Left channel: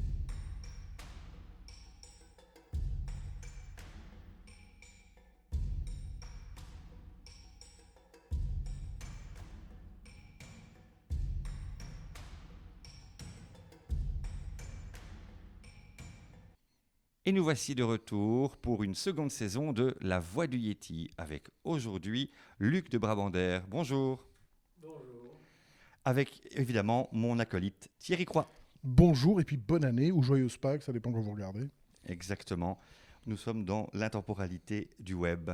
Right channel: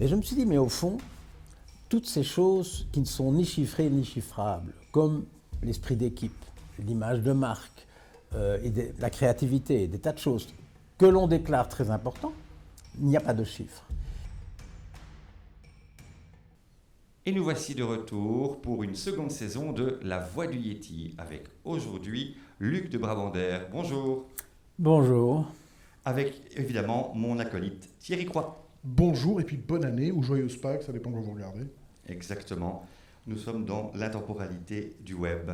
Et je me suis dit, mais au fond, toutes ces choses qui ne sont ni chiffrées ni chiffrables, comme l'esprit d'équipe, l'image de marque, la créativité, des tas de choses que l'on déclare très importantes, il n'y a pas de chiffres. Et nous voici de retour pour une seconde saison de La Voix du Yéti, avec aujourd'hui Luc de Brabander. Bonjour. Bonjour. Avec évidemment mon acolyte Thierry Croix. Bonjour et puis bonne année ou joyeuse Pâques, ça dépend quand vous regardez. Exactement. Nous sommes dans l'intemporalité du web.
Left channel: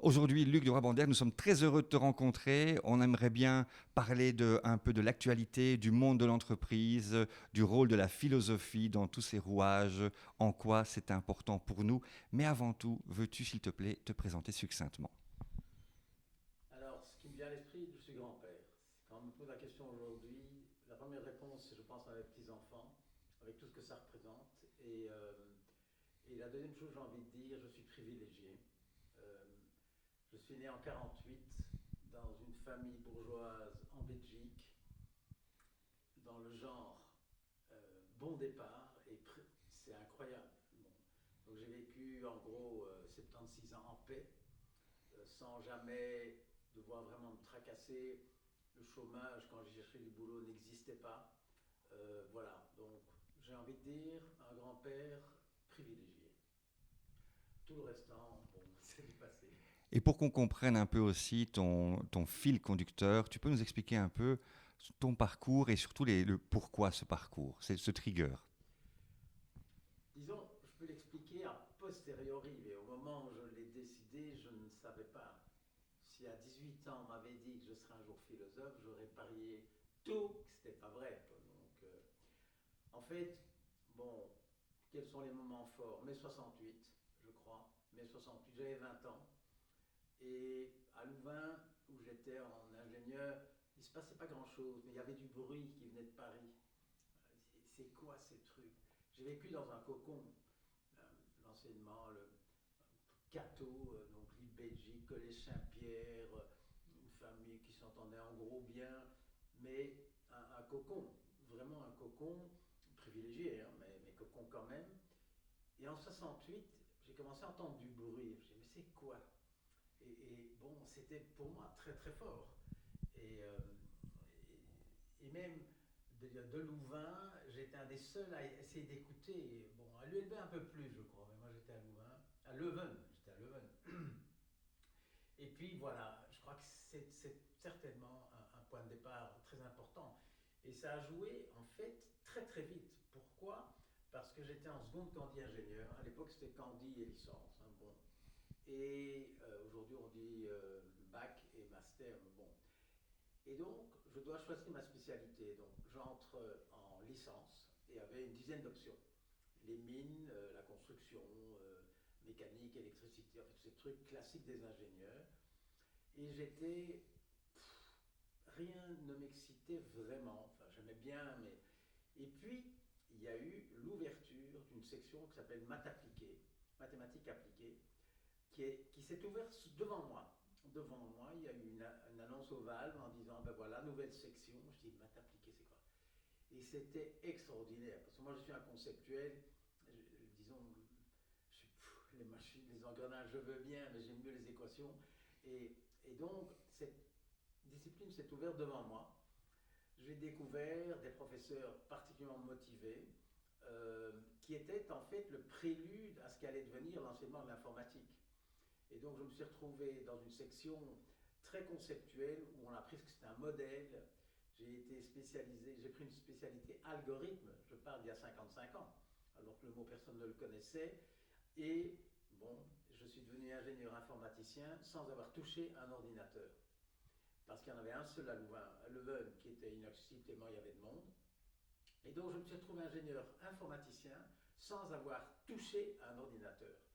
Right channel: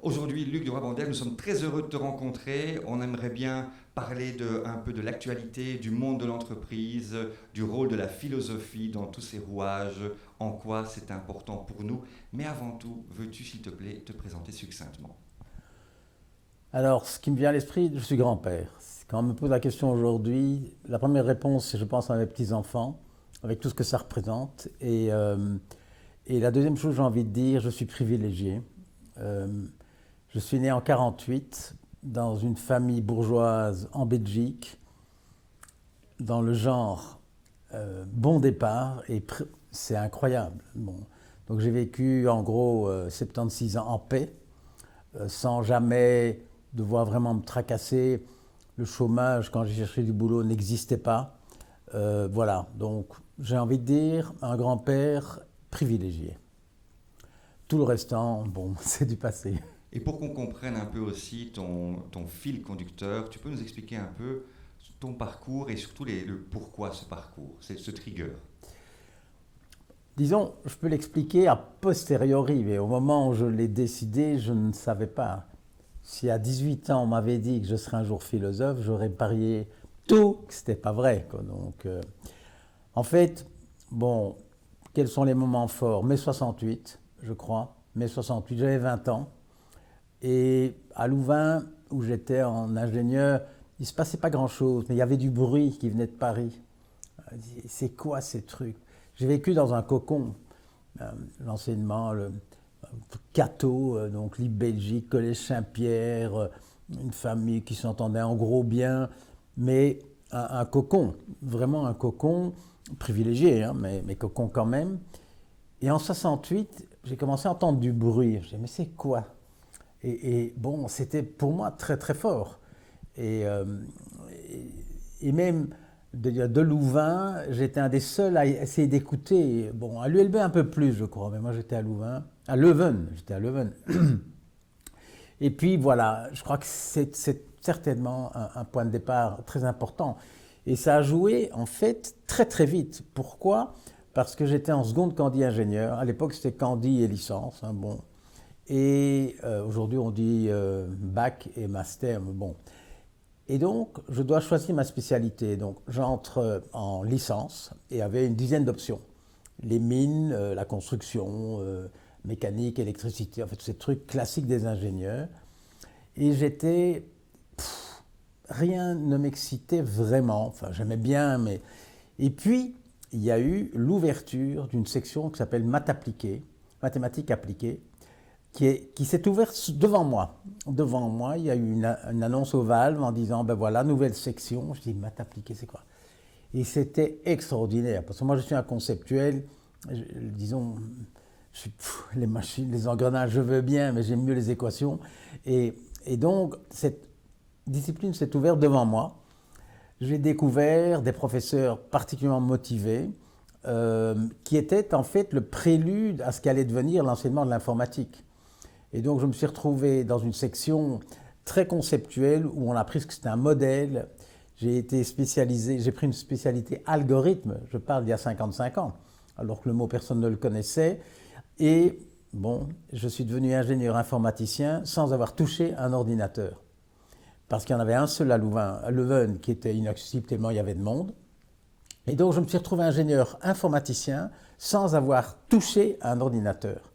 Aujourd'hui, Luc de Brabander, nous sommes très heureux de te rencontrer. On aimerait bien parler un peu de l'actualité, du monde de l'entreprise, du rôle de la philosophie dans tous ces rouages, en quoi c'est important pour nous. Mais avant tout, veux-tu, s'il te plaît, te présenter succinctement ? Alors, ce qui me vient à l'esprit, je suis grand-père. Quand on me pose la question aujourd'hui, la première réponse, c'est je pense à mes petits-enfants, avec tout ce que ça représente. Et la deuxième chose, j'ai envie de dire, je suis privilégié. Je suis né en 1948 dans une famille bourgeoise en Belgique, dans le genre bon départ, et c'est incroyable. Bon. Donc j'ai vécu en gros 76 ans en paix, sans jamais devoir vraiment me tracasser. Le chômage, quand j'ai cherché du boulot, n'existait pas. Voilà, donc j'ai envie de dire un grand-père privilégié. Tout le restant, bon, c'est du passé. Et pour qu'on comprenne un peu aussi ton fil conducteur, tu peux nous expliquer un peu ton parcours et surtout le pourquoi ce parcours, ce trigger. Disons, je peux l'expliquer a posteriori, mais au moment où je l'ai décidé, je ne savais pas. Si à 18 ans on m'avait dit que je serais un jour philosophe, j'aurais parié tout que c'était pas vrai, quoi. Donc, en fait, bon, quels sont les moments forts? Mai 68, je crois. Mai 68, j'avais 20 ans. Et à Louvain, où j'étais en ingénieur, il ne se passait pas grand-chose, mais il y avait du bruit qui venait de Paris. C'est quoi ces trucs? J'ai vécu dans un cocon, l'enseignement, le Cato, donc Libre Belgique, Collège Saint-Pierre, une famille qui s'entendait en gros bien, mais un cocon, vraiment un cocon privilégié, hein, mais cocon quand même. Et en 68, j'ai commencé à entendre du bruit. Je me disais, mais c'est quoi? Et bon, c'était pour moi très très fort. Et même de Louvain, j'étais un des seuls à essayer d'écouter. Bon, à l'ULB un peu plus, je crois, mais moi j'étais à Louvain, à Leuven, j'étais à Leuven. Et puis voilà, je crois que c'est certainement un point de départ très important. Et ça a joué en fait très très vite. Pourquoi? Parce que j'étais en seconde candi ingénieur. À l'époque, c'était candi et licence. Hein, bon. Et aujourd'hui, on dit bac et master. Mais bon. Et donc, je dois choisir ma spécialité. Donc, j'entre en licence et avait une dizaine d'options. Les mines, la construction, mécanique, électricité, en fait, tous ces trucs classiques des ingénieurs. Et j'étais... rien ne m'excitait vraiment. Enfin, j'aimais bien, mais... Et puis, il y a eu l'ouverture d'une section qui s'appelle Maths appliquées, mathématiques appliquées, qui s'est ouverte devant moi. Devant moi, il y a eu une annonce au Valve en disant, ben voilà, nouvelle section. Je dis, maths appliquées, c'est quoi? Et c'était extraordinaire, parce que moi, je suis un conceptuel, disons, les machines, les engrenages, je veux bien, mais j'aime mieux les équations. Et donc, cette discipline s'est ouverte devant moi. J'ai découvert des professeurs particulièrement motivés, qui étaient en fait le prélude à ce qu'allait devenir l'enseignement de l'informatique. Et donc je me suis retrouvé dans une section très conceptuelle où on a appris ce que c'était un modèle. J'ai été spécialisé, j'ai pris une spécialité algorithme, je parle d'il y a 55 ans, alors que le mot personne ne le connaissait. Et bon, je suis devenu ingénieur informaticien sans avoir touché un ordinateur. Parce qu'il y en avait un seul à Louvain, à Leuven, qui était inaccessible tellement il y avait de monde. Et donc je me suis retrouvé ingénieur informaticien sans avoir touché un ordinateur.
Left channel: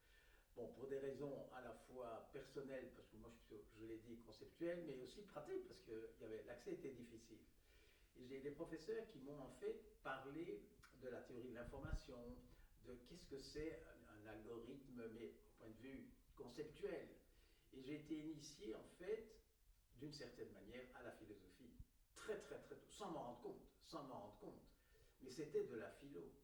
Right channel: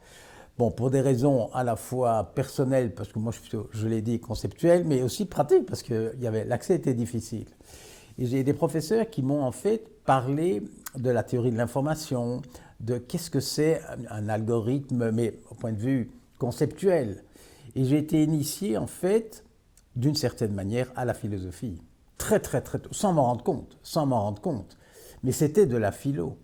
Bon, pour des raisons à la fois personnelles, parce que moi je suis plutôt, je l'ai dit, conceptuel, mais aussi pratique, parce que l'accès était difficile. Et j'ai des professeurs qui m'ont en fait parlé de la théorie de l'information, de qu'est-ce que c'est un algorithme, mais au point de vue conceptuel. Et j'ai été initié en fait, d'une certaine manière, à la philosophie. Très, très, très tôt, sans m'en rendre compte. Mais c'était de la philo,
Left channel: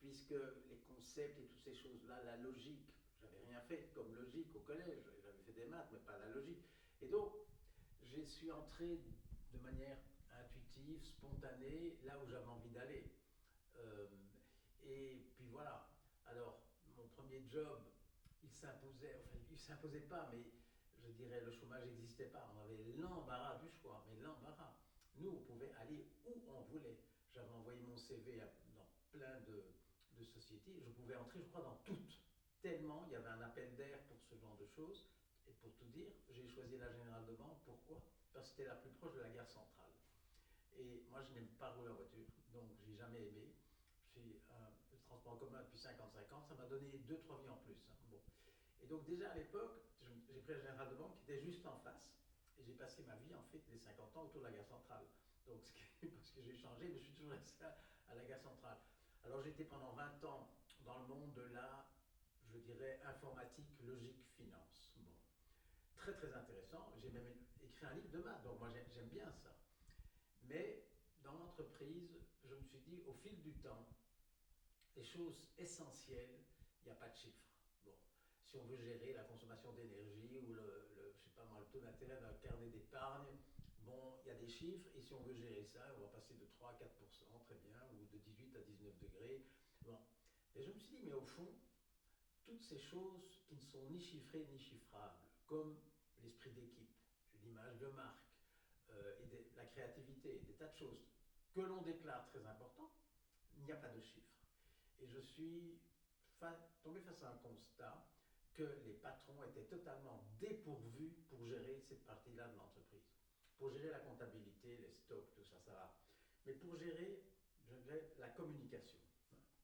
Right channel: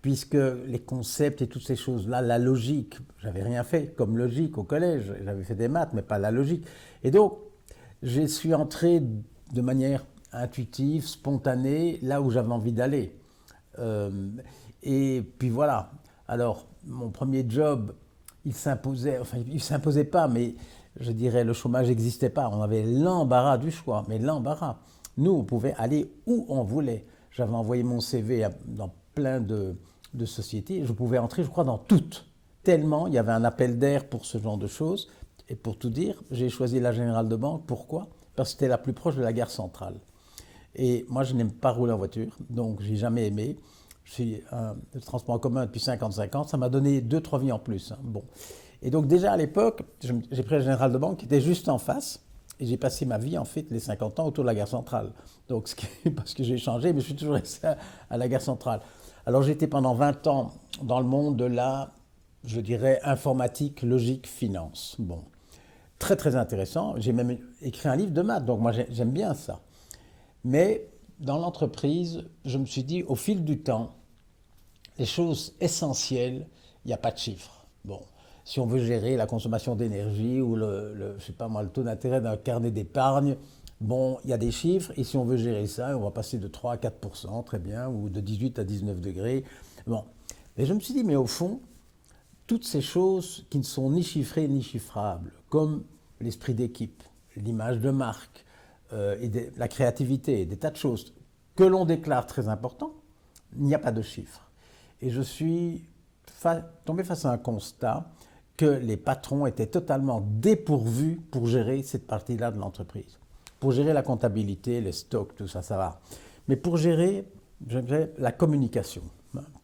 puisque les concepts et toutes ces choses-là, la logique, j'avais rien fait comme logique au collège, j'avais fait des maths, mais pas la logique. Et donc, je suis entré de manière intuitive, spontanée, là où j'avais envie d'aller. Et puis voilà. Alors, mon premier job, il s'imposait, enfin, il ne s'imposait pas, mais je dirais le chômage n'existait pas. On avait l'embarras du choix, mais l'embarras. Nous, on pouvait aller où on voulait. J'avais envoyé mon CV dans plein de sociétés. Je pouvais entrer, je crois, dans toutes. Tellement il y avait un appel d'air pour ce genre de choses. Et pour tout dire, j'ai choisi la Générale de Banque. Pourquoi? Parce que c'était la plus proche de la gare centrale. Et moi, je n'aime pas rouler en voiture, donc je n'ai jamais aimé. Je suis le transport en commun depuis 55 ans. Ça m'a donné 2-3 vies en plus. Hein. Bon. Et donc déjà à l'époque, j'ai pris la Générale de Banque qui était juste en face. Et j'ai passé ma vie, en fait, les 50 ans autour de la gare centrale. Donc, parce que j'ai changé, mais je suis toujours resté à la gare centrale. Alors, j'étais pendant 20 ans dans le monde de la, je dirais, informatique, logique, finance. Bon, très, très intéressant. J'ai même écrit un livre de maths, donc moi, j'aime bien ça. Mais dans l'entreprise, je me suis dit, au fil du temps, les choses essentielles, il n'y a pas de chiffres. Bon. Si on veut gérer la consommation d'énergie ou je sais pas moi, le taux d'intérêt d'un carnet d'épargne, bon, il y a des chiffres, et si on veut gérer ça, on va passer de 3 à 4%, très bien, ou de 18 à 19 degrés. Bon. Et je me suis dit, mais au fond, toutes ces choses qui ne sont ni chiffrées ni chiffrables, comme l'esprit d'équipe, l'image de marque, la créativité, des tas de choses que l'on déclare très importantes, il n'y a pas de chiffres. Et je suis tombé face à un constat que les patrons étaient totalement dépourvus pour gérer cette partie-là de l'entreprise. Pour gérer la comptabilité, les stocks, tout ça, ça va. Mais pour gérer, la communication,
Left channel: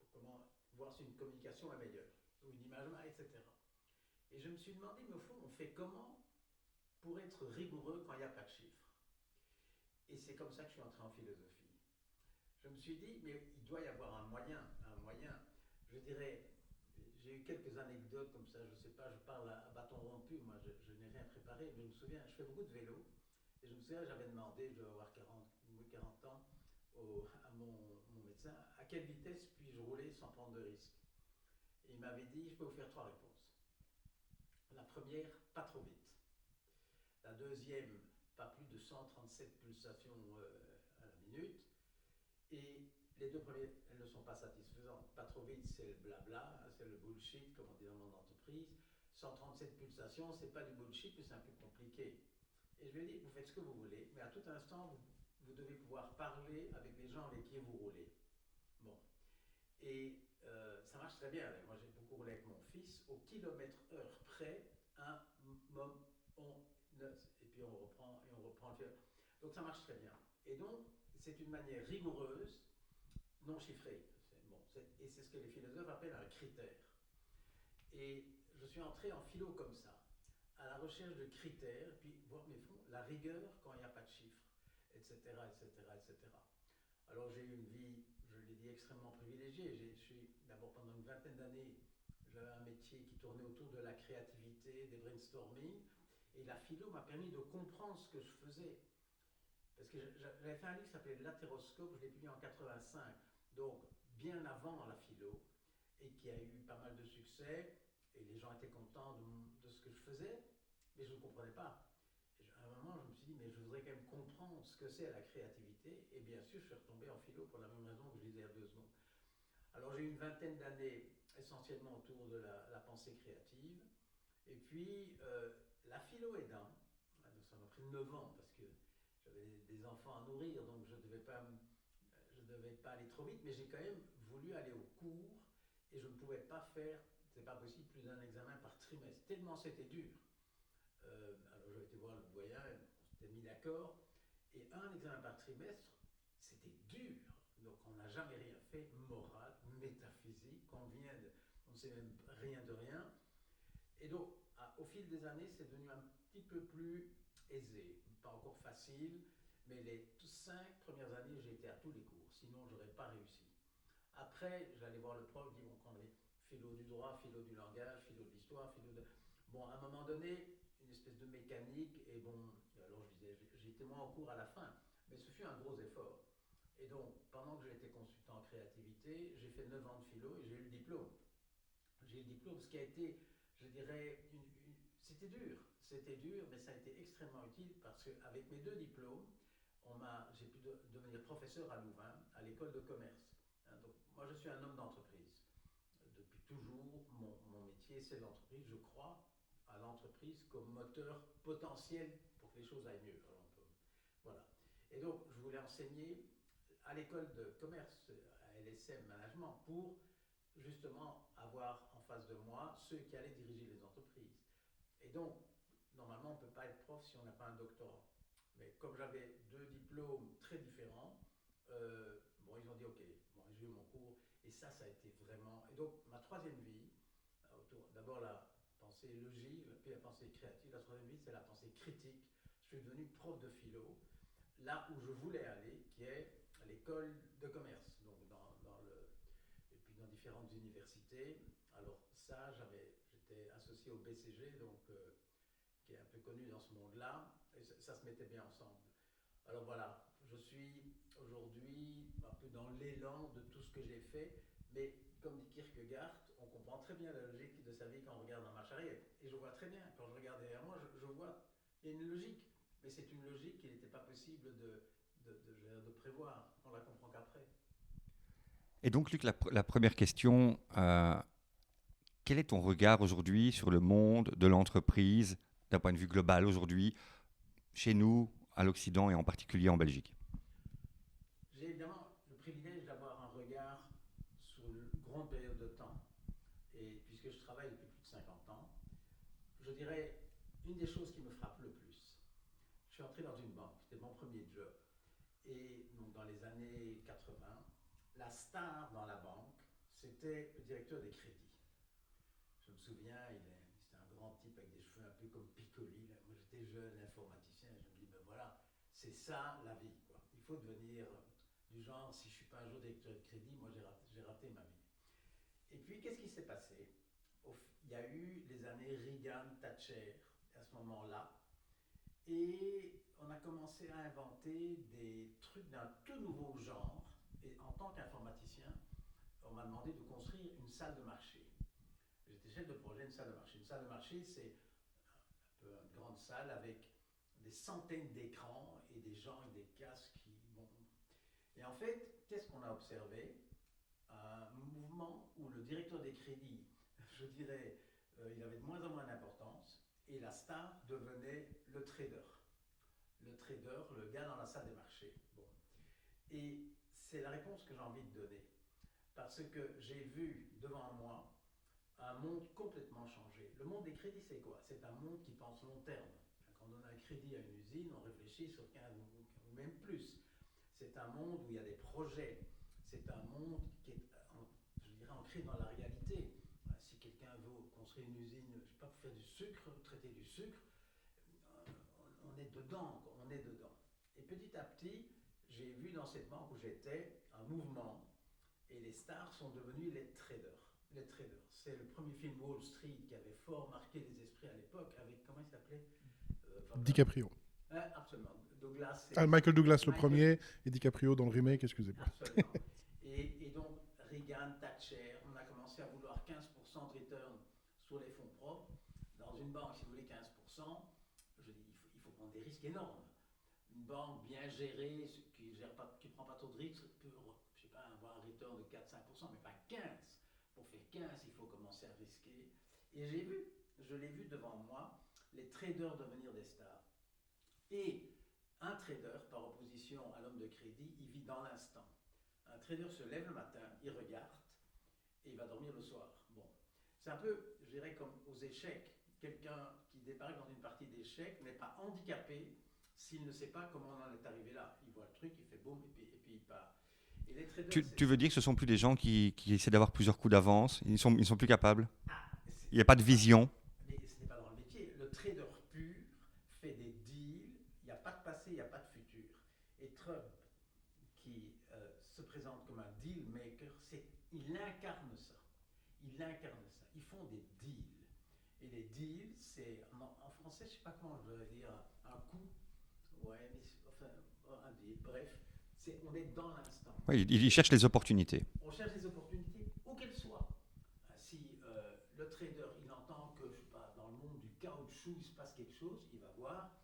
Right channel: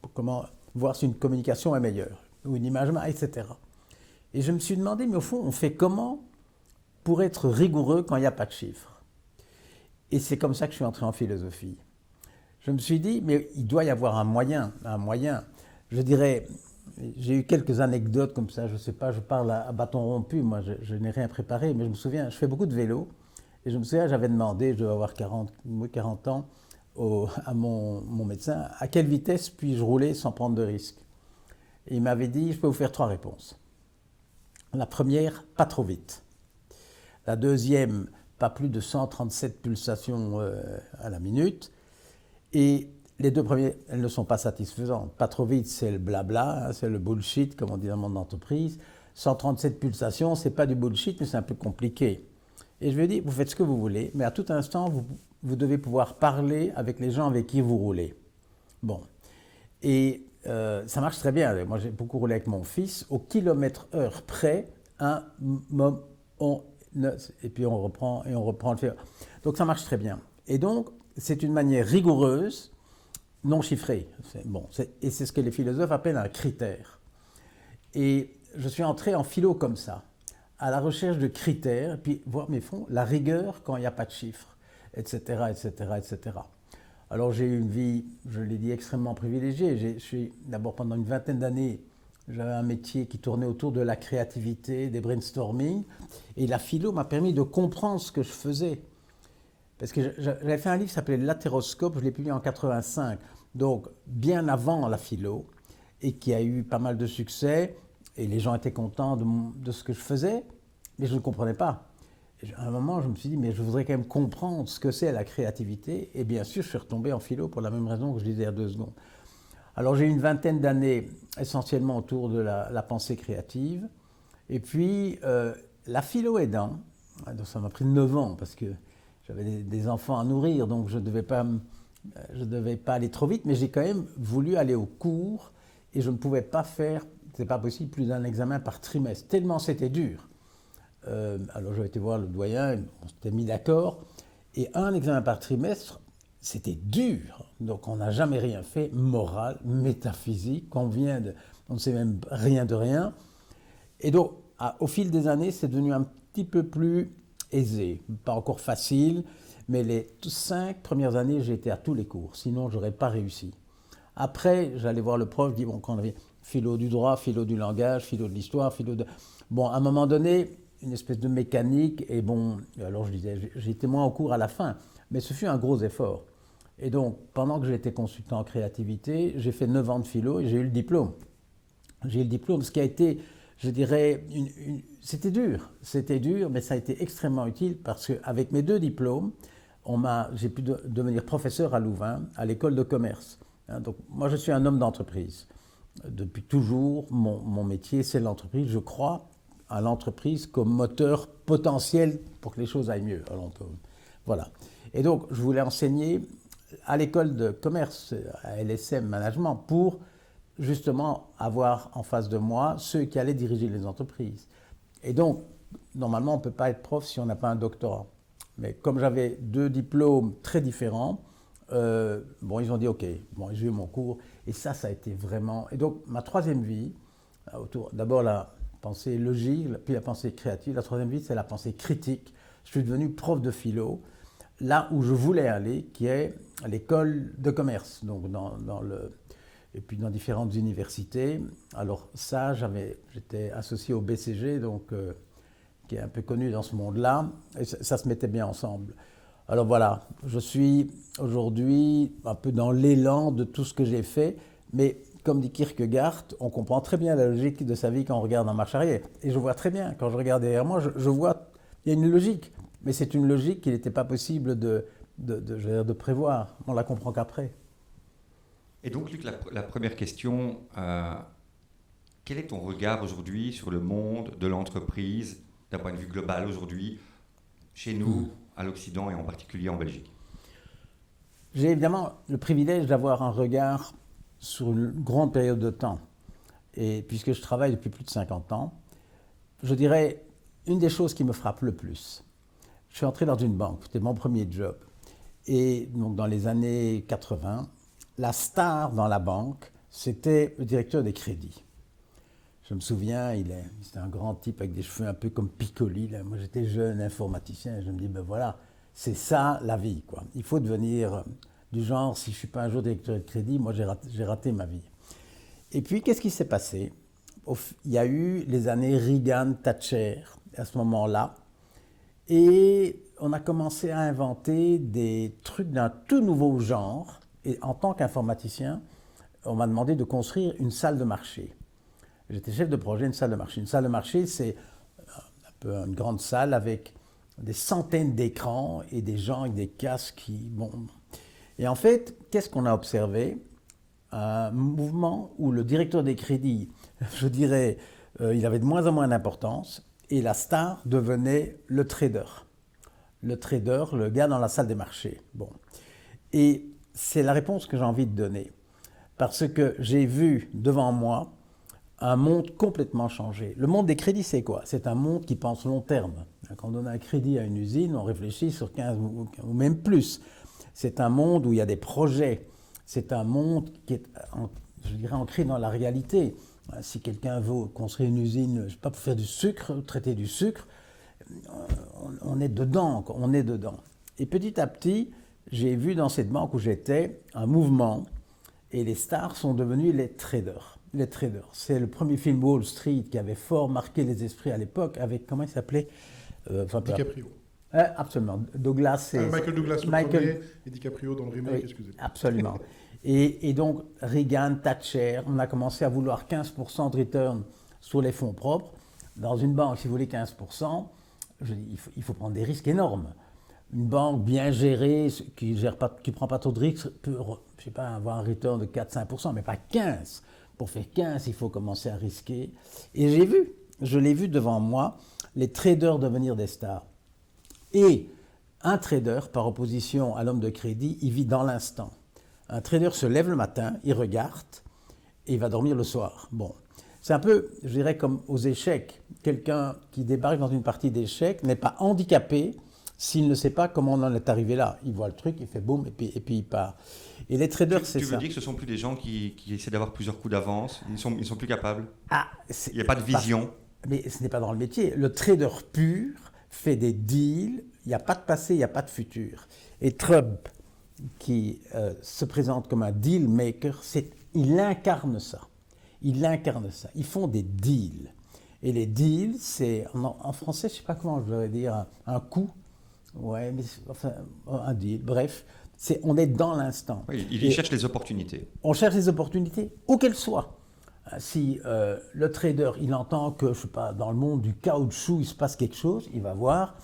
pour comment voir si une communication est meilleure, ou une image, etc. Et je me suis demandé, mais au fond, on fait comment pour être rigoureux quand il n'y a pas de chiffres? Et c'est comme ça que je suis entré en philosophie. Je me suis dit, mais il doit y avoir un moyen. Je dirais, j'ai eu quelques anecdotes comme ça, je ne sais pas, je parle à bâton rompu, moi je n'ai rien préparé, mais je me souviens, je fais beaucoup de vélo, et je me souviens, j'avais demandé, je dois avoir 40 ans, à mon médecin, à quelle vitesse puis-je rouler sans prendre de risque? Et il m'avait dit, je peux vous faire 3 réponses. La première, pas trop vite. La deuxième, pas plus de 137 pulsations à la minute. Et les 2 premières, elles ne sont pas satisfaisantes. Pas trop vite, c'est le blabla, hein, c'est le bullshit, comme on dit dans le monde d'entreprise. 137 pulsations, c'est pas du bullshit, mais c'est un peu compliqué. Et je lui ai dit, vous faites ce que vous voulez, mais à tout instant, vous devez pouvoir parler avec les gens avec qui vous roulez. Bon. Et ça marche très bien. Moi, j'ai beaucoup roulé avec mon fils. Au kilomètre-heure près, et puis on reprend le fait. Donc ça marche très bien. Et donc, c'est une manière rigoureuse, non chiffrée. Et c'est ce que les philosophes appellent un critère. Et je suis entré en philo comme ça, à la recherche de critères, et puis voir mes fonds, la rigueur quand il n'y a pas de chiffres, etc., etc., etc. Alors j'ai eu une vie, je l'ai dit, extrêmement privilégiée. Je suis d'abord pendant une vingtaine d'années, j'avais un métier qui tournait autour de la créativité, des brainstorming, et la philo m'a permis de comprendre ce que je faisais. Parce que j'avais fait un livre qui s'appelait L'Atéroscope, je l'ai publié en 85, donc bien avant la philo, et qui a eu pas mal de succès, et les gens étaient contents de ce que je faisais, mais je ne comprenais pas. Et à un moment, je me suis dit, mais je voudrais quand même comprendre ce que c'est la créativité, et bien sûr, je suis retombé en philo pour la même raison que je disais il y a 2 secondes. Alors j'ai eu une vingtaine d'années essentiellement autour de la pensée créative, et puis la philo aidant, donc ça m'a pris 9 ans, parce que j'avais des enfants à nourrir, donc je ne devais pas aller trop vite, mais j'ai quand même voulu aller au cours et je ne pouvais pas faire, c'est pas possible, plus d'un examen par trimestre, tellement c'était dur. Alors j'ai été voir le doyen, on s'était mis d'accord, et un examen par trimestre, c'était dur. Donc on n'a jamais rien fait, moral, métaphysique, on ne sait même rien de rien. Et donc au fil des années, c'est devenu un petit peu plus aisé, pas encore facile, mais les 5 premières années, j'ai été à tous les cours, sinon je n'aurais pas réussi. Après, j'allais voir le prof, je dis, bon, quand on avait philo du droit, philo du langage, philo de l'histoire, Bon, à un moment donné, une espèce de mécanique, et bon, alors je disais, j'étais moins au cours à la fin, mais ce fut un gros effort. Et donc, pendant que j'étais consultant en créativité, j'ai fait 9 ans de philo et j'ai eu le diplôme. J'ai eu le diplôme, ce qui a été, je dirais, c'était dur, mais ça a été extrêmement utile parce qu'avec mes 2 diplômes, j'ai pu devenir professeur à Louvain, à l'école de commerce. Hein, donc, moi, je suis un homme d'entreprise. Depuis toujours, mon métier, c'est l'entreprise. Je crois à l'entreprise comme moteur potentiel pour que les choses aillent mieux. Alors voilà. Et donc, je voulais enseigner à l'école de commerce, à LSM Management, pour justement avoir en face de moi ceux qui allaient diriger les entreprises. Et donc, normalement, on ne peut pas être prof si on n'a pas un doctorat. Mais comme j'avais 2 diplômes très différents, ils ont dit OK, j'ai eu mon cours. Et ça a été vraiment... Et donc, ma 3e vie, d'abord la pensée logique, puis la pensée créative. La 3e vie, c'est la pensée critique. Je suis devenu prof de philo, là où je voulais aller, qui est à l'école de commerce, donc et puis dans différentes universités. Alors ça, j'étais associé au BCG, donc, qui est un peu connu dans ce monde-là, et ça se mettait bien ensemble. Alors voilà, je suis aujourd'hui un peu dans l'élan de tout ce que j'ai fait, mais comme dit Kierkegaard, on comprend très bien la logique de sa vie quand on regarde en marche arrière. Et je vois très bien, quand je regarde derrière moi, je vois, il y a une logique, mais c'est une logique qu'il n'était pas possible de prévoir. On la comprend qu'après. Et donc, Luc, la première question, quel est ton regard aujourd'hui sur le monde de l'entreprise, d'un point de vue global aujourd'hui, chez nous, à l'Occident et en particulier en Belgique? J'ai évidemment le privilège d'avoir un regard sur une grande période de temps. Et puisque je travaille depuis plus de 50 ans, je dirais une des choses qui me frappe le plus. Je suis entré dans une banque, c'était mon premier job. Et donc dans les années 80, la star dans la banque, c'était le directeur des crédits. Je me souviens, c'était un grand type avec des cheveux un peu comme Piccoli. Là. Moi, j'étais jeune informaticien et je me dis, ben voilà, c'est ça la vie, quoi. Il faut devenir du genre, si je ne suis pas un jour directeur de crédit, moi, j'ai raté ma vie. Et puis, qu'est-ce qui s'est passé? Il y a eu les années Reagan-Thatcher à ce moment-là. Et on a commencé à inventer des trucs d'un tout nouveau genre. Et en tant qu'informaticien, on m'a demandé de construire une salle de marché. J'étais chef de projet, une salle de marché. Une salle de marché, c'est un peu une grande salle avec des centaines d'écrans et des gens avec des casques Et en fait, qu'est-ce qu'on a observé? Un mouvement où le directeur des crédits, je dirais, il avait de moins en moins d'importance et la star devenait le trader. Le trader, le gars dans la salle des marchés. Et c'est la réponse que j'ai envie de donner. Parce que j'ai vu devant moi un monde complètement changé. Le monde des crédits, c'est quoi? C'est un monde qui pense long terme. Quand on donne un crédit à une usine, on réfléchit sur 15 ou même plus. C'est un monde où il y a des projets. C'est un monde qui est, je dirais, ancré dans la réalité. Si quelqu'un veut construire une usine, je sais pas, pour faire du sucre, traiter du sucre, on est dedans, on est dedans. Et petit à petit, j'ai vu dans cette banque où j'étais un mouvement et les stars sont devenus les traders. Les traders. C'est le premier film Wall Street qui avait fort marqué les esprits à l'époque avec, comment il s'appelait? DiCaprio. Absolument. Douglas. Michael Douglas le premier et DiCaprio dans le remake, oui, excusez-moi. Absolument. et donc, Reagan, Thatcher, on a commencé à vouloir 15% de return sur les fonds propres. Dans une banque, si vous voulez 15%, il faut prendre des risques énormes. Une banque bien gérée, qui ne prend pas trop de risques, peut, je sais pas, avoir un return de 4-5%, mais pas 15%. Pour faire 15, il faut commencer à risquer. Et je l'ai vu devant moi, les traders devenir des stars. Et un trader, par opposition à l'homme de crédit, il vit dans l'instant. Un trader se lève le matin, il regarde et il va dormir le soir. C'est un peu, je dirais, comme aux échecs. Quelqu'un qui débarque dans une partie d'échecs n'est pas handicapé s'il ne sait pas comment on en est arrivé là. Il voit le truc, il fait boum et puis il part. Et les traders, c'est ça. Tu veux dire que ce ne sont plus des gens qui essaient d'avoir plusieurs coups d'avance? Ils sont plus capables? Il n'y a pas de vision? Mais ce n'est pas dans le métier. Le trader pur fait des deals, il n'y a pas de passé, il n'y a pas de futur. Et Trump, qui se présente comme un deal maker, il incarne ça. Il incarne ça. Ils font des deals. Et les deals, c'est, en français, je ne sais pas comment je devrais dire, un coup. Ouais, mais enfin, un deal, bref. On est dans l'instant. Oui, il cherche les opportunités. On cherche les opportunités, où qu'elles soient. Si le trader, il entend que, je sais pas, dans le monde du caoutchouc, il se passe quelque chose, il va voir,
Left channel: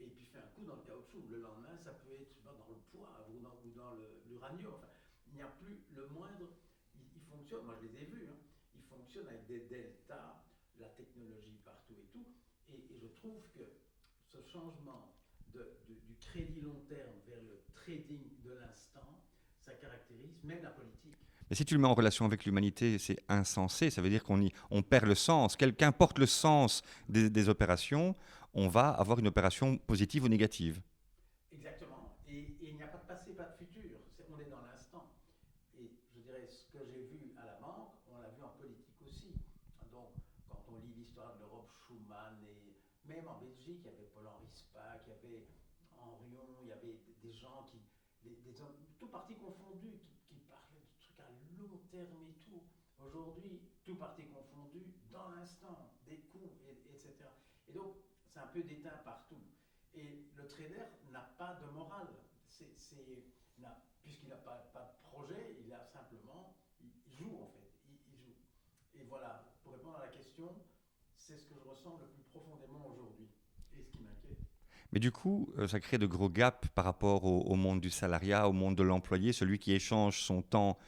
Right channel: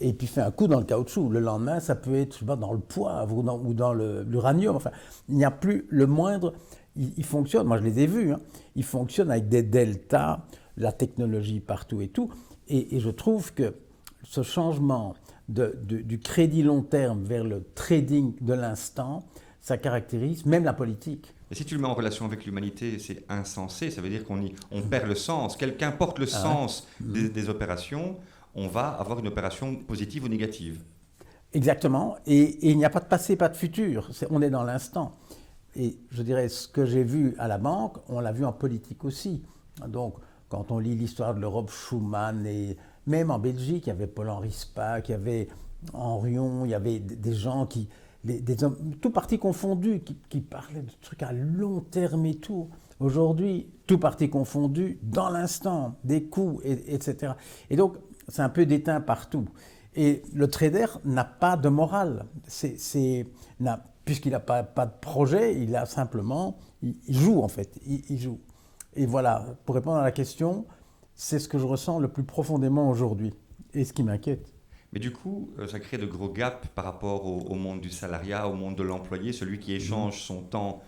et puis fait un coup dans le caoutchouc. Le lendemain, ça peut être, je sais pas, dans le poivre ou dans l'uranium. Enfin, il n'y a plus le moindre... Il fonctionne, moi je les ai vus, hein, il fonctionne avec des deltas, la technologie partout et tout. Et je trouve que ce changement du crédit long terme vers le trading de l'instant, ça caractérise même la politique. Et si tu le mets en relation avec l'humanité, c'est insensé. Ça veut dire qu'on perd le sens. Qu'importe le sens des opérations, on va avoir une opération positive ou négative. Exactement. Et il n'y a pas de passé, pas de futur. On est dans l'instant. Et je dirais, ce que j'ai vu à la banque, on l'a vu en politique aussi. Donc, quand on lit l'histoire de l'Europe, Schuman, et même en Belgique, il y avait Paul-Henri Spaak, il y avait Henrion, il y avait des gens des hommes, tout parti confondu, qui parlaient de trucs à long terme et tout. Aujourd'hui, tout parti confondu, dans l'instant, des coups, etc. Et donc, c'est un peu déteint partout. Et le trader n'a pas de morale. Puisqu'il n'a pas de projet, il a simplement, il joue en fait, il joue. Et voilà, pour répondre à la question, c'est ce que je ressens le plus profondément aujourd'hui, et ce qui m'inquiète. Mais du coup, ça crée de gros gaps par rapport au monde du salariat, au monde de l'employé, celui qui échange son temps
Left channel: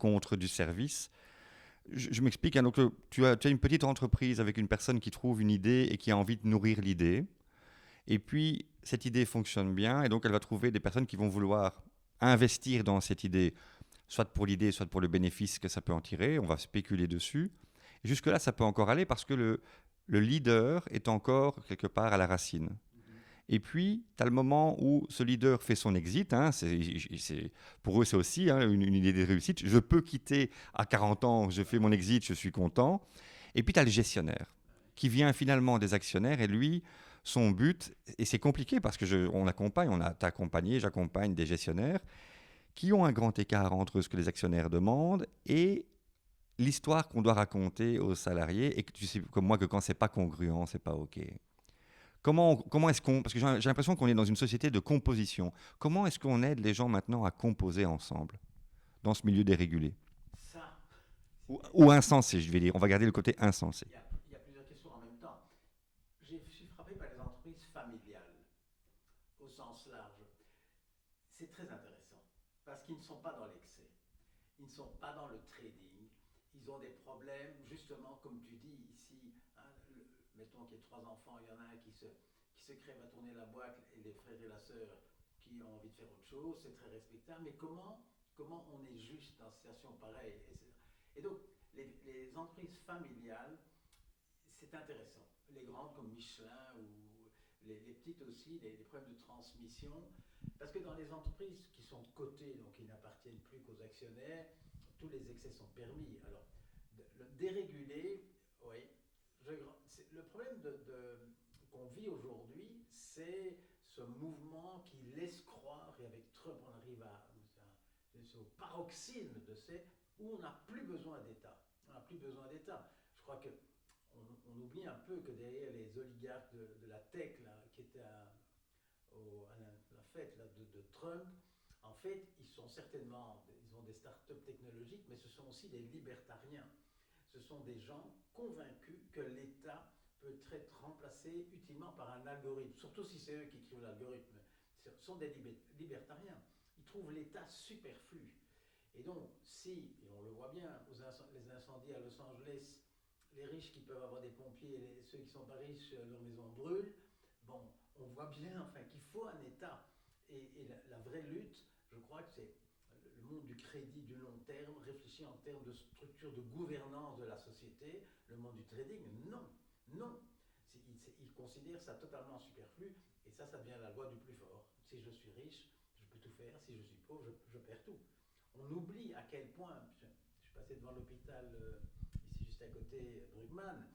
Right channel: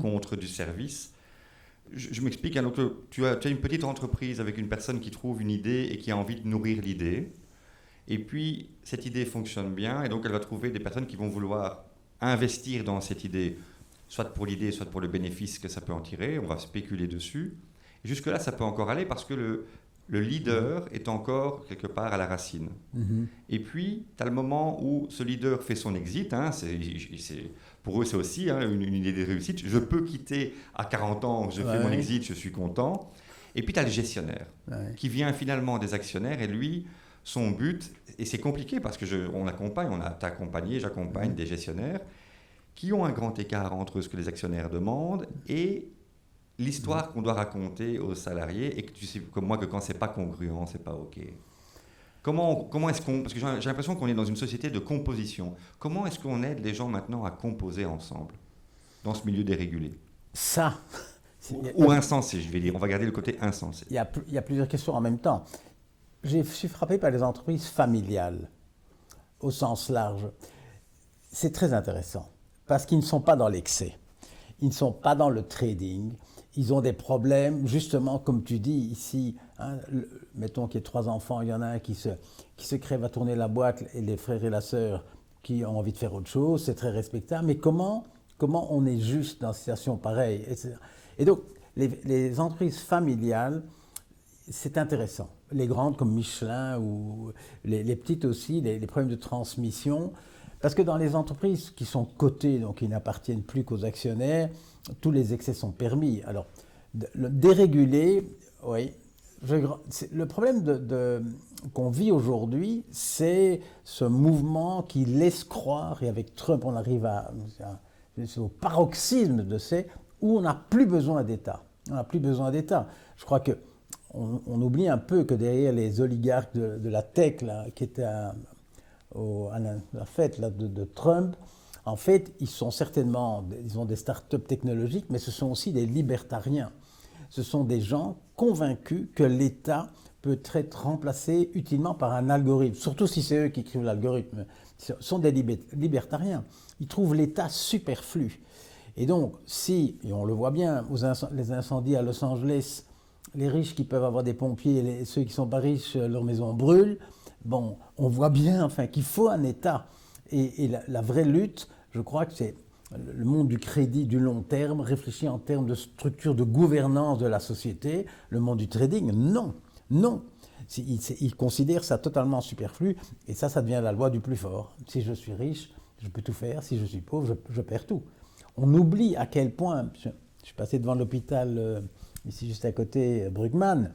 contre du service. Je m'explique, hein, donc, tu as une petite entreprise avec une personne qui trouve une idée et qui a envie de nourrir l'idée. Et puis, cette idée fonctionne bien, et donc elle va trouver des personnes qui vont vouloir investir dans cette idée, soit pour l'idée, soit pour le bénéfice que ça peut en tirer. On va spéculer dessus. Et jusque-là, ça peut encore aller parce que le leader est encore quelque part à la racine. Mm-hmm. Et puis, tu as le moment où ce leader fait son exit. Hein, pour eux, c'est aussi une idée de réussite. Je peux quitter à 40 ans, je fais mon exit, je suis content. Et puis, tu as le gestionnaire qui vient finalement des actionnaires et lui... Son but, et c'est compliqué parce que j'accompagne des gestionnaires qui ont un grand écart entre ce que les actionnaires demandent et l'histoire qu'on doit raconter aux salariés, et que tu sais comme moi que quand c'est pas congruent, c'est pas OK. Comment est-ce qu'on... Parce que j'ai l'impression qu'on est dans une société de composition. Comment est-ce qu'on aide les gens maintenant à composer ensemble dans ce milieu dérégulé ? Ça... Ou insensé, je vais dire. On va garder le côté insensé. Il y a plusieurs questions en même temps. Je suis frappé par les entreprises familiales, au sens large. C'est très intéressant, parce qu'ils ne sont pas dans l'excès. Ils ne sont pas dans le trading. Ils ont des problèmes, justement, comme tu dis ici, hein, mettons qu'il y ait 3 enfants, il y en a un qui se crève à tourner la boîte, et les frères et la sœur qui ont envie de faire autre chose, c'est très respectable. Mais comment on est juste dans une situation pareille, etc. Et donc, les entreprises familiales, c'est intéressant. Les grandes comme Michelin ou les petites aussi, les problèmes de transmission. Parce que dans les entreprises qui sont cotées, donc qui n'appartiennent plus qu'aux actionnaires, tous les excès sont permis. Alors, le déréguler, oui. Le problème qu'on vit aujourd'hui, c'est ce mouvement qui laisse croire, et avec Trump, on arrive au paroxysme de où on n'a plus besoin d'État. On n'a plus besoin d'État. Je crois que on oublie un peu que derrière les oligarques de la tech, là, qui étaient à la fête là, de Trump, en fait, ils ont des start-up technologiques, mais ce sont aussi des libertariens. Ce sont des gens convaincus que l'État peut être remplacé utilement par un algorithme, surtout si c'est eux qui écrivent l'algorithme. Ce sont des libertariens. Ils trouvent l'État superflu. Et donc, et on le voit bien, les incendies à Los Angeles, les riches qui peuvent avoir des pompiers, et ceux qui ne sont pas riches, leur maison brûle. Bon, on voit bien qu'il faut un État. Et la vraie lutte, je crois que c'est le monde du crédit du long terme, réfléchi en termes de structure de gouvernance de la société. Le monde du trading, non. Ils considèrent ça totalement superflu. Et ça devient la loi du plus fort. Si je suis riche, je peux tout faire. Si je suis pauvre, je perds tout. On oublie à quel point... Je suis passé devant l'hôpital... ici juste à côté, Brugman,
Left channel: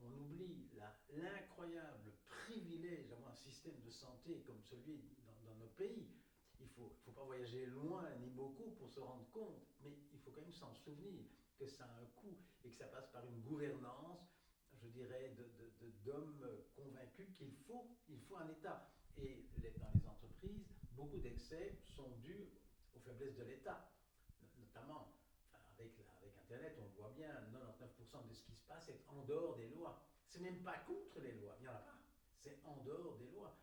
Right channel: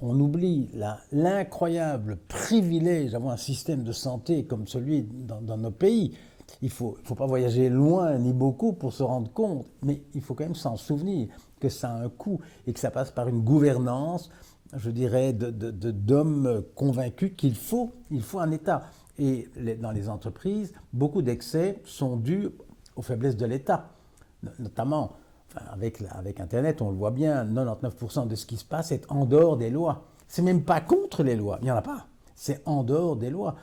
on oublie l'incroyable privilège d'avoir un système de santé comme celui dans nos pays. Il ne faut pas voyager loin ni beaucoup pour se rendre compte, mais il faut quand même s'en souvenir que ça a un coût et que ça passe par une gouvernance, je dirais, d'hommes convaincus qu'il faut un État. Et dans les entreprises, beaucoup d'excès sont dus aux faiblesses de l'État. Notamment, avec Internet, on le voit bien, 99% de ce qui se passe est en dehors des lois. C'est même pas contre les lois, il n'y en a pas. C'est en dehors des lois.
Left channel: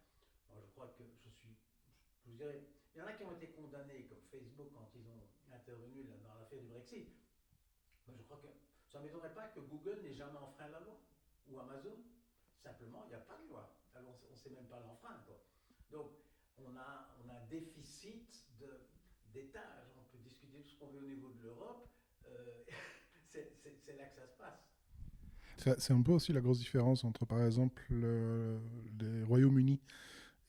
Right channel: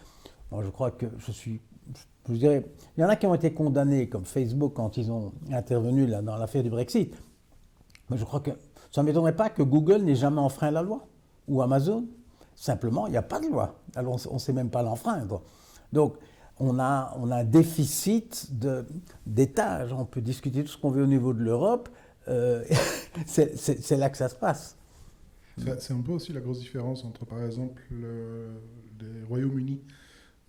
Moi, je crois que je dirais, il y en a qui ont été condamnés, comme Facebook, quand ils ont intervenu là, dans l'affaire du Brexit. Mais je crois que ça ne m'étonnerait pas que Google n'ait jamais enfreint la loi, ou Amazon. Simplement, il n'y a pas de loi. Alors, on ne sait même pas l'enfreindre. Donc, on a un déficit d'étage. On peut discuter tout ce qu'on veut au niveau de l'Europe. C'est là que ça se passe. C'est un peu aussi la grosse différence entre, par exemple, les Royaumes-Unis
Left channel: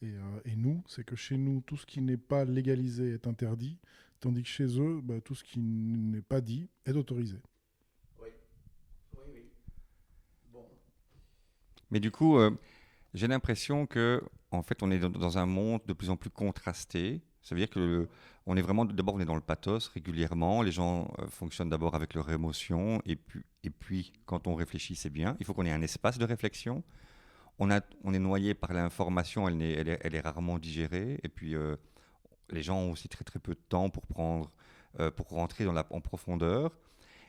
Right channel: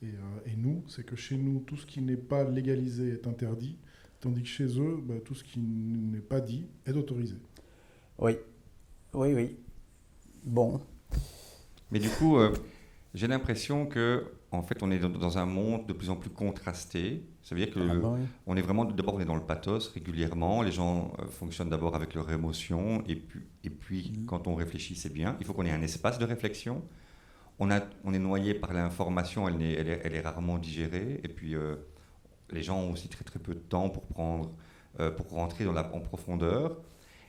et nous. C'est que chez nous, tout ce qui n'est pas légalisé est interdit, tandis que chez eux, tout ce qui n'est pas dit est autorisé. Oui. Bon. Mais du coup, j'ai l'impression que, en fait, on est dans un monde de plus en plus contrasté. Ça veut dire que on est vraiment, d'abord, on est dans le pathos régulièrement. Les gens fonctionnent d'abord avec leurs émotions, et puis quand on réfléchit, c'est bien. Il faut qu'on ait un espace de réflexion. On est noyé par l'information, elle est rarement digérée. Et puis, les gens ont aussi très très peu de temps pour rentrer en profondeur.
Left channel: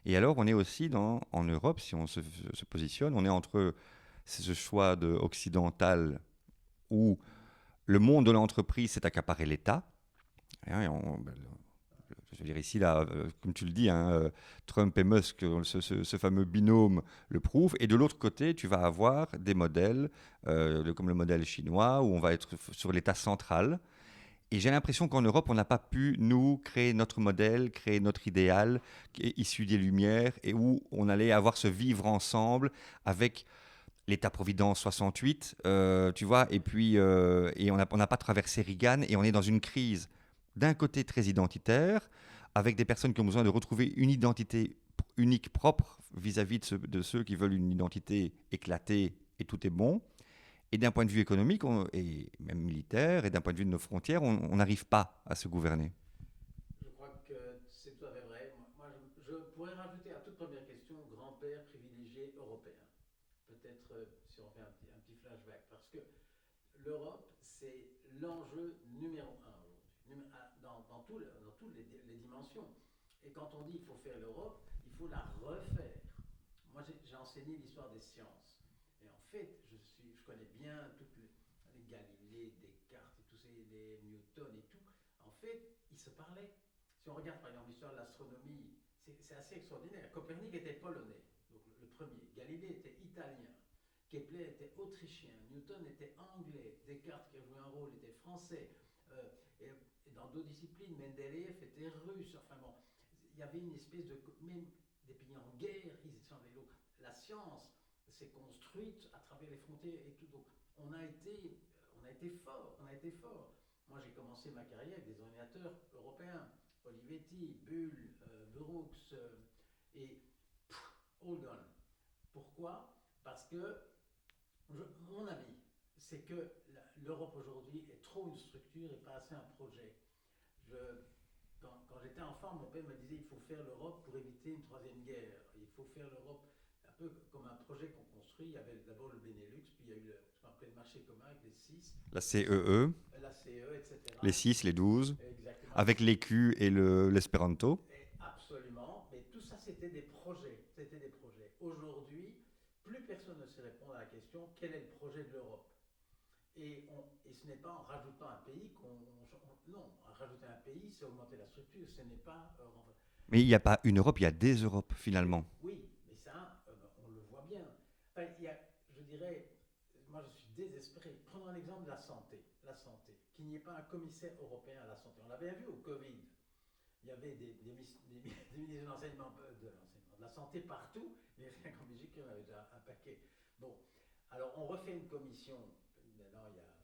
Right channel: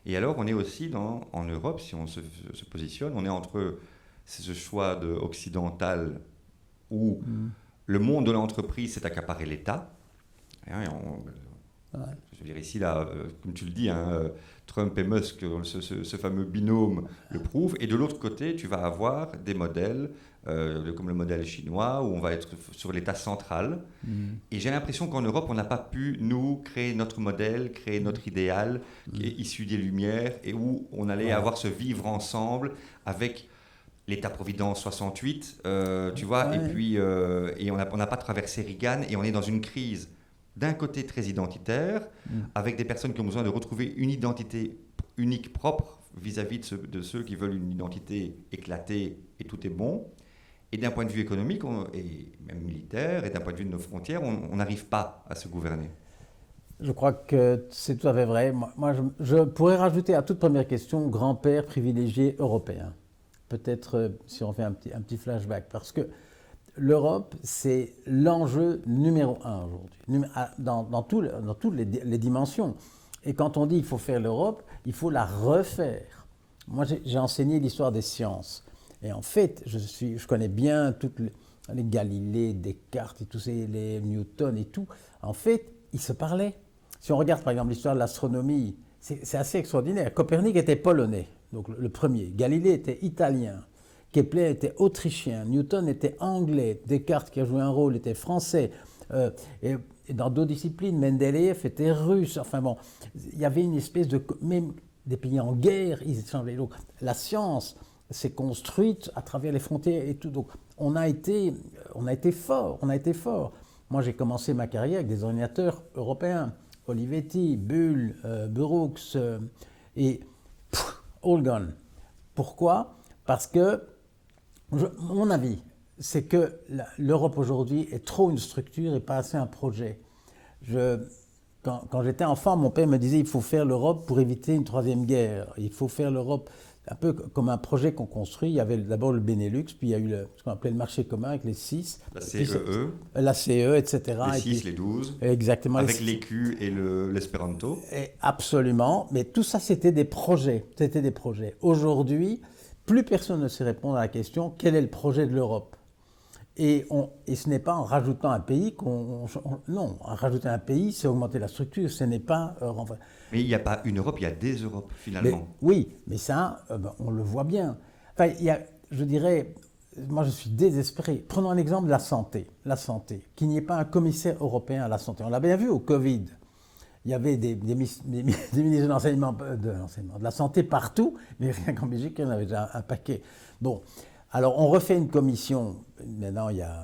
Et alors, on est aussi en Europe, si on se positionne, on est entre ce choix occidental où le monde de l'entreprise s'est accaparé l'État. Je veux dire ici, là, comme tu le dis, Trump et Musk, ce fameux binôme le prouve. Et de l'autre côté, tu vas avoir des modèles, comme le modèle chinois, où on va être sur l'État central. Et j'ai l'impression qu'en Europe, on n'a pas pu, nous, créer notre modèle, créer notre idéal, qui est issu des Lumières, et où on allait avoir ce vivre ensemble avec l'État-providence 68, tu vois, et puis et on n'a pas traversé Reagan, et on est dans une crise d'un côté très identitaire, avec des personnes qui ont besoin de retrouver une identité unique, propre, vis-à-vis de ceux qui veulent une identité éclatée et tout est bon. Et d'un point de vue économique, et même militaire, et d'un point de vue de nos frontières, on n'arrive pas à se gouverner. Je crois que c'est tout à fait vrai. Moi je pourrais rajouter à toute première question, grand-père privilégié européen. Peut-être si on fait un petit flashback, parce que l'Europe, c'est l'enjeu numéro un aujourd'hui, dans toutes les dimensions. Et quand on dit qu'il faut faire l'Europe, il faut la refaire. Moi, j'ai enseigné l'histoire des sciences. Et en fait, je connais bien toutes les Galilée, Descartes, et tous les Newton et tout. En fait, ils se parlaient. Si on regarde par exemple l'histoire de l'astronomie, c'est assez extraordinaire. Copernic était polonais, donc le premier. Galilée était italien. Kepler était autrichien, Newton était anglais, Descartes, qui a joué un rôle, était français. Et dans d'autres disciplines, Mendeleïev était russe. Enfin bon, il y avait une espèce de... Même des pays en guerre, ils échangeaient. Donc la science s'est construite à travers les frontières et tout. Donc on a été fort. Moi, j'ai commencé ma carrière avec des ordinateurs européens. Olivetti, Bull, Burroughs et all gone. Pourquoi ? Parce que mon avis, c'est que l'Europe aujourd'hui est trop une structure et pas assez un projet. Quand j'étais enfant, mon père me disait il faut faire l'Europe pour éviter une troisième guerre. Il faut faire l'Europe un peu comme un projet qu'on construit. Il y avait d'abord le Benelux, puis il y a eu ce qu'on appelait le marché commun avec les 6. La CEE. La CE, etc. Les 6, les 12. Exactement. Avec l'écu et l'espéranto. Absolument. Mais tout ça, c'était des projets. Aujourd'hui, plus personne ne sait répondre à la question quel est le projet de l'Europe. Et ce n'est pas en rajoutant un pays non, en rajouter un pays, c'est augmenter la structure, ce n'est pas... Mais il n'y a pas une Europe, il y a des Europes, finalement. Oui, mais ça, on le voit bien. Enfin, je dirais, moi je suis désespéré. Prenons un exemple de la santé. Qu'il n'y ait pas un commissaire européen à la santé. On l'a bien vu au Covid. Il y avait des ministres de la santé partout, mais rien qu'en Belgique, il y en avait déjà un paquet. Bon, alors on refait une commission, maintenant il y a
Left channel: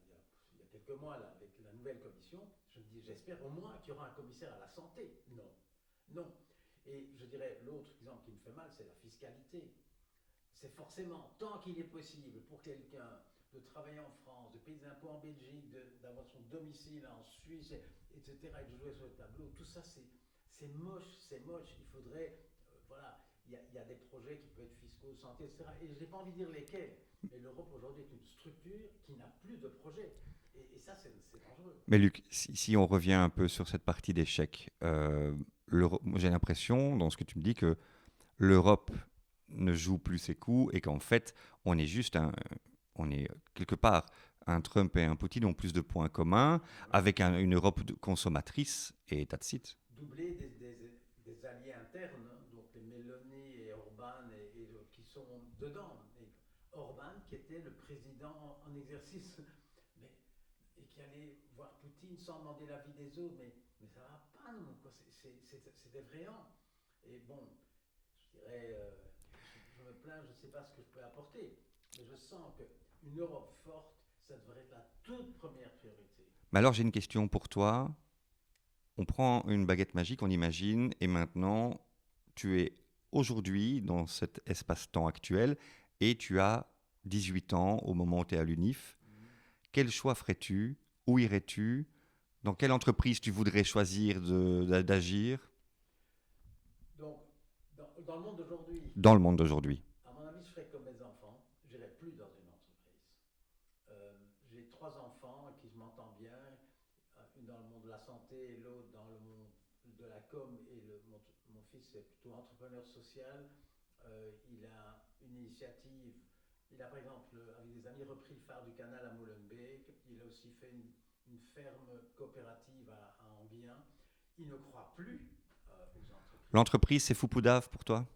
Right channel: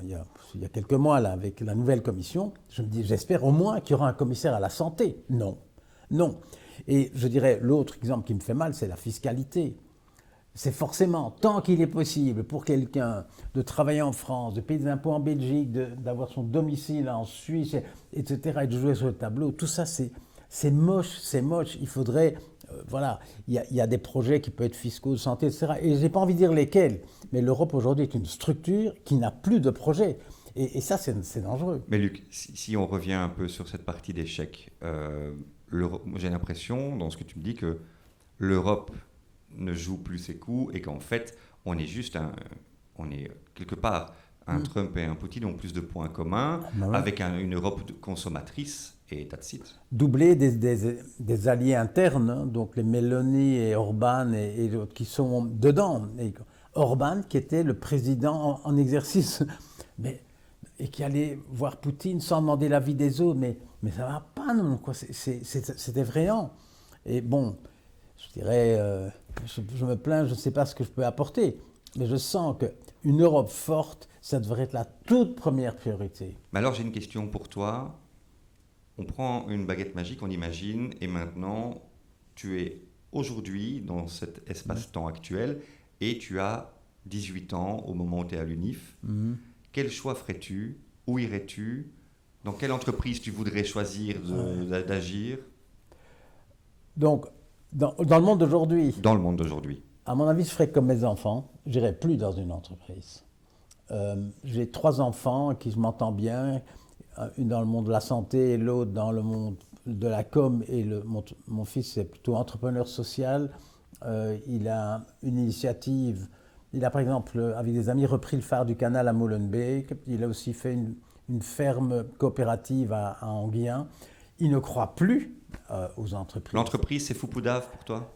quelques mois, là, avec la nouvelle commission. Je me dis, j'espère au moins qu'il y aura un commissaire à la santé. Non. Et je dirais, l'autre exemple qui me fait mal, c'est la fiscalité. C'est forcément, tant qu'il est possible pour quelqu'un de travailler en France, de payer des impôts en Belgique, d'avoir son domicile en Suisse, etc., et de jouer sur le tableau, tout ça, c'est moche. Il faudrait, il y a des projets qui peuvent être fiscaux, de santé, etc., et je n'ai pas envie de dire lesquels, mais l'Europe aujourd'hui est une structure qui n'a plus de projet. Et ça, c'est dangereux. Mais Luc, si on revient un peu sur cette partie d'échec, j'ai l'impression, dans ce que tu me dis, que l'Europe ne joue plus ses coups et qu'en fait, on est quelque part, un Trump et un Poutine ont plus de points communs avec une Europe consommatrice et that's it. Doubler des alliés internes, hein, donc les Meloni et Orban et d'autres qui sont dedans. Et Orban, qui était le président en exercice, et qui allait voir Poutine sans demander l'avis des autres, mais ça va pas, non, quoi. C'est effrayant. Et bon, je dirais, je me plains, je ne sais pas ce que je peux apporter, mais je sens qu'une Europe forte, ça devrait être la toute première priorité. Mais alors j'ai une question pour toi. On prend une baguette magique, on imagine, et maintenant tu es aujourd'hui dans cet espace-temps actuel et tu as 18 ans au moment où tu es à l'UNIF. Quel choix ferais-tu? Où irais-tu? Dans quelle entreprise tu voudrais choisir d'agir? Donc, dans le monde d'aujourd'hui, Dans le monde d'aujourd'hui. à mon avis, je ferais comme mes enfants. Je n'irais plus dans une entreprise. J'ai 3 enfants qui je m'entends bien, une dans le monde de la santé et l'autre dans le monde de la com. Et mon fils est plutôt entrepreneur social. Il a une initiative. Il a par exemple, avec des amis, repris le phare du canal à Molenbeek. Il a aussi fait une ferme coopérative à Anguien. Il ne croit plus aux entreprises. L'entreprise, c'est Foupoudave pour toi?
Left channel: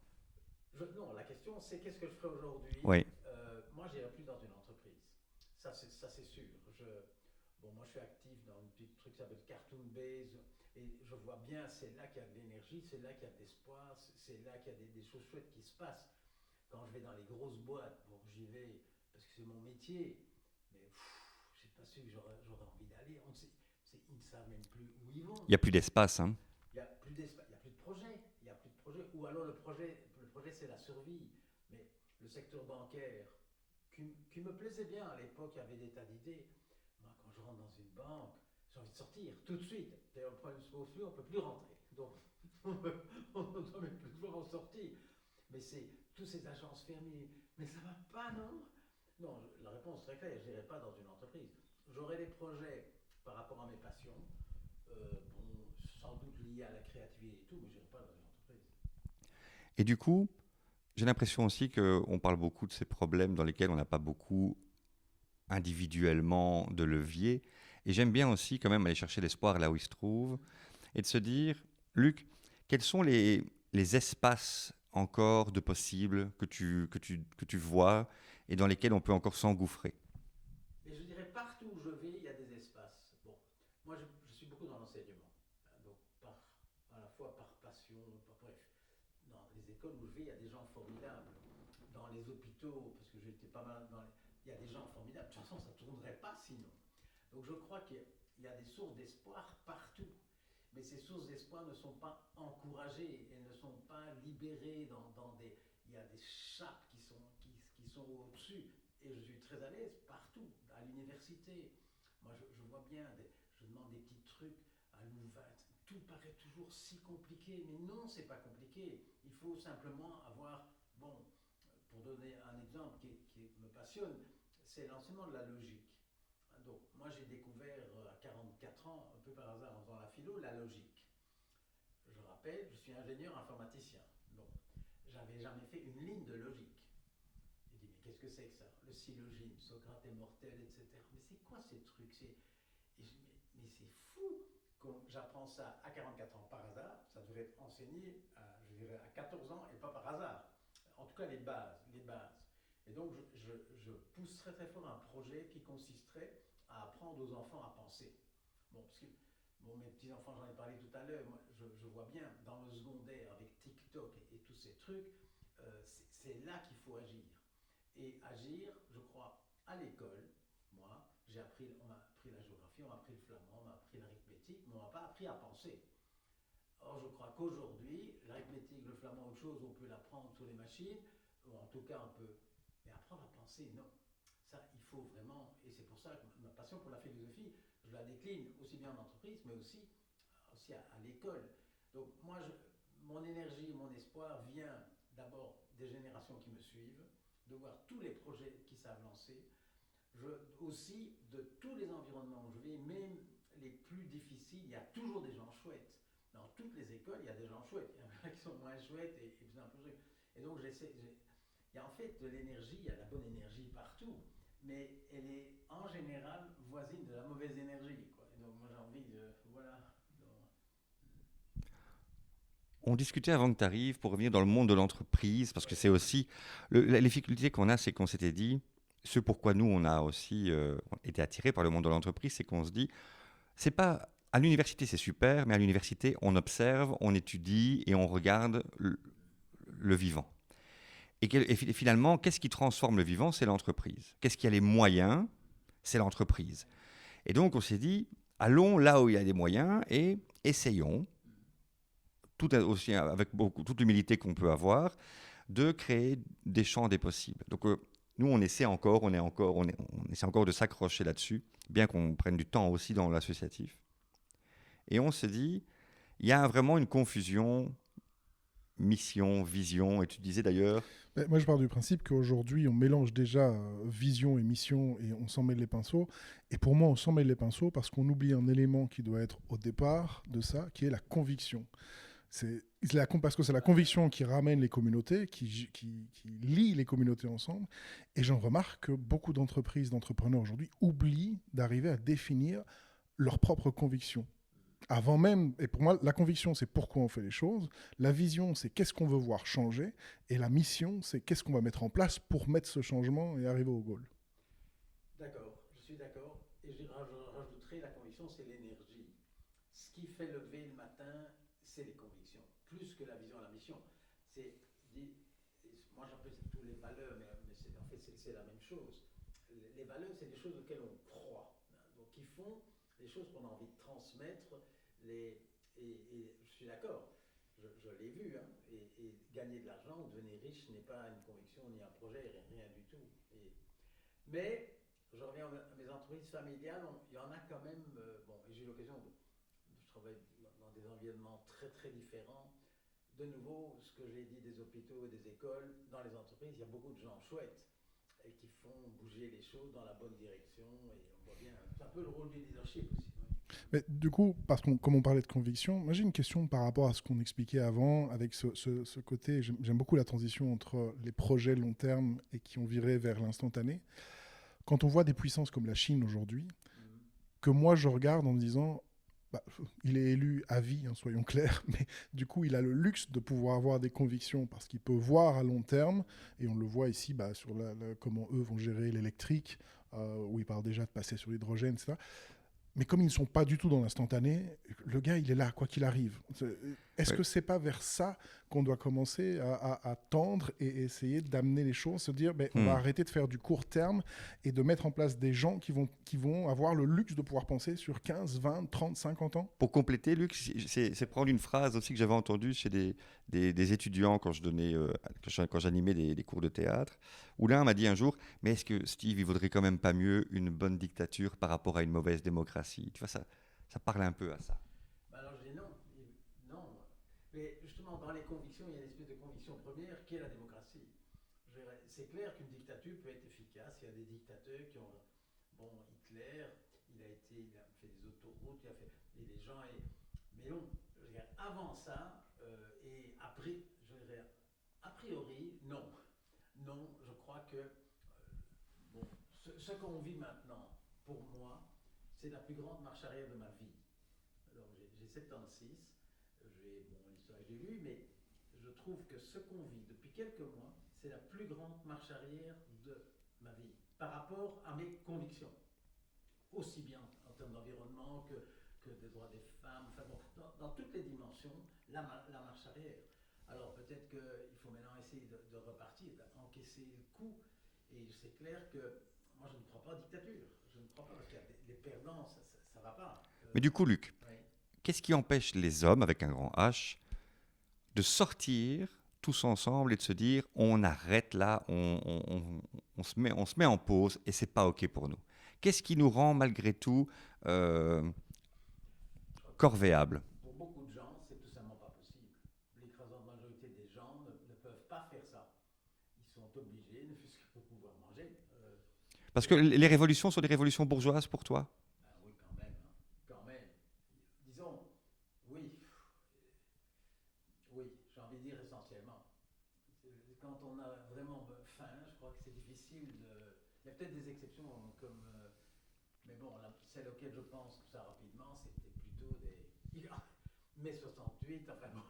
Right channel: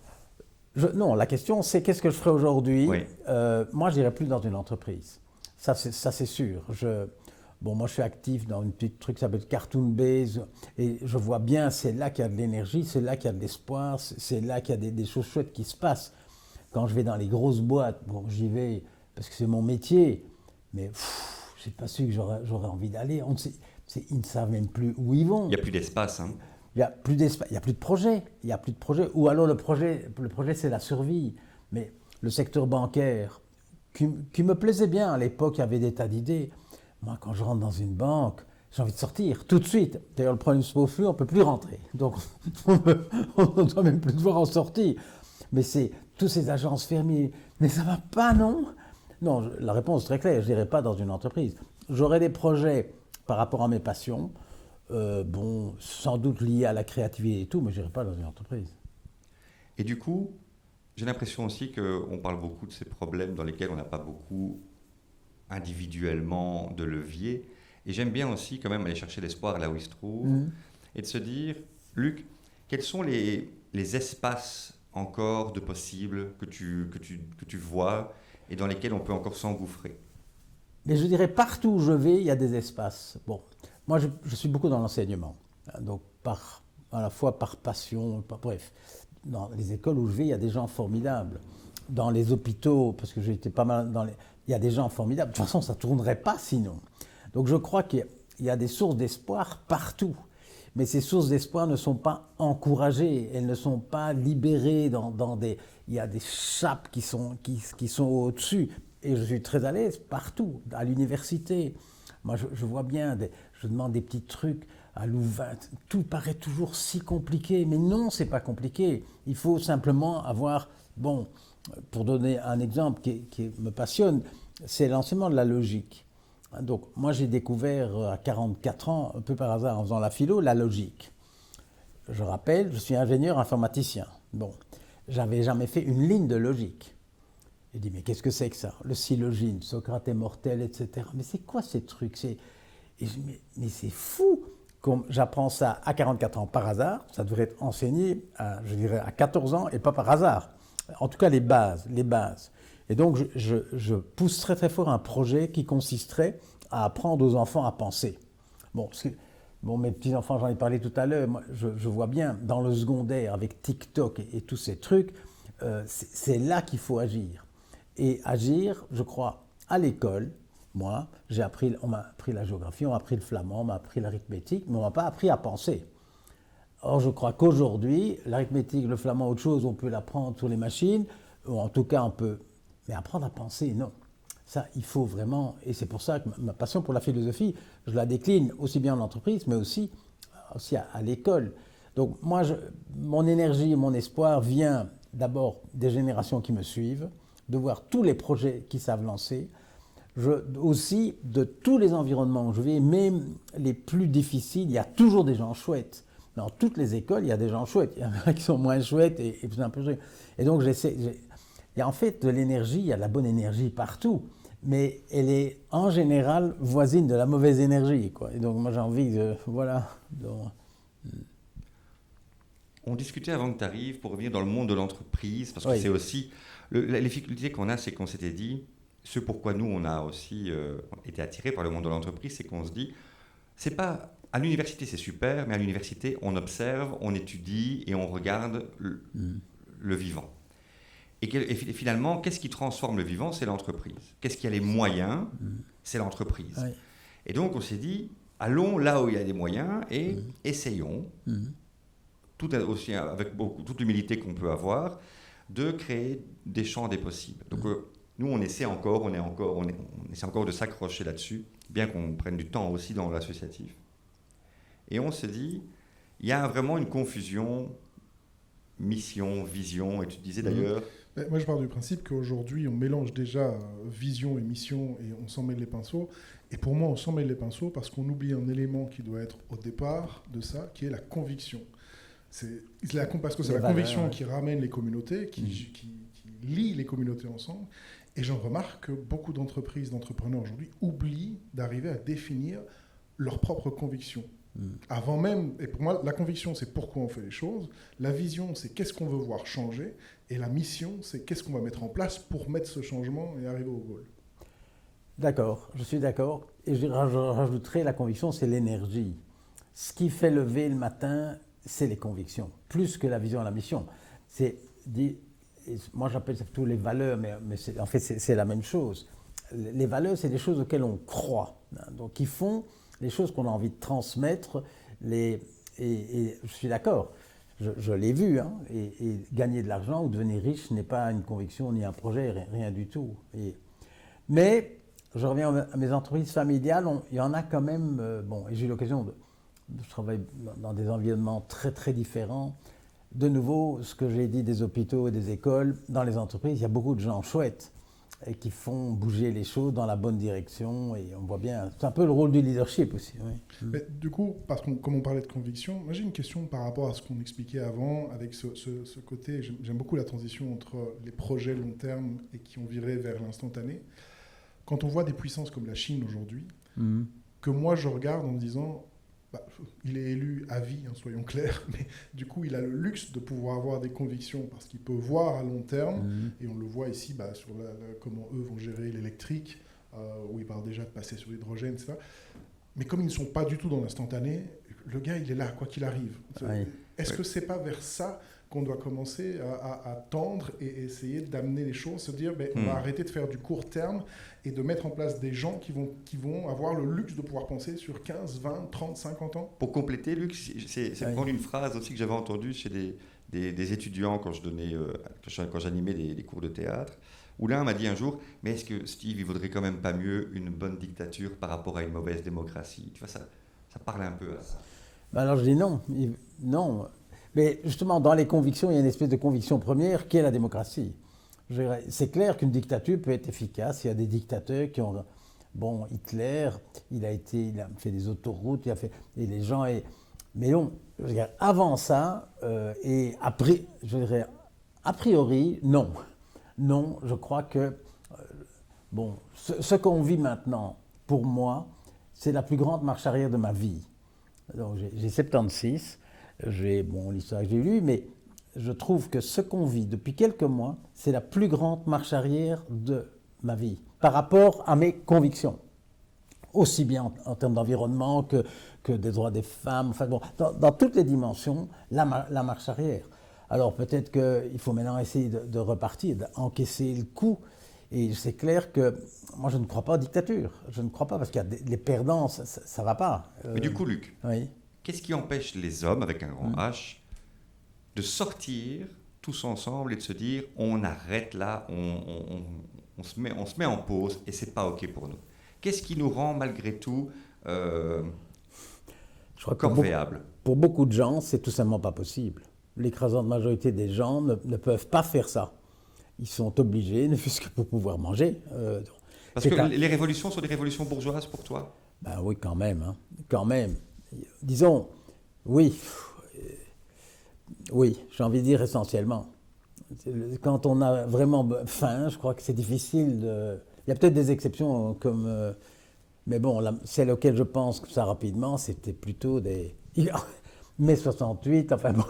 Non, la question c'est qu'est-ce que je ferais aujourd'hui? Oui. Moi, je n'irai plus dans une entreprise. Ça, c'est sûr. Moi, je suis actif dans une petite truc qui s'appelle Cartoon Base. Et je vois bien, c'est là qu'il y a de l'énergie, c'est là qu'il y a de l'espoir, c'est là qu'il y a des choses chouettes qui se passent. Quand je vais dans les grosses boîtes, bon, j'y vais parce que c'est mon métier, mais je n'ai pas su que j'aurais envie d'aller. Ils ne savent même plus où ils vont. Il n'y a plus d'espace, hein? Il n'y a plus d'espace, il n'y a plus de projet. Il n'y a plus de projet. Ou alors le projet c'est la survie. Mais le secteur bancaire, qui me plaisait bien à l'époque, il y avait des tas d'idées. Moi, quand je rentre dans une banque, j'ai envie de sortir tout de suite. D'ailleurs, le problème se pose plus, on ne peut plus rentrer. Donc, on ne doit même plus devoir en sortir. Mais c'est tous ces agences fermées. Mais ça ne va pas, non? Non, la réponse est très claire. Je n'irai pas dans une entreprise. J'aurai des projets par rapport à mes passions. Sans doute liés à la créativité et tout, mais je n'irai pas dans une entreprise. Et du coup, j'ai l'impression aussi qu'on parle beaucoup de ces problèmes dans lesquels on n'a pas beaucoup individuellement de levier. Et j'aime bien aussi quand même aller chercher l'espoir là où il se trouve et de se dire, Luc, quels sont les espaces encore de possibles que tu vois et dans lesquels on peut encore s'engouffrer? Mais je dirais partout où je vais, il y a des espaces. Bon, moi je suis beaucoup dans l'enseignement, donc à la fois par passion, bref. Dans les écoles où je vais, il y a des gens formidables. Dans les hôpitaux, parce que j'ai été pas mal il y a des gens formidables. De toute façon, ça ne tournerait pas sinon. Donc je crois qu'il y a des sources d'espoir partout. Mais ces sources d'espoir ne sont pas encouragées, elles ne sont pas libérées il y a des chapes qui sont au-dessus. Et je suis très à l'aise partout, à l'université. Moi, je vois bien, je demande des petits trucs à Louvain. Tout paraît toujours si compliqué. Mais non, c'est pas compliqué. Il faut simplement avoir, pour donner un exemple qui me passionne, c'est l'enseignement de la logique. Donc, moi, j'ai découvert à 44 ans, un peu par hasard, en faisant la philo, la logique. Je rappelle, je suis ingénieur informaticien. Bon, j'avais jamais fait une ligne de logique. Je dis, mais qu'est-ce que c'est que ça? Le syllogisme, Socrate est mortel, etc. Mais c'est quoi ces trucs? Mais c'est fou! Comme j'apprends ça à 44 ans par hasard, ça devrait être enseigné, je dirais, à 14 ans et pas par hasard. En tout cas, les bases. Et donc, je pousse très très fort un projet qui consisterait à apprendre aux enfants à penser. Mes petits-enfants, j'en ai parlé tout à l'heure, moi, je vois bien, dans le secondaire, avec TikTok et tous ces trucs, c'est là qu'il faut agir. Et agir, je crois, à l'école, moi, on m'a appris la géographie, on m'a appris le flamand, on m'a appris l'arithmétique, mais on ne m'a pas appris à penser. Or, je crois qu'aujourd'hui, l'arithmétique, le flamand, autre chose, on peut l'apprendre sur les machines, ou en tout cas, on peut. Mais apprendre à penser, non. Ça, il faut vraiment. Et c'est pour ça que ma passion pour la philosophie, je la décline aussi bien en entreprise, mais aussi à l'école. Donc, moi, mon énergie et mon espoir vient d'abord des générations qui me suivent, de voir tous les projets qui savent lancer. Aussi, de tous les environnements où je vais, même les plus difficiles, il y a toujours des gens chouettes. Dans toutes les écoles, il y a des gens chouettes. Il y en a qui sont moins chouettes et plus un peu chouettes. Et donc, il y a en fait de l'énergie, il y a de la bonne énergie partout. Mais elle est en général voisine de la mauvaise énergie, quoi. Et donc, moi, j'ai envie de... Voilà. Donc, on discutait avant que tu arrives pour revenir dans le monde de l'entreprise, parce que oui. c'est aussi... la difficulté qu'on a, c'est qu'on s'était dit, ce pourquoi nous, on a aussi été attirés par le monde de l'entreprise, c'est qu'on se dit, c'est pas... À l'université, c'est super, mais à l'université, on observe, on étudie et on regarde le vivant. Et finalement, qu'est-ce qui transforme le vivant? C'est l'entreprise. Qu'est-ce qui a les moyens? C'est l'entreprise. Oui. Et donc, on s'est dit, allons là où il y a des moyens et essayons, aussi avec toute l'humilité qu'on peut avoir, de créer des champs des possibles. Donc, nous, on essaie encore de s'accrocher là-dessus, bien qu'on prenne du temps aussi dans l'associatif. Et on se dit, il y a vraiment une confusion, mission, vision, et tu disais d'ailleurs... Moi, je pars du principe qu'aujourd'hui, on mélange déjà vision et mission et on s'en mêle les pinceaux. Et pour moi, on s'en mêle les pinceaux parce qu'on oublie un élément qui doit être au départ de ça, qui est la conviction. Parce que c'est la conviction qui ramène les communautés, qui lie les communautés ensemble. Et j'en remarque que beaucoup d'entreprises, d'entrepreneurs aujourd'hui oublient d'arriver à définir leurs propres convictions. Avant même, et pour moi, la conviction, c'est pourquoi on fait les choses. La vision, c'est qu'est-ce qu'on veut voir changer. Et la mission, c'est qu'est-ce qu'on va mettre en place pour mettre ce changement et arriver au goal. D'accord, je suis d'accord. Et je rajouterai, la conviction, c'est l'énergie. Ce qui fait lever le matin, c'est les convictions, plus que la vision et la mission. Moi, j'appelle ça plutôt les valeurs, mais en fait, c'est la même chose. Les valeurs, c'est des choses auxquelles on croit, hein, donc qui font les choses qu'on a envie de transmettre. Et je suis d'accord, je l'ai vu, hein, et gagner de l'argent ou devenir riche n'est pas une conviction ni un projet, rien du tout. Mais je reviens à mes entreprises familiales, il y en a quand même, et j'ai eu l'occasion je travaille dans des environnements très très différents. De nouveau, ce que j'ai dit des hôpitaux et des écoles, dans les entreprises, il y a beaucoup de gens chouettes et qui font bouger les choses dans la bonne direction. Et on voit bien, c'est un peu le rôle du leadership aussi. Oui. Mais du coup, comme on parlait de conviction, moi j'ai une question par rapport à ce qu'on expliquait avant, avec ce côté, j'aime beaucoup la transition entre les projets long terme et qui ont viré vers l'instantané. Quand on voit des puissances comme la Chine aujourd'hui, que moi je regarde en me disant... il est élu à vie, hein, soyons clairs, mais du coup, il a le luxe de pouvoir avoir des convictions parce qu'il peut voir à long terme, et on le voit ici sur comment eux vont gérer l'électrique, où ils parlent déjà de passer sur l'hydrogène, etc. Mais comme ils ne sont pas du tout dans l'instantané, le gars, il est là, quoi qu'il arrive. Est-ce que c'est pas vers ça qu'on doit commencer à tendre et essayer d'amener les choses, se dire on va arrêter de faire du court terme et de mettre en place des gens qui vont avoir le luxe de pouvoir penser sur 15, 20, 30, 50 ans? Pour compléter, Luc, c'est prendre une phrase aussi que j'avais entendue chez des étudiants quand j'animais des cours de théâtre, où l'un m'a dit un jour, mais est-ce que Steve, il vaudrait quand même pas mieux une bonne dictature par rapport à une mauvaise démocratie? Tu vois, ça parle un peu à ça. Alors je dis non, non. Mais justement, dans les convictions, il y a une espèce de conviction première qui est la démocratie. C'est clair qu'une dictature peut être efficace. Il y a des dictateurs qui ont... Bon, Hitler, il a fait des autoroutes, et les gens... Mais non, je dirais, avant ça, et après, je dirais, a priori, non. Non, je crois que... ce qu'on vit maintenant, pour moi, c'est la plus grande marche arrière de ma vie. Donc, j'ai 76, l'histoire que j'ai lue, mais je trouve que ce qu'on vit depuis quelques mois, c'est la plus grande marche arrière de ma vie, par rapport à mes convictions. Aussi bien en termes d'environnement que des droits des femmes, enfin dans toutes les dimensions, la marche arrière. Alors peut-être qu'il faut maintenant essayer de repartir, d'encaisser le coup. Et c'est clair que moi je ne crois pas aux dictatures. Je ne crois pas parce qu'il y a les perdants, ça ne va pas. Mais du coup, Luc, oui. Qu'est-ce qui empêche les hommes, avec un grand H, de sortir tous ensemble et de se dire on arrête là, on se met en pause et c'est pas OK pour nous? Qu'est-ce qui nous rend malgré tout corvéables? Pour beaucoup de gens, c'est tout simplement pas possible. L'écrasante majorité des gens ne peuvent pas faire ça. Ils sont obligés, ne fût-ce que pour pouvoir manger. Parce que les révolutions sont des révolutions bourgeoises pour toi? Ben oui, quand même. Hein. Quand même. Disons, oui. Oui, j'ai envie de dire essentiellement. Quand on a vraiment faim, je crois que c'est difficile de... Il y a peut-être des exceptions comme... mais bon, celle auquel je pense que ça rapidement, c'était plutôt des... Mai 68, enfin bon,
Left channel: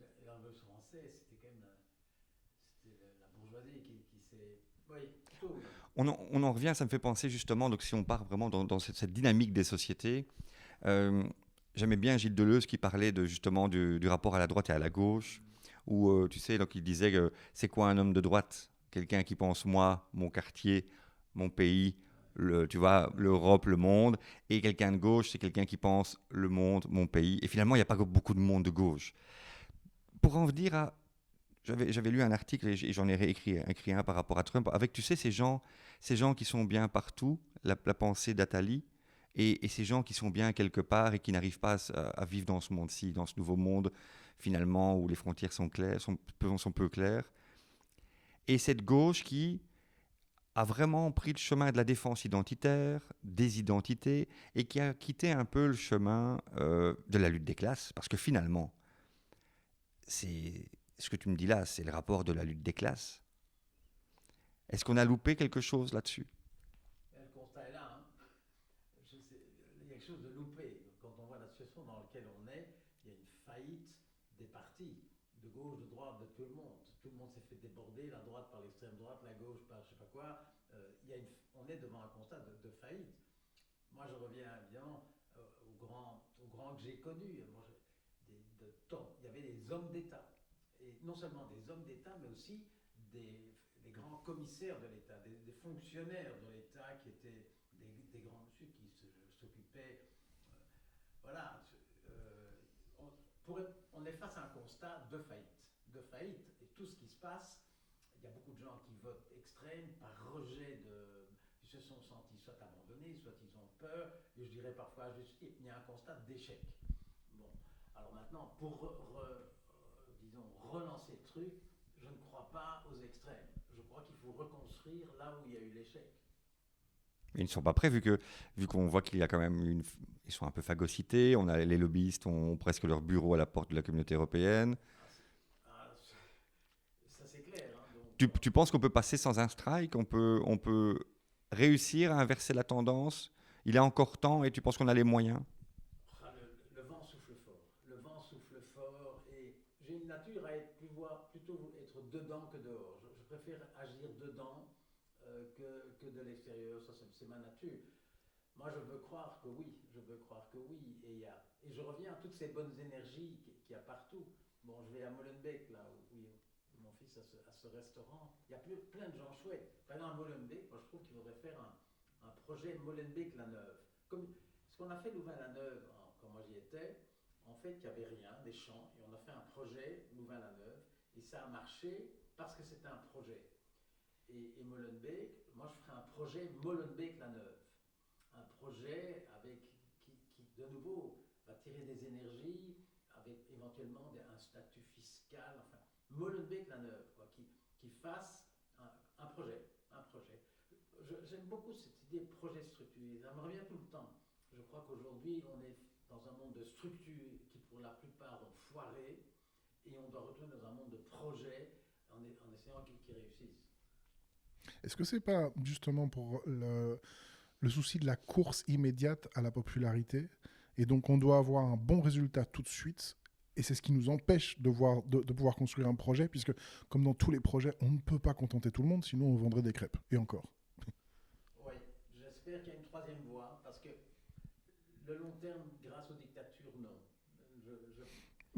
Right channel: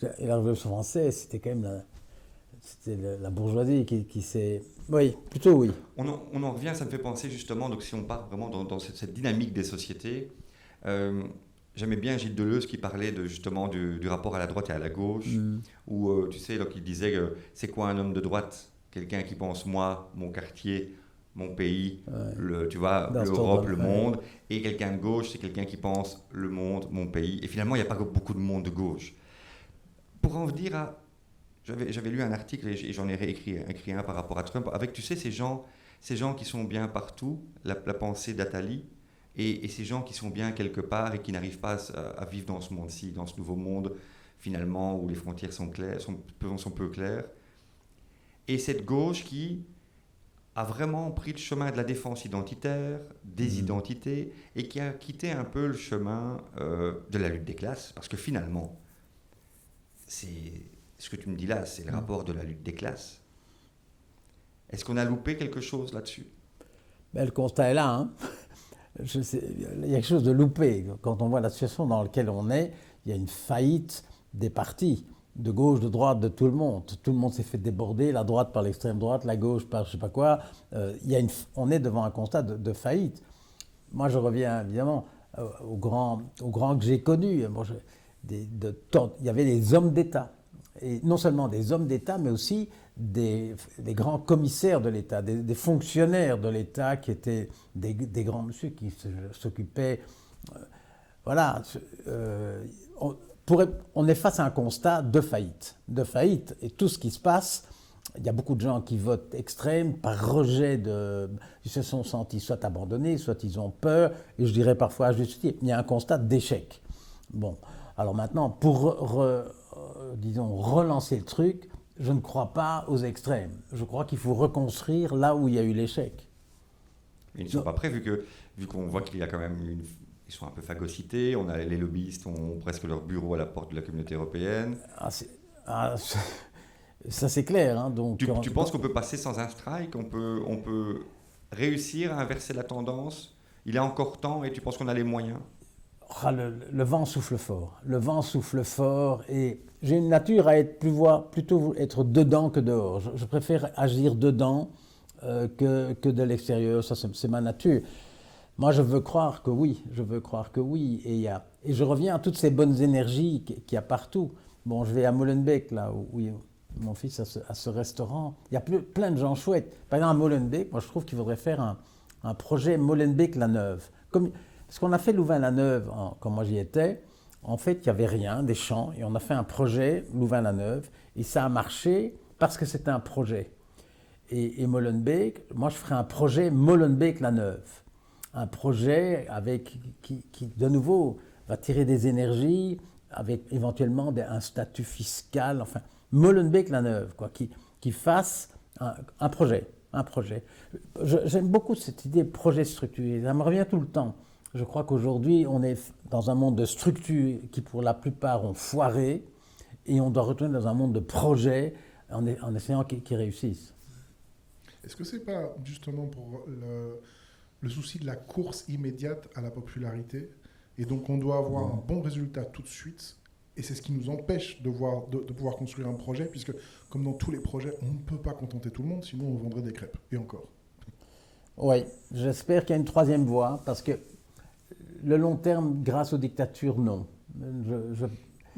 la Révolution française, c'était quand même la bourgeoisie qui s'est... Oui, plutôt oui. On en revient, ça me fait penser justement, donc si on part vraiment dans cette dynamique des sociétés, j'aimais bien Gilles Deleuze qui parlait justement du rapport à la droite et à la gauche, où tu sais, donc il disait que c'est quoi un homme de droite? Quelqu'un qui pense moi, mon quartier, mon pays, tu vois, l'Europe, le monde, et quelqu'un de gauche, c'est quelqu'un qui pense le monde, mon pays, et finalement il n'y a pas beaucoup de monde de gauche. Pour en venir à... J'avais lu un article et j'en ai écrit un par rapport à Trump, avec, tu sais, ces gens qui sont bien partout, la pensée d'Attali, et ces gens qui sont bien quelque part et qui n'arrivent pas à vivre dans ce monde-ci, dans ce nouveau monde, finalement, où les frontières sont peu claires. Et cette gauche qui a vraiment pris le chemin de la défense identitaire, des identités, et qui a quitté un peu le chemin de la lutte des classes, parce que finalement, ce que tu me dis là, c'est le rapport de la lutte des classes. Est-ce qu'on a loupé quelque chose là-dessus? Le constat est là. Hein. Il y a quelque chose de loupé. Quand on voit la situation dans laquelle on est, il y a une faillite des partis, de gauche, de droite, de tout le monde. Tout le monde s'est fait déborder, la droite par l'extrême droite, la gauche par je ne sais pas quoi. On est devant un constat de faillite. Moi, je reviens évidemment aux grands que j'ai connus. Il y avait des hommes d'État. Et non seulement des hommes d'État, mais aussi des grands commissaires de l'État, des fonctionnaires de l'État qui étaient des grands monsieur qui s'occupaient. Voilà. On est face à un constat de faillite. Et tout ce qui se passe, il y a beaucoup de gens qui votent extrême par rejet ils se sont sentis soit abandonnés, soit ils ont peur, et je dirais parfois à juste titre. Il y a un constat d'échec. Bon. Alors maintenant, pour disons, relancer le truc, je ne crois pas aux extrêmes. Je crois qu'il faut reconstruire là où il y a eu l'échec. Ils ne sont pas prêts, vu qu'on voit qu'il y a quand même ils sont un peu phagocytés, les lobbyistes ont presque leur bureau à la porte de la communauté européenne. Ça c'est clair. Hein, donc, tu penses qu'on peut passer sans un strike? On peut réussir à inverser la tendance? Il est encore temps et tu penses qu'on a les moyens? Le vent souffle fort. Le vent souffle fort et j'ai une nature à plutôt être dedans que dehors. Je préfère agir dedans que de l'extérieur. Ça, c'est ma nature. Moi, je veux croire que oui. Et je reviens à toutes ces bonnes énergies qu'il y a partout. Bon, je vais à Molenbeek, là, où mon fils a ce restaurant. Il y a plein de gens chouettes. Par exemple, à Molenbeek, moi, je trouve qu'il faudrait faire un projet Molenbeek-la-Neuve. Parce qu'on a fait Louvain-la-Neuve, quand moi j'y étais, en fait, il n'y avait rien, des champs, et on a fait un projet Louvain-la-Neuve, et ça a marché parce que c'était un projet. Et Molenbeek, moi je ferais un projet Molenbeek-la-Neuve. Un projet qui, de nouveau, va tirer des énergies, avec éventuellement un statut fiscal, enfin, Molenbeek-la-Neuve, quoi, qui fasse un projet. J'aime beaucoup cette idée de projet structuré, ça me revient tout le temps. Je crois qu'aujourd'hui, on est dans un monde de structures qui, pour la plupart, ont foiré, et on doit retourner dans un monde de projets en essayant qu'ils réussissent. Est-ce que ce n'est pas justement pour le souci de la course immédiate à la popularité, et donc on doit avoir un bon résultat tout de suite, et c'est ce qui nous empêche de pouvoir construire un projet, puisque comme dans tous les projets, on ne peut pas contenter tout le monde, sinon on vendrait des crêpes, et encore. Oui, j'espère qu'il y a une troisième voie, parce que le long terme, grâce aux dictatures, non.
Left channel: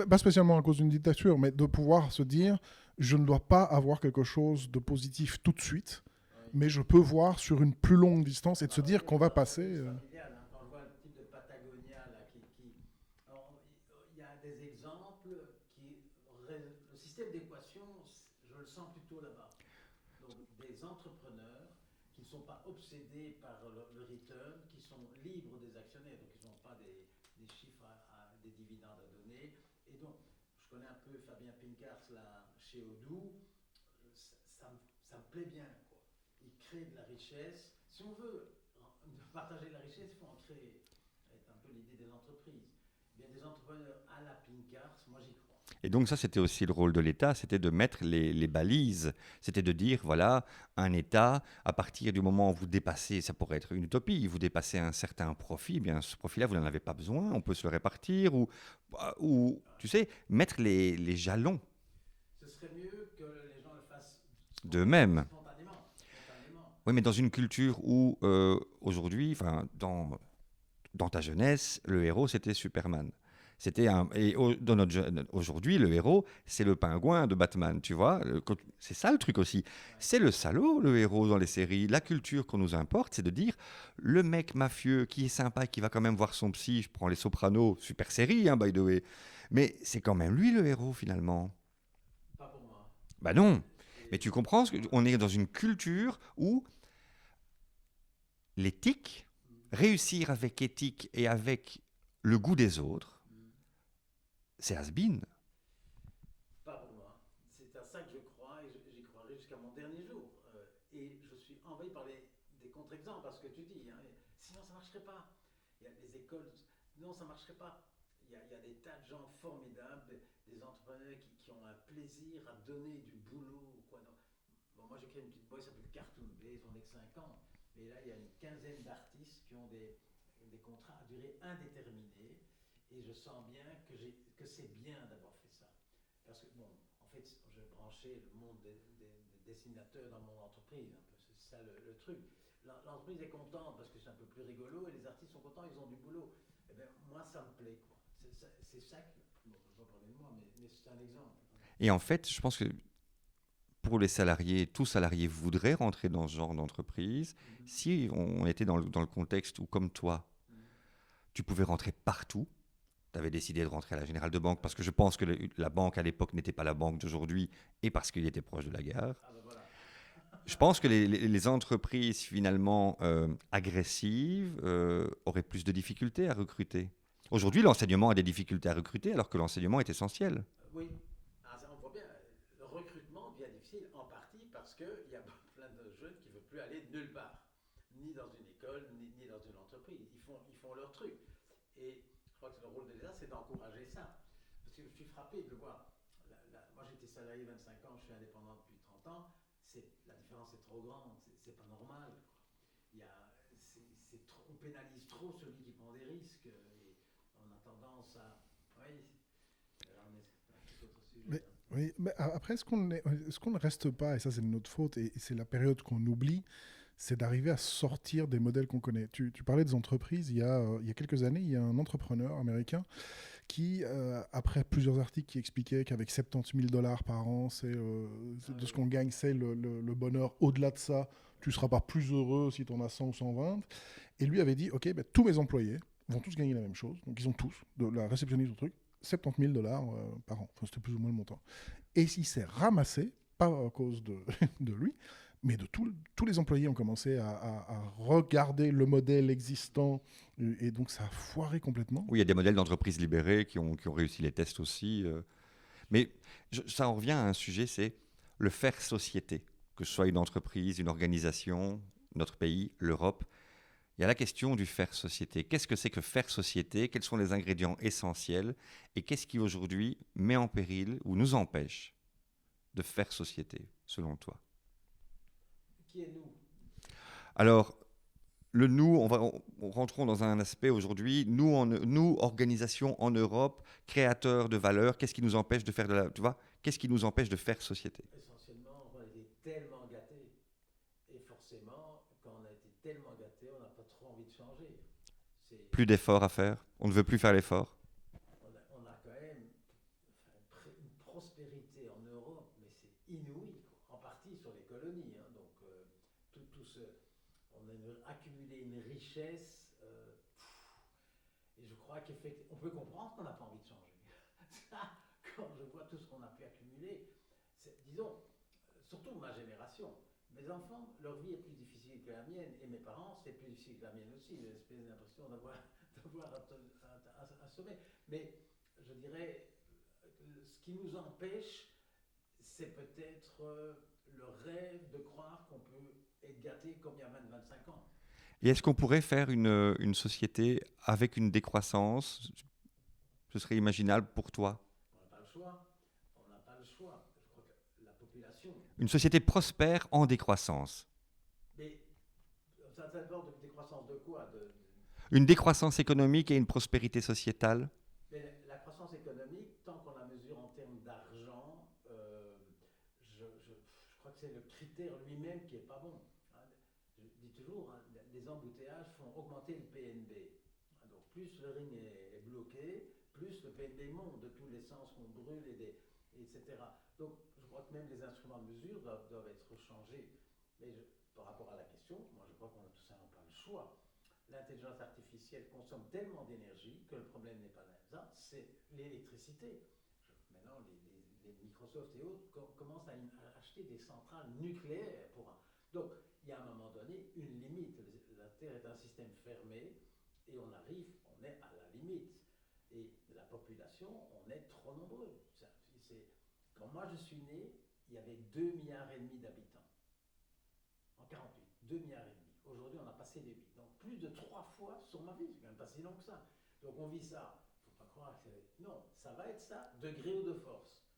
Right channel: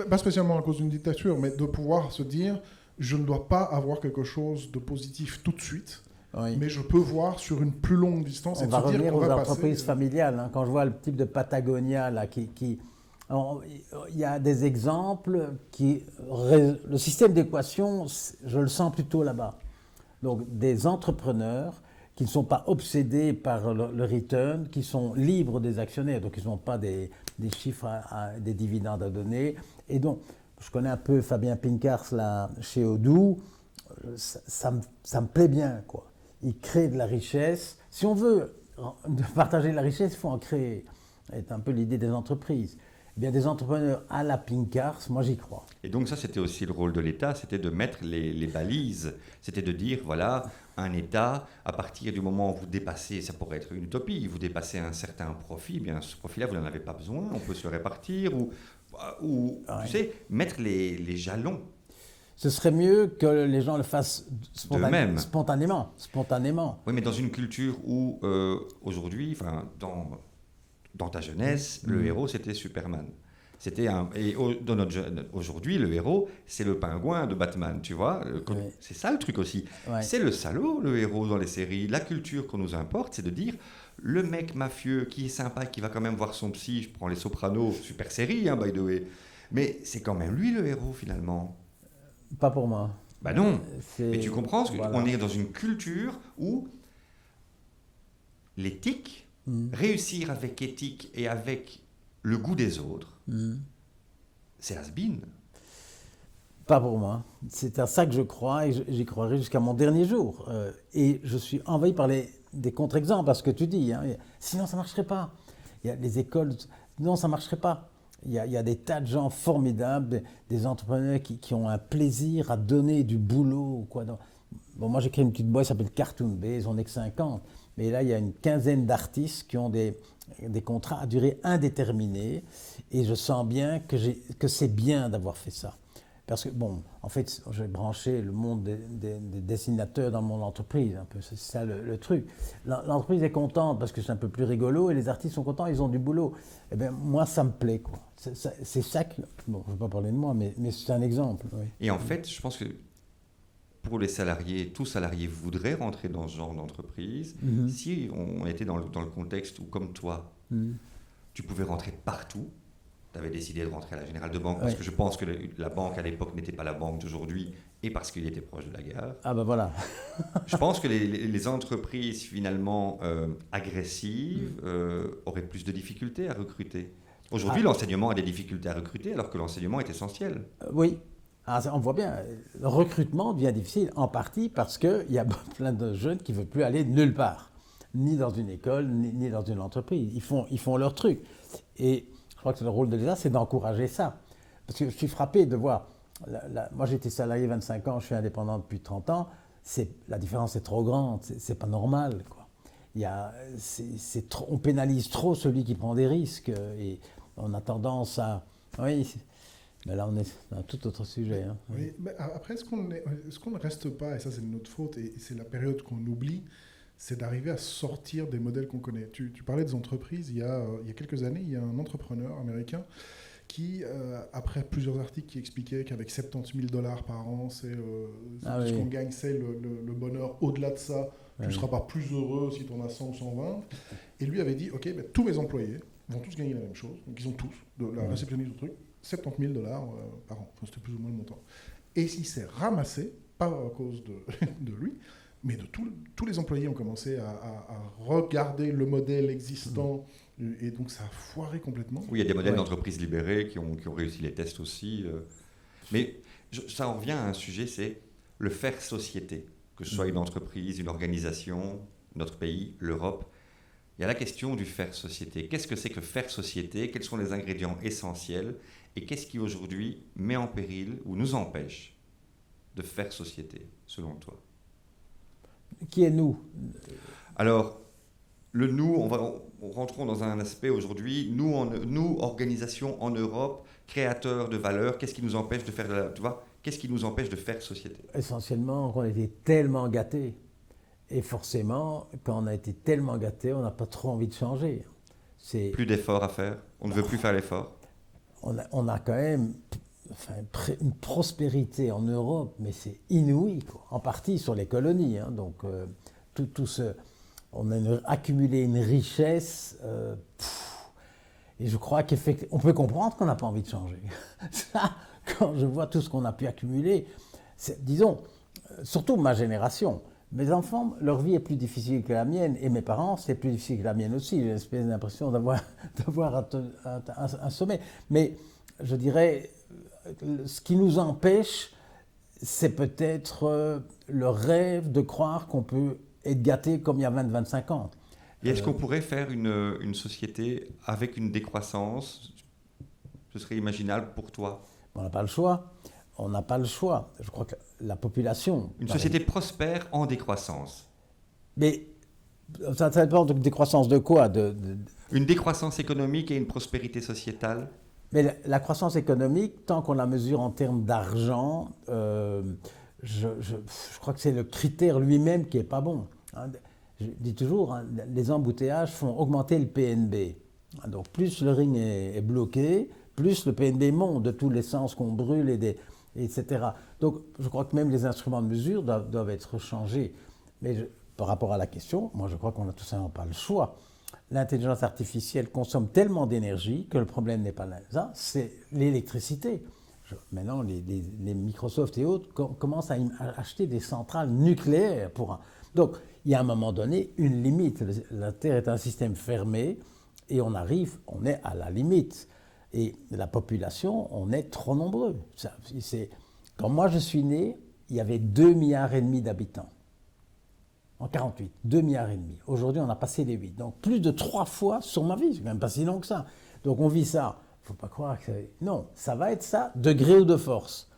Pas spécialement à cause d'une dictature, mais de pouvoir se dire, je ne dois pas avoir quelque chose de positif tout de suite, oui. Mais je peux voir sur une plus longue distance et de se dire qu'on va passer... entreprises familiales, hein, quand je vois le type de Patagonia, là, il y a des exemples le système d'équation, je le sens plutôt là-bas. Donc des entrepreneurs qui ne sont pas obsédés par le return, qui sont libres des actionnaires, donc ils n'ont pas des chiffres, des dividendes à donner. Et donc, je connais un peu Fabien Pincars là, chez Odoo, ça me plaît bien, quoi. ils créent de la richesse. Si on veut partager la richesse, il faut en créer. C'est un peu l'idée des entreprises. Eh bien, des entrepreneurs à la Pincars, moi j'y crois. Et donc ça, c'était aussi le rôle de l'État, c'était de mettre les balises. C'était de dire, voilà, un État, à partir du moment où vous dépassez, ça pourrait être une utopie, vous dépassez un certain profit, eh bien ce profit-là, vous n'en avez pas besoin, on peut se le répartir, ou Ouais. tu sais, mettre les jalons. Ce serait mieux que les gens le fassent D'eux-mêmes. spontanément. Oui, mais dans une culture où, aujourd'hui, enfin, dans ta jeunesse, le héros, c'était Superman. Aujourd'hui, le héros, c'est le pingouin de Batman, tu vois. Oui. C'est ça le truc aussi. Ouais. C'est le salaud, le héros dans les séries. La culture qu'on nous importe, c'est de dire le mec mafieux qui est sympa, qui va quand même voir son psy. Je prends Les Sopranos, super série, hein, by the way. Mais c'est quand même lui le héros finalement. Pas pour moi. Bah non. C'est- Mais tu comprends, voilà. on est dans une culture où l'éthique, Mm. réussir avec éthique et avec le goût des autres, Mm. c'est has-been. Pas pour moi. C'est à ça que je crois et j'y croirai jusqu'à mon dernier jour. Et je suis envahi par des contre-exemples à ce que tu dis. Hein. Sinon, ça ne marcherait pas. Il y a les écoles, non, ça ne marcherait pas. Il y a des tas de gens formidables, des entrepreneurs qui ont un plaisir à donner du boulot. Quoi. Bon, moi, j'ai créé une petite boîte qui s'appelle Cartoon Base, on n'est que 50. Mais là, il y a une quinzaine d'artistes qui ont des contrats à durée indéterminée. Et je sens bien que c'est bien d'avoir fait ça. Parce que, bon, en fait, j'ai branché le monde des dessinateurs dans mon entreprise, un peu, c'est ça le truc. L'entreprise est contente parce que c'est un peu plus rigolo et les artistes sont contents, ils ont du boulot. Eh bien, moi, ça me plaît, quoi. C'est ça que... Bon, je ne vais pas parler de moi, mais c'est un exemple. Oui. Et en fait, je pense que pour les salariés, tout salarié voudrait rentrer dans ce genre d'entreprise. Mhm. Si on était dans le contexte où, comme toi, tu pouvais rentrer partout, tu avais décidé de rentrer à la Générale de Banque, parce Ouais. que je pense que la banque à l'époque n'était pas la banque d'aujourd'hui, et parce qu'il était proche de la gare. Ah ben voilà. Je pense que les entreprises finalement agressives auraient plus de difficultés à recruter. Aujourd'hui, l'enseignement a des difficultés à recruter, alors que l'enseignement est essentiel. Oui. Ah, on voit bien, le recrutement devient difficile en partie parce qu'il y a plein de jeunes qui ne veulent plus aller nulle part, ni dans une école, ni dans une entreprise. Ils font leur truc. Et je crois que le rôle de l'État, c'est d'encourager ça. Parce que je suis frappé de voir, moi j'étais salarié 25 ans, je suis indépendant depuis 30 ans, la différence est trop grande, c'est pas normal, quoi. On pénalise trop celui qui prend des risques et on a tendance à... Oui, mais là on est dans un tout autre sujet. Hein. Oui, mais après, est-ce qu'on ne reste pas, et ça c'est de notre faute, et c'est la période qu'on oublie, c'est d'arriver à sortir des modèles qu'on connaît. Tu parlais des entreprises, il y a quelques années, il y a un entrepreneur américain qui, après plusieurs articles qui expliquaient qu'avec 70 000 $ par an, c'est tout ce qu'on gagne, c'est le bonheur. Au-delà de ça, tu ne seras pas plus heureux si tu en as 100 ou 120. Et lui avait dit, OK, tous mes employés vont tous gagner la même chose. Donc ils ont tous, de la réceptionniste au truc, 70 000 $ par an. Enfin, c'était plus ou moins le montant. Et il s'est ramassé, pas à cause de lui, mais tous les employés ont commencé à regarder le modèle existant, et donc ça a foiré complètement. Oui, il y a des modèles d'entreprises libérées qui ont réussi les tests aussi. Mais ça en revient à un sujet, c'est le faire société, que ce soit une entreprise, une organisation, notre pays, l'Europe. Il y a la question du faire société. Qu'est-ce que c'est que faire société? Quels sont les ingrédients essentiels? Et qu'est-ce qui aujourd'hui met en péril ou nous empêche de faire société, selon toi? Qui est nous? Alors, le nous, rentrons dans un aspect aujourd'hui, nous, organisation en Europe, créateurs de valeur, qu'est-ce qui nous empêche de faire qu'est-ce qui nous empêche de faire société? Essentiellement, on a été tellement gâtés. Et forcément, quand on a été tellement gâtés, on n'a pas trop envie de changer. Plus d'efforts à faire? On ne veut plus faire l'effort? On a quand même une prospérité en Europe, mais c'est inouï, quoi. En partie sur les colonies. Hein, donc, on a accumulé une richesse. Et je crois qu'on peut comprendre qu'on n'a pas envie de changer. Ça, quand je vois tout ce qu'on a pu accumuler, disons, surtout ma génération, mes enfants, leur vie est plus difficile que la mienne, et mes parents, c'est plus difficile que la mienne aussi. J'ai l'impression d'avoir un sommet. Mais je dirais, ce qui nous empêche, c'est peut-être le rêve de croire qu'on peut être gâté comme il y a 20-25 ans. Et est-ce qu'on pourrait faire une société avec une décroissance? Ce serait imaginable pour toi? On n'a pas le choix. On n'a pas le choix. Je crois que la population... Une société prospère en décroissance. Mais ça dépend de décroissance de quoi Une décroissance économique et une prospérité sociétale? Mais la croissance économique, tant qu'on la mesure en termes d'argent, je crois que c'est le critère lui-même qui n'est pas bon. Hein. Je dis toujours, hein, les embouteillages font augmenter le PNB. Donc plus le ring est bloqué, plus le PNB monte de tous les sens qu'on brûle, etc. Donc je crois que même les instruments de mesure doivent être changés. Mais par rapport à la question, moi je crois qu'on n'a tout simplement pas le choix. L'intelligence artificielle consomme tellement d'énergie que le problème n'est pas là, c'est l'électricité. Maintenant, les Microsoft et autres commencent à acheter des centrales nucléaires Donc, il y a à un moment donné une limite. La Terre est un système fermé et on est à la limite. Et la population, on est trop nombreux. Quand moi je suis né, il y avait 2,5 milliards d'habitants. En 48, 2,5 milliards. Aujourd'hui, on a passé les 8. Donc, plus de 3 fois sur ma vie. C'est même pas si long que ça. Donc, on vit ça. Il ne faut pas croire que... Non, ça va être ça, de gré ou de force.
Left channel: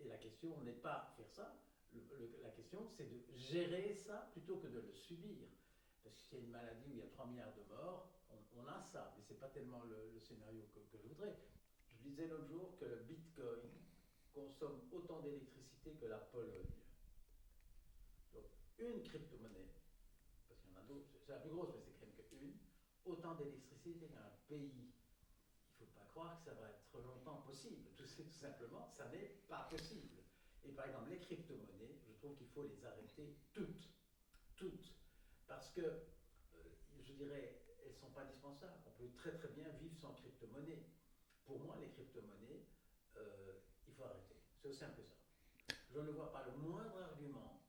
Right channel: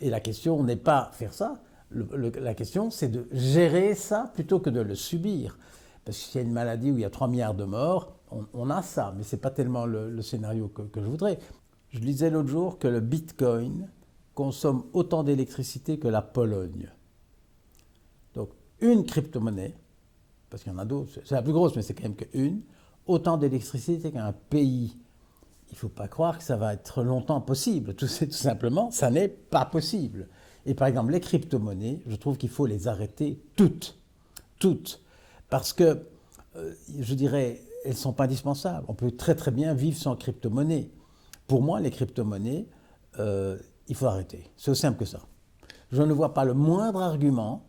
Et la question n'est pas faire ça. La question, c'est de gérer ça plutôt que de le subir. Parce qu'il y a une maladie où il y a 3 milliards de morts, on a ça. Mais ce n'est pas tellement le scénario que je voudrais. Je lisais l'autre jour que le Bitcoin consomme autant d'électricité que la Pologne. Donc, une crypto-monnaie, parce qu'il y en a d'autres, c'est la plus grosse, mais c'est quand même qu'une, autant d'électricité qu'un pays. Il ne faut pas croire que ça va être longtemps possible. Tout simplement, ça n'est pas possible. Et par exemple, les crypto-monnaies, je trouve qu'il faut les arrêter toutes. Toutes. Parce que, je dirais, elles ne sont pas indispensables. On peut très très bien vivre sans crypto-monnaie. Pour moi, les crypto-monnaies, il faut arrêter. C'est aussi simple que ça. Je ne vois pas le moindre argument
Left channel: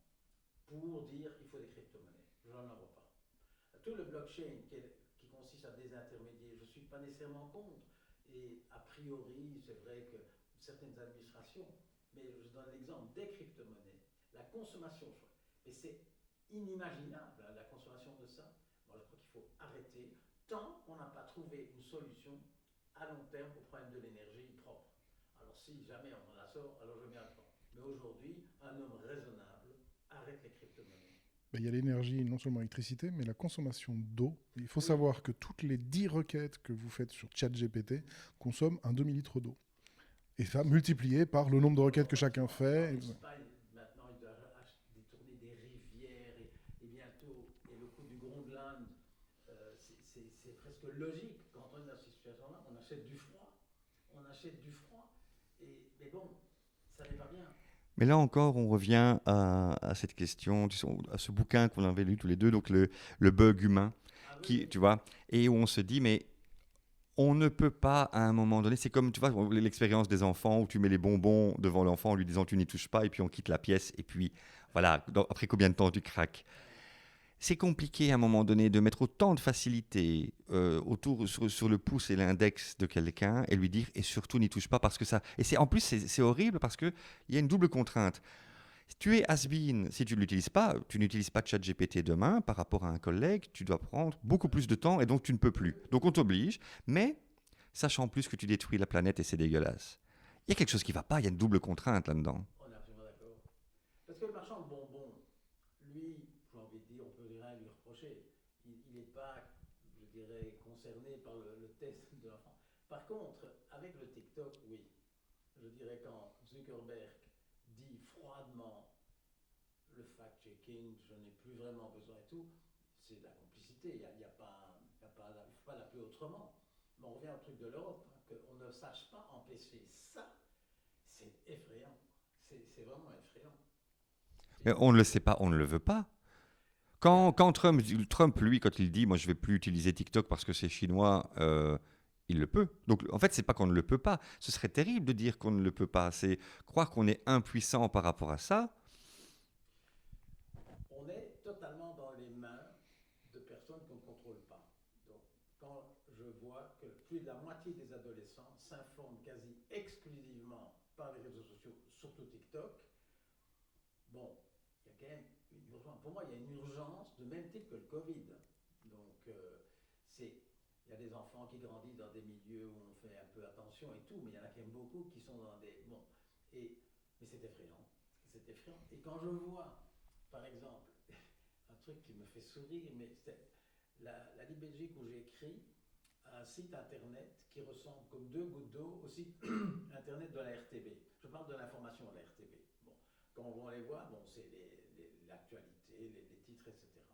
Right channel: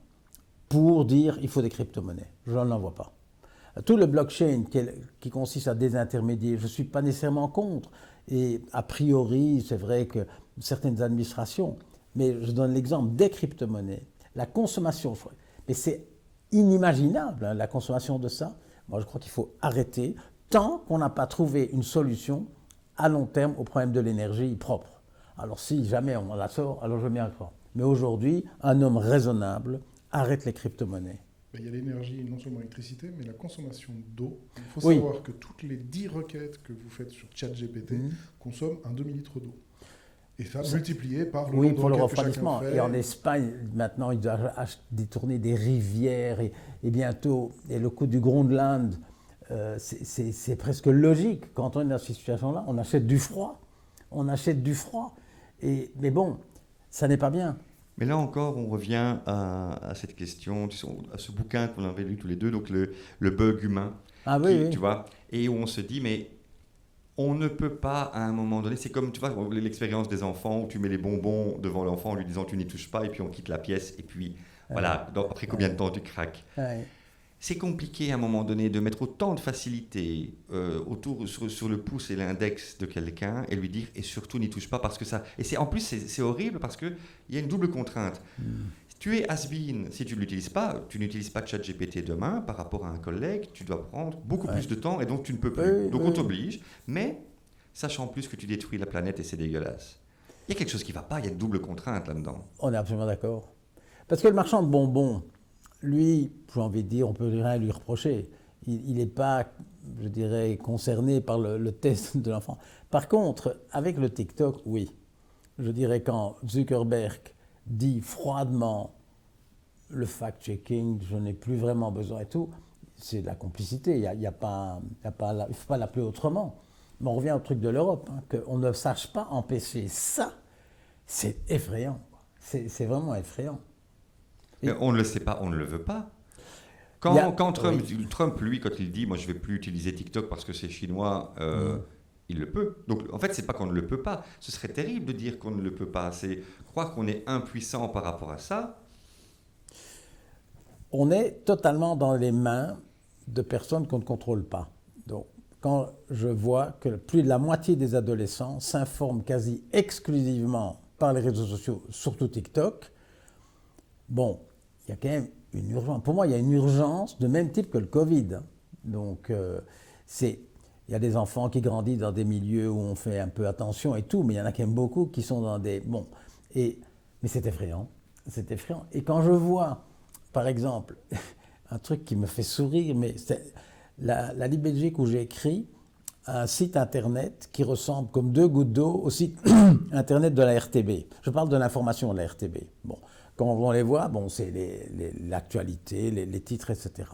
pour dire qu'il faut des crypto-monnaies. Je n'en vois pas. Tout le blockchain qui consiste à désintermédier, je ne suis pas nécessairement contre. Et a priori, c'est vrai que certaines administrations, mais je donne l'exemple des crypto-monnaies, la consommation, et c'est inimaginable, hein, la consommation de ça. Moi, je crois qu'il faut arrêter tant qu'on n'a pas trouvé une solution à long terme au problème de l'énergie propre. Alors si jamais on la sort, alors je veux bien croire. Mais aujourd'hui, un homme raisonnable arrête les crypto-monnaies. Il y a l'énergie, non seulement l'électricité, mais la consommation d'eau. Il faut savoir que toutes les 10 requêtes que vous faites sur ChatGPT consomment un demi-litre d'eau. Et ça, multiplié par le nombre de requêtes que chacun fait. Et en Espagne, maintenant, ils doivent détourner des rivières et bientôt, et le coût du Groenland, c'est presque logique. Quand on est dans cette situation-là, on achète du froid. On achète du froid. Mais bon, ça n'est pas bien. Mais là encore, on revient à cette question, à ce bouquin qu'on avait lu tous les deux, donc le bug humain, tu vois, et où on se dit, mais on ne peut pas à un moment donné, c'est comme, tu vois, l'expérience des enfants où tu mets les bonbons devant l'enfant en lui disant tu n'y touches pas, et puis on quitte la pièce, et puis voilà, après combien de temps tu craques. C'est compliqué à un moment donné de mettre autant de facilité autour sur le pouce et l'index de quelqu'un et lui dire et surtout n'y touche pas parce que ça et en plus c'est horrible parce que il y a une double contrainte. Tu es has-been si tu ne l'utilises pas, tu n'utilises pas ChatGPT demain par rapport à un collègue, tu dois prendre beaucoup plus de temps et donc tu ne peux plus. Donc on t'oblige, mais sachant plus que tu détruis la planète et c'est dégueulasse. Il y a quelque chose qui ne va pas, il y a une double contrainte là-dedans. On est absolument d'accord. Parce que le marchand de bonbons, lui, j'ai envie de dire, on ne peut rien lui reprocher. Il n'est pas, je dirais, concerné par le test de l'enfant. Par contre, avec le TikTok, oui. Je dirais quand Zuckerberg dit froidement le fact-checking, je n'ai plus vraiment besoin et tout, c'est de la complicité. Il ne faut pas l'appeler autrement. Mais on revient au truc de l'Europe, hein, qu'on ne sache pas empêcher ça, c'est effrayant. C'est vraiment effrayant. Mais on ne le sait pas, on ne le veut pas. Quand Trump, lui, quand il dit « moi, je ne vais plus utiliser TikTok parce que c'est chinois », il le peut. Donc, en fait, ce n'est pas qu'on ne le peut pas. Ce serait terrible de dire qu'on ne le peut pas. C'est croire qu'on est impuissant par rapport à ça. On est totalement dans les mains de personnes qu'on ne contrôle pas. Donc, quand je vois que plus de la moitié des adolescents s'informent quasi exclusivement par les réseaux sociaux, surtout TikTok, bon, il y a quand même une urgence. Pour moi, il y a une urgence de même type que le Covid. Donc, il y a des enfants qui grandissent dans des milieux où on fait un peu attention et tout, mais il y en a quand même beaucoup qui sont dans des... Bon, mais c'est effrayant. C'est effrayant. Et quand je vois, par exemple, un truc qui me fait sourire, mais c'est la Libre Belgique où j'ai écrit un site internet qui ressemble comme deux gouttes d'eau au site internet de la RTB. Je parle de l'information de la RTB. Bon, quand on les voit, bon, c'est l'actualité, les titres, etc.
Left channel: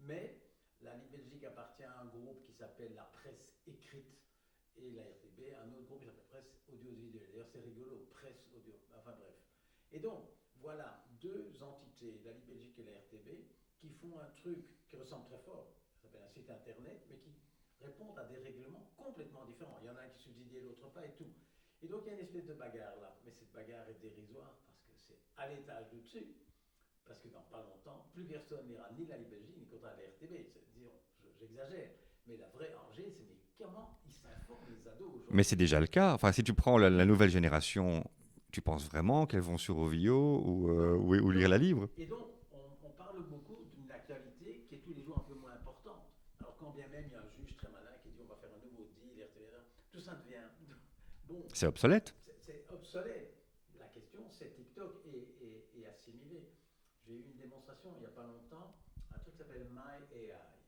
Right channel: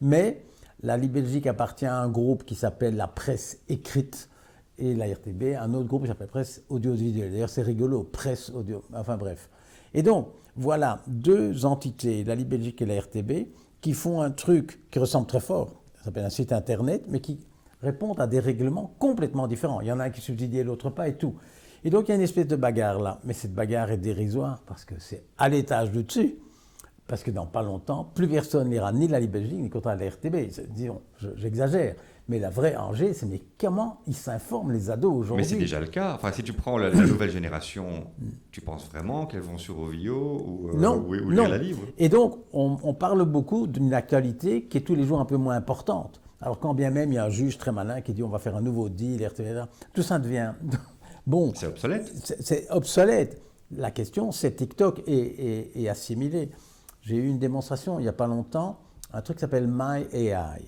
Mais la Libre Belgique appartient à un groupe qui s'appelle la presse écrite et la RTB, un autre groupe qui s'appelle presse audiovisuelle. D'ailleurs, c'est rigolo, presse audio, enfin bref. Et donc, voilà deux entités, la Libre Belgique et la RTB, qui font un truc qui ressemble très fort, ça s'appelle un site internet, mais qui répondent à des règlements complètement différents. Il y en a un qui subsidie et l'autre pas et tout. Et donc il y a une espèce de bagarre là. Mais cette bagarre est dérisoire parce que c'est à l'étage du dessus. Parce que dans pas longtemps, plus personne n'ira ni la Libre Belgique ni contre la RTB. Disons, j'exagère. Mais la vraie enjeu, c'est mais comment ils s'informent les ados aujourd'hui? Mais c'est déjà le cas. Enfin, si tu prends la nouvelle génération, tu penses vraiment qu'elles vont sur Ovio ou lire la livre? Et donc, on parle beaucoup d'une actualité qui est tous les jours un peu moins importante. Alors quand bien même il y a un juge très malin qui dit on va faire un nouveau deal, RTB, tout ça devient... Bon, c'est obsolète. C'est obsolète. La question, c'est TikTok et assimilé. J'ai eu une démonstration il n'y a pas longtemps, un truc qui s'appelle MyAI.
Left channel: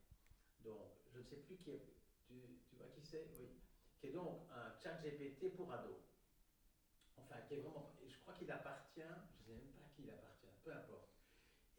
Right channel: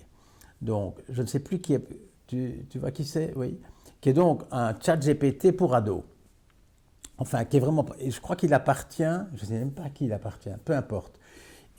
Donc, je ne sais plus qui est... Tu vois qui c'est? Oui. Qui est donc un chat GPT pour ados. Enfin, qui est vraiment... Et je crois qu'il appartient... Je ne sais même pas à qui il appartient, peu importe.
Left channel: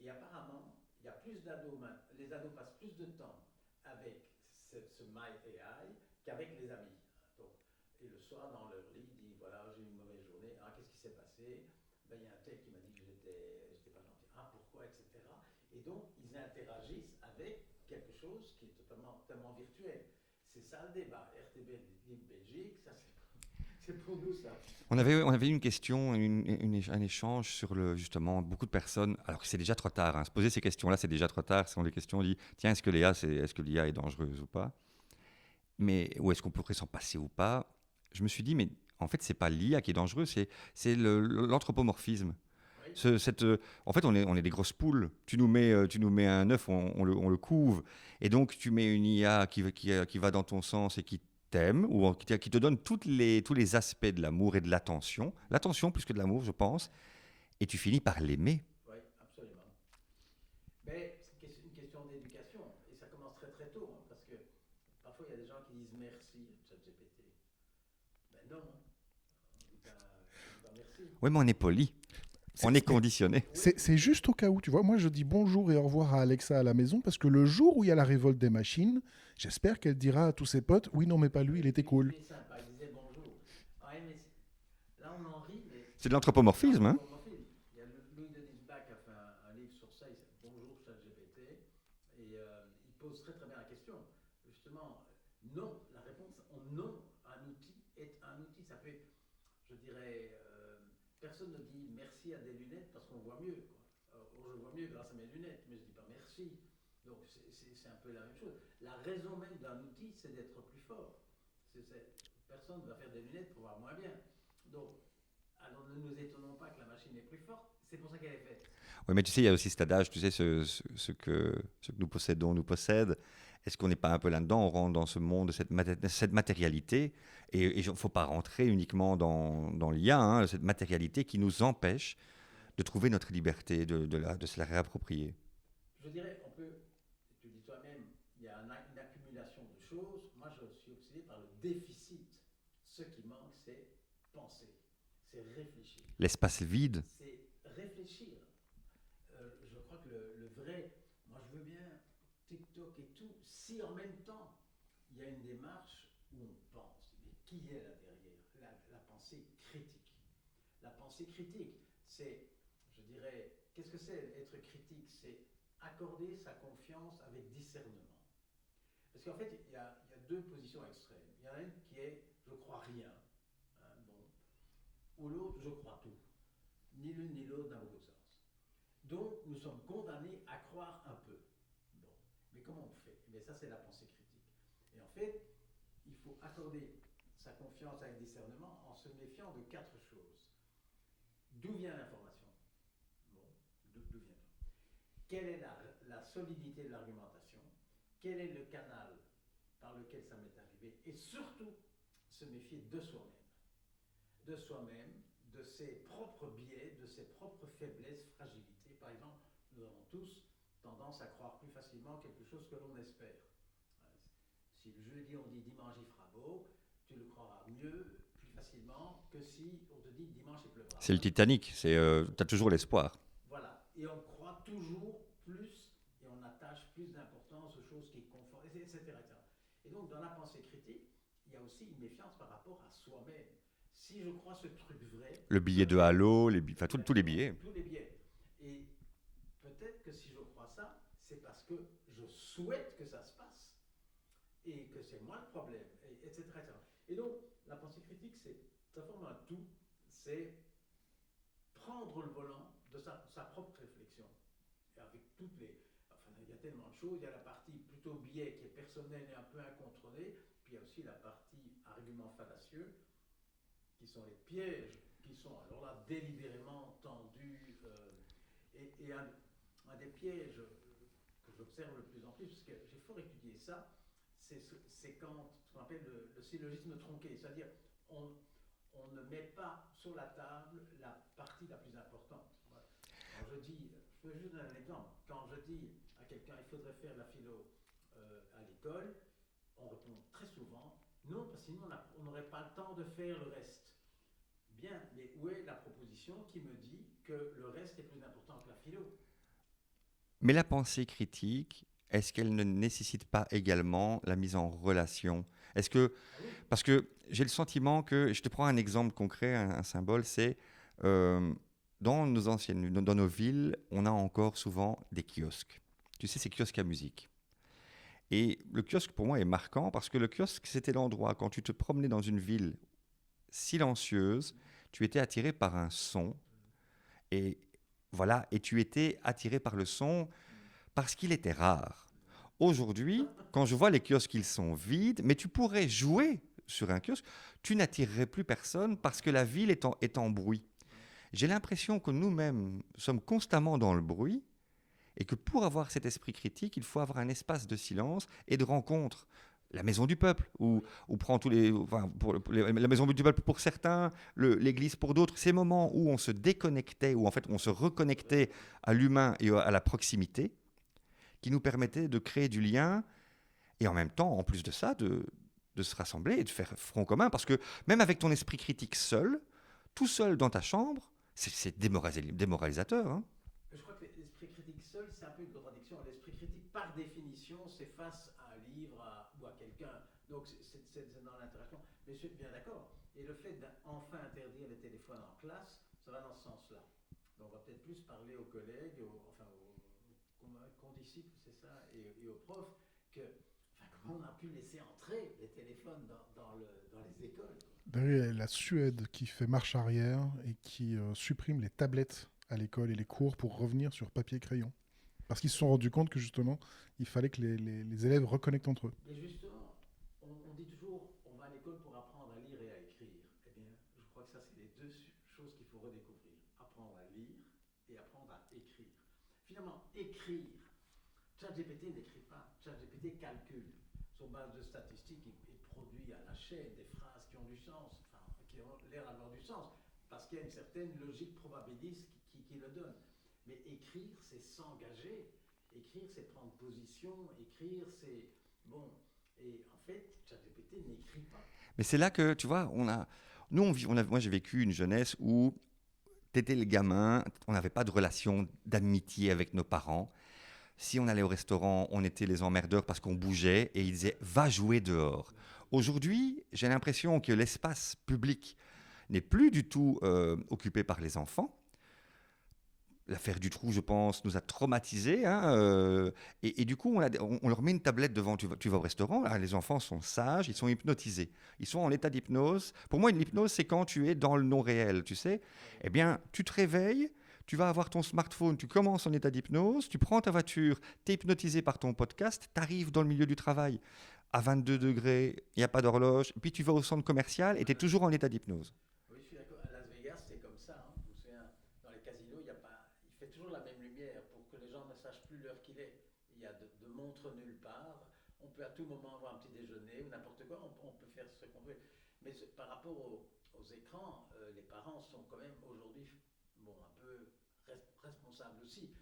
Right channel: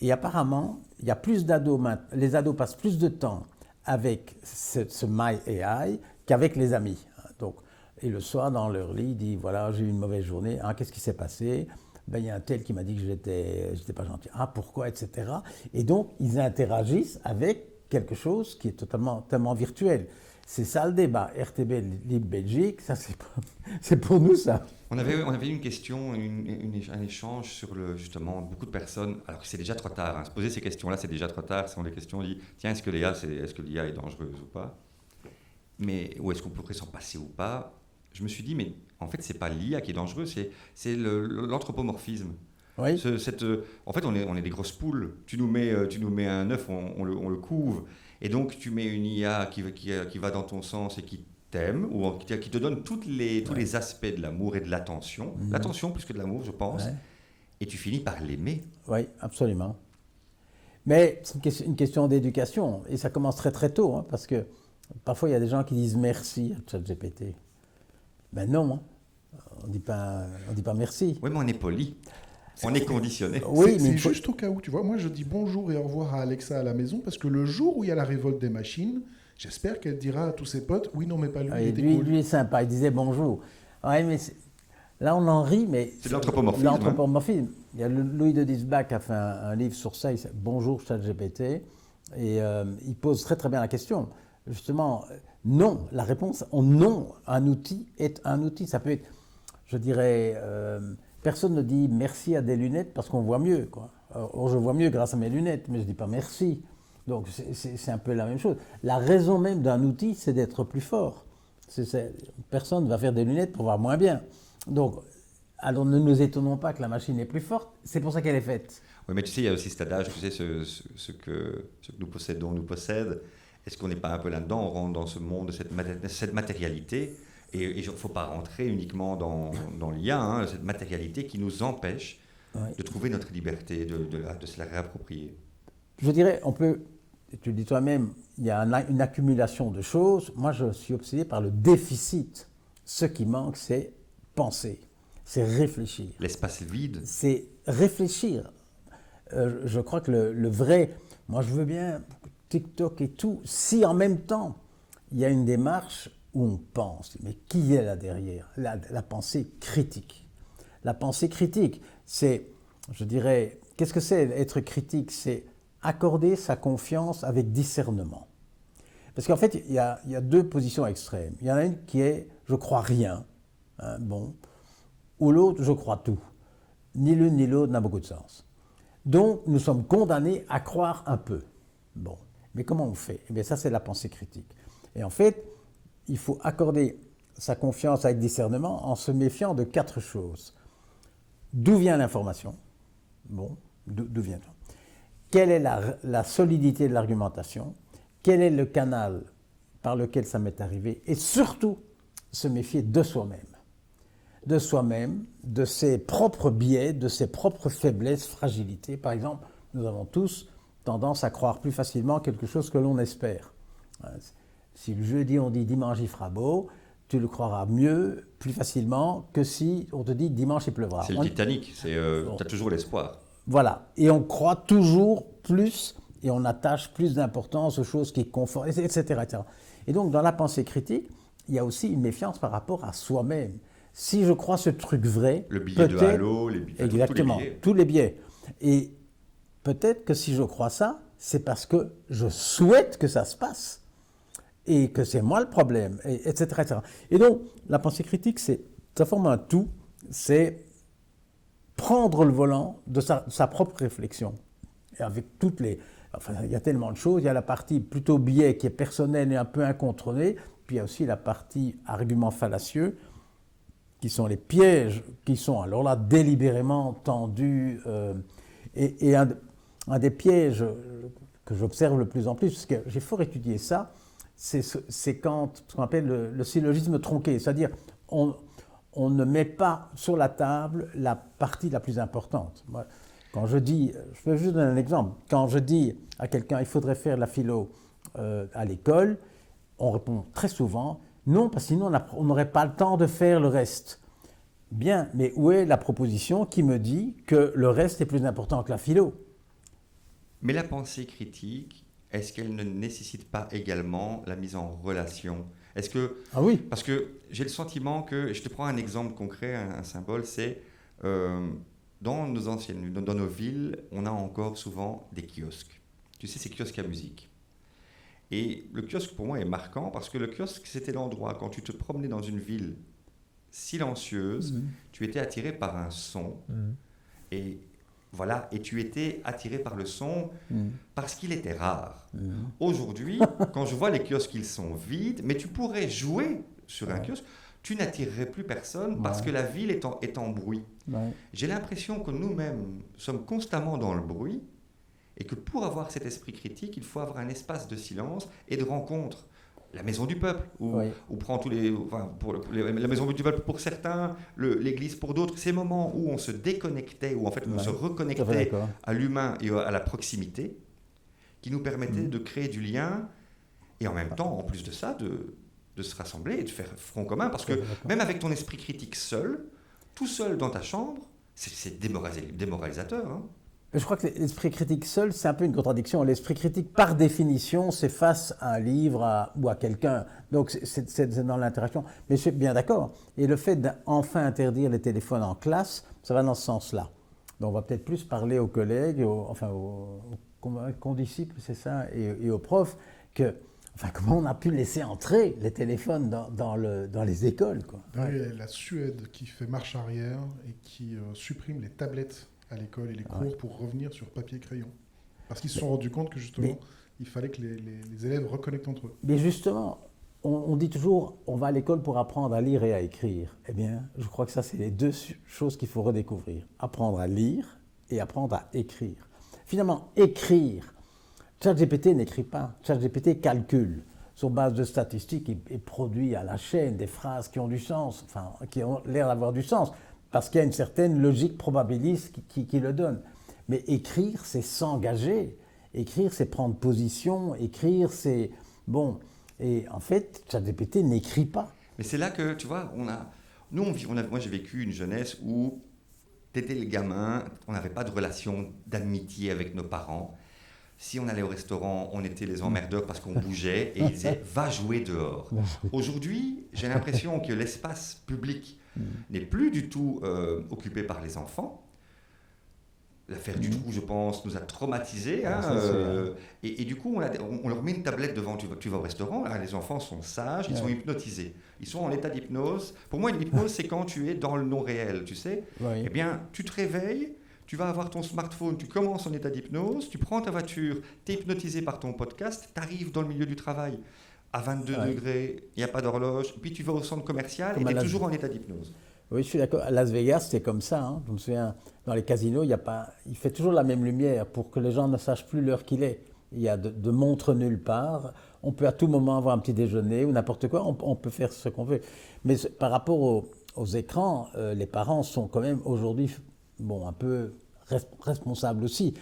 Et apparemment, il y a plus d'ados maintenant. Les ados passent plus de temps avec ce MyAI qu'avec les amis. Donc, et le soir, dans leur lit, il dit, voilà, j'ai eu une mauvaise journée. Ah, qu'est-ce qui s'est passé? Ben, il y a un tel qui m'a dit que j'étais pas gentil. Ah, pourquoi, etc. Et donc, ils interagissent avec quelque chose qui est totalement virtuel. C'est ça le débat. RTB Libre Belgique, ça c'est pour nous ça. On avait une question, un échange sur justement beaucoup de personnes, alors que c'est déjà trop tard, hein. Se poser ces questions-là, c'est déjà trop tard. Ce sont des questions, on dit, tiens, est-ce que l'IA est dangereuse ou pas? Mais, ou est-ce qu'on pourrait s'en passer ou pas? Je me suis dit, mais en fait, c'est pas l'IA qui est dangereuse, c'est l'anthropomorphisme. Oui. En fait, on est des grosses poules. Tu nous mets un œuf, on le couve. Et donc, tu mets une IA qui va dans ton sens et qui t'aime, ou qui te donne tous les aspects de l'amour et de l'attention. L'attention plus que de l'amour, je pense. Ouais. Et tu finis par l'aimer. Oui, absolument. Mais c'est une question d'éducation. Et ça commence très très tôt. Hein, parce que parfois, il y a des gens qui disent merci à ChatGPT. Ben non, hein. On dit pas merci. Oui, mais on est poli. On est conditionné. Oui, c'est juste au cas où, tu vois. Moi, je dis bonjour et au revoir à Alexa à la maison parce que le jour où il y a la révolte des machines, j'espère qu'elle dira à tous ses potes, oui, non, mais pas lui, il était cool. Lui est sympa, il disait bonjour. Ouais, mais là, on en rit, mais... C'est de l'anthropomorphisme. L'anthropomorphisme. Hein. Il y a Louis de Disbach qui a fait un livre sur ça, il s'appelle Bonjour ChatGPT, et il pose très très bien la question. Justement, non, la réponse, non, un outil est un outil. Ça peut être, je dirais... personne ne dit merci à des lunettes parce qu'on voit mieux, quoi. Or, je vois mieux grâce à mes lunettes, mais je ne dis pas merci. Donc, c'est un peu la même chose. La raison même d'un outil, c'est d'être plus fort. Personne ne va faire des lunettes pour voir moins bien. Donc, alors ne nous étonnons pas que la machine est plus forte, c'est pour ça qu'elle est faite. Oui, mais tu sais, il y a aussi cet adage, tu sais, ce que nous possédons nous possède. Est-ce qu'on n'est pas un peu là-dedans? On rentre dans ce monde, cette matérialité. Et il ne faut pas rentrer uniquement dans l'IA, hein, cette matérialité qui nous empêche de trouver notre liberté, de se la réapproprier. Je dirais, on peut, tu le dis toi-même, il y a une accumulation de choses. Moi, je suis obsédé par le déficit. Ce qui manque, c'est penser, c'est réfléchir. L'espace vide. C'est réfléchir. Je crois que le vrai... Moi, je veux bien TikTok et tout, si en même temps, il y a une démarche où on pense. Mais qui est là derrière? La pensée critique. La pensée critique, c'est, je dirais, qu'est-ce que c'est être critique? C'est accorder sa confiance avec discernement. Parce qu'en fait, il y a deux positions extrêmes. Il y en a une qui est « je crois rien hein, », bon, ou l'autre « je crois tout ». Ni l'une ni l'autre n'a beaucoup de sens. Donc, nous sommes condamnés à croire un peu. Bon, mais comment on fait? Eh bien, ça, c'est la pensée critique. Et en fait, il faut accorder sa confiance avec discernement en se méfiant de 4 choses. D'où vient l'information? Bon, D'où vient-on? Quelle est la solidité de l'argumentation? Quel est le canal par lequel ça m'est arrivé? Et surtout, se méfier de soi-même. De soi-même, de ses propres biais, de ses propres faiblesses, fragilités. Par exemple, nous avons tous tendance à croire plus facilement quelque chose que l'on espère. Si le jeudi on dit dimanche il fera beau, tu le croiras mieux, plus facilement que si on te dit dimanche il pleuvra. C'est le Titanic, tu as toujours l'espoir. Voilà, et on croit toujours plus et on attache plus d'importance aux choses qui confortent, etc., etc. Et donc dans la pensée critique, il y a aussi une méfiance par rapport à soi-même. Si je crois ce truc vrai... Le billet de Halo, tous les billets. Tous les billets. Et peut-être que si je crois ça, c'est parce que je souhaite que ça se passe et que c'est moi le problème, etc., etc. Et donc, la pensée critique, ça forme un tout, c'est prendre le volant de sa propre réflexion. Et avec toutes les... Enfin, il y a tellement de choses. Il y a la partie plutôt biais qui est personnelle et un peu incontrôlée, puis il y a aussi la partie argument fallacieux, qui sont les pièges, qui sont alors là délibérément tendus. Et un des pièges que j'observe le plus en plus, parce que j'ai fort étudié ça, c'est quand ce qu'on appelle le syllogisme tronqué, c'est-à-dire on ne met pas sur la table la partie la plus importante. Moi, quand je dis, je vais juste donner un exemple, quand je dis à quelqu'un il faudrait faire la philo à l'école, on répond très souvent non, parce que sinon on n'aurait pas le temps de faire le reste. Bien, mais où est la proposition qui me dit que le reste est plus important que la philo? Mais la pensée critique, est-ce qu'elle ne nécessite pas également la mise en relation? Est-ce que... Ah oui. Parce que j'ai le sentiment que... Je te prends un exemple concret, un symbole, c'est... dans nos villes, on a encore souvent des kiosques. Tu sais, ces kiosques à musique. Et le kiosque, pour moi, est marquant parce que le kiosque, c'était l'endroit, quand tu te promenais dans une ville silencieuse, tu étais attiré par un son. Et voilà, et tu étais attiré par le son parce qu'il était rare. Aujourd'hui, quand je vois les kiosques, ils sont vides, mais tu pourrais jouer sur un kiosque, tu n'attirerais plus personne parce que la ville est en bruit. J'ai l'impression que nous-mêmes sommes constamment dans le bruit et que pour avoir cet esprit critique, il faut avoir un espace de silence et de rencontre. La maison du peuple, où prend tous les... Enfin, la maison du peuple pour certains, l'église pour d'autres, ces moments où on se déconnectait, où en fait on se reconnectait à l'humain et à la proximité, qui nous permettaient de créer du lien et en même temps, en plus de ça, de se rassembler et de faire front commun. Parce que même avec ton esprit critique seul, tout seul dans ta chambre, c'est démoralisateur. Hein. Je crois que l'esprit critique seul, c'est un peu une contradiction. L'esprit critique, par définition, c'est face à un livre ou à quelqu'un. Donc, c'est dans l'interaction. Mais je suis bien d'accord. Et le fait d'enfin interdire les téléphones en classe, ça va dans ce sens-là. Donc, on va peut-être plus parler aux collègues, aux condisciples, c'est ça, et aux profs, comment on a pu laisser entrer les téléphones dans les écoles, quoi. La Suède qui fait marche arrière et qui supprime les tablettes à l'école et les cours pour revenir sur papier et crayon. Parce qu'ils se sont rendus compte que justement, il fallait que les élèves reconnectent entre eux. Mais justement, on dit toujours, on va à l'école pour apprendre à lire et à écrire. Eh bien, je crois que ça, c'est les deux choses qu'il faut redécouvrir. Apprendre à lire et apprendre à écrire. Finalement, écrire. ChatGPT n'écrit pas. ChatGPT calcule. Sur base de statistiques, il produit à la chaîne des phrases qui ont du sens, enfin, qui ont l'air d'avoir du sens. Parce qu'il y a une certaine logique probabiliste qui le donne. Mais écrire, c'est s'engager. Écrire, c'est prendre position. Écrire, c'est... Bon. Et en fait, ChatGPT n'écrit pas. Mais c'est là que, tu vois, moi j'ai vécu une jeunesse où tu étais le gamin, on n'avait pas de relation d'amitié avec nos parents. Si on allait au restaurant, on était les emmerdeurs parce qu'on bougeait et ils disaient « va jouer dehors ». Aujourd'hui, j'ai l'impression que l'espace public n'est plus du tout occupé par les enfants. L'affaire du trou, je pense, nous a traumatisés. Hein, et du coup, on leur met une tablette devant. Tu vas au restaurant, là, les enfants sont sages, ils sont hypnotisés. Ils sont en état d'hypnose. Pour moi, l'hypnose, c'est quand tu es dans le non-réel, tu sais. Eh bien, tu te réveilles, tu vas avoir ton smartphone, tu commences en état d'hypnose, tu prends ta voiture, tu es hypnotisé par ton podcast, tu arrives dans le milieu du travail à 22 degrés, il n'y a pas d'horloge, puis tu vas au centre commercial et tu es toujours en état d'hypnose. Oui, je suis d'accord. À Las Vegas, c'était comme ça. Hein. Je me souviens, dans les casinos, il fait toujours la même lumière pour que les gens ne sachent plus l'heure qu'il est. Il y a de montres nulle part. On peut à tout moment avoir un petit déjeuner ou n'importe quoi. On peut faire ce qu'on veut. Mais par rapport aux écrans, les parents sont quand même aujourd'hui un peu responsables aussi.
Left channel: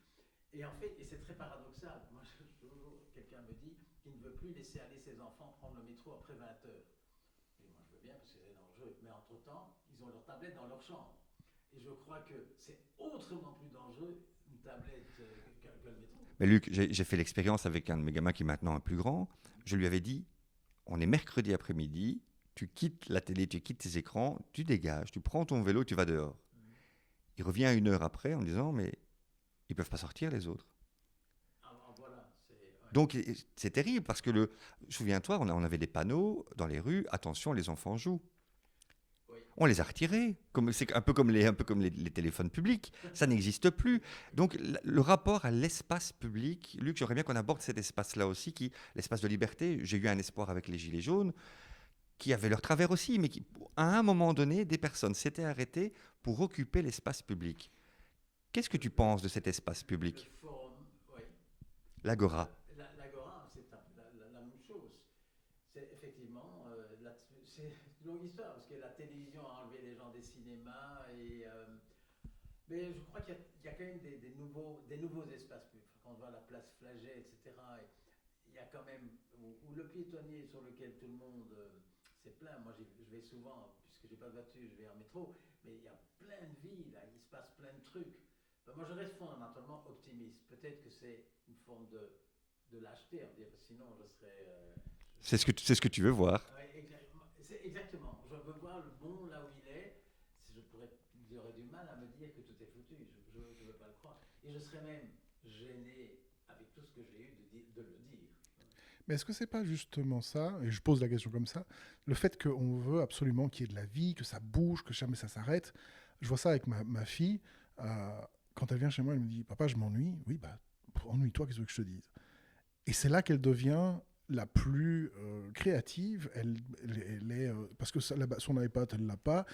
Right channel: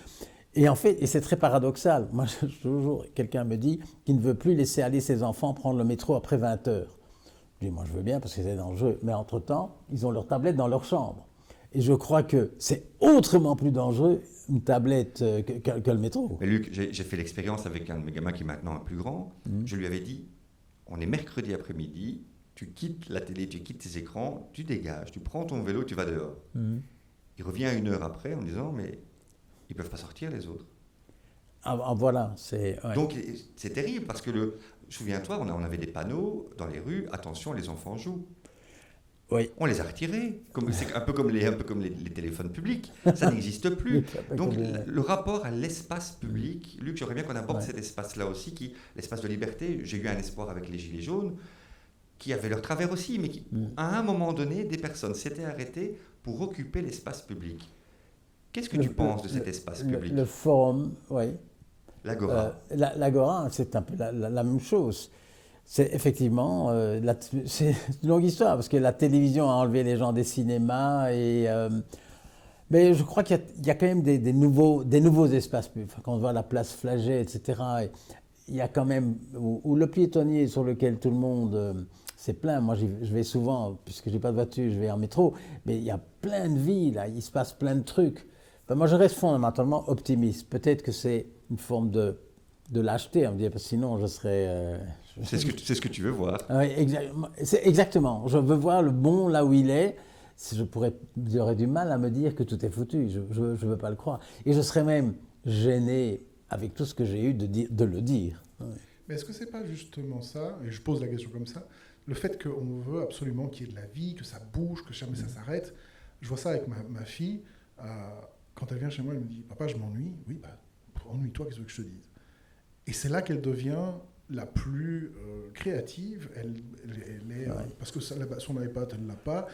Et en fait, et c'est très paradoxal. Moi, toujours, quelqu'un me dit qu'il ne veut plus laisser aller ses enfants prendre le métro après 20 heures. Je dis, moi, je veux bien parce que c'est dangereux. Mais entre-temps, ils ont leur tablette dans leur chambre. Et je crois que c'est autrement plus dangereux une tablette que le métro. Mais Luc, j'ai fait l'expérience avec un de mes gamins qui est maintenant un plus grand. Je lui avais dit, on est mercredi après-midi, tu quittes la télé, tu quittes tes écrans, tu dégages, tu prends ton vélo, tu vas dehors. Il revient 1 heure après en disant, mais ils ne peuvent pas sortir les autres. Voilà, c'est... Ouais. Donc c'est terrible parce que, souviens-toi, on avait des panneaux dans les rues, attention, les enfants jouent. Oui. On les a retirés. C'est un peu comme les téléphones publics. Ça n'existe plus. Donc le rapport à l'espace public, Luc, j'aimerais bien qu'on aborde cet espace-là aussi, l'espace de liberté. J'ai eu un espoir avec les Gilets jaunes, qui avaient leur travers aussi, mais à un moment donné, des personnes s'étaient arrêtées pour occuper l'espace public. Qu'est-ce que tu penses de cet espace public ? Le forum, oui. L'Agora. L'Agora, c'est un peu la même chose. C'est effectivement, c'est une longue histoire, parce que la télévision a enlevé les gens des cinémas, mais je crois qu'il y a quand même des nouveaux espaces publics. Quand on voit la place Flagey, etc., il y a quand même, où le piétonnier sur lequel tout le monde s'est plein. Moi, je vais souvent, puisque je n'ai pas de voiture, je vais en métro, mais il y a plein de vies, là, il se passe plein de trucs. Enfin, moi, je reste fondamentalement optimiste. Peut-être que c'est une forme de lâcheté, on me dit, parce que sinon, je serais... C'est ce que tu veux voir. Oui, exactement. Je veux voir le bon là où il est. J'aurais du mal à me dire que tout est foutu. Je ne veux pas le croire. Et je serais même gêné, avec tout ce que j'ai eu, de le dire. Mais est-ce que c'est pas justement ça, et je pose la question comme ça, le fait qu'on veut absolument qu'il y ait de la vie, que ça bouge, que jamais ça s'arrête. Je vois ça avec ma fille. Quand elle vient chez moi, elle me dit « Papa, je m'ennuie. » Oui, ennuie-toi, qu'est-ce que je te dise ? Et c'est là qu'elle devient la plus créative. Elle est, parce que son iPad, elle ne l'a pas.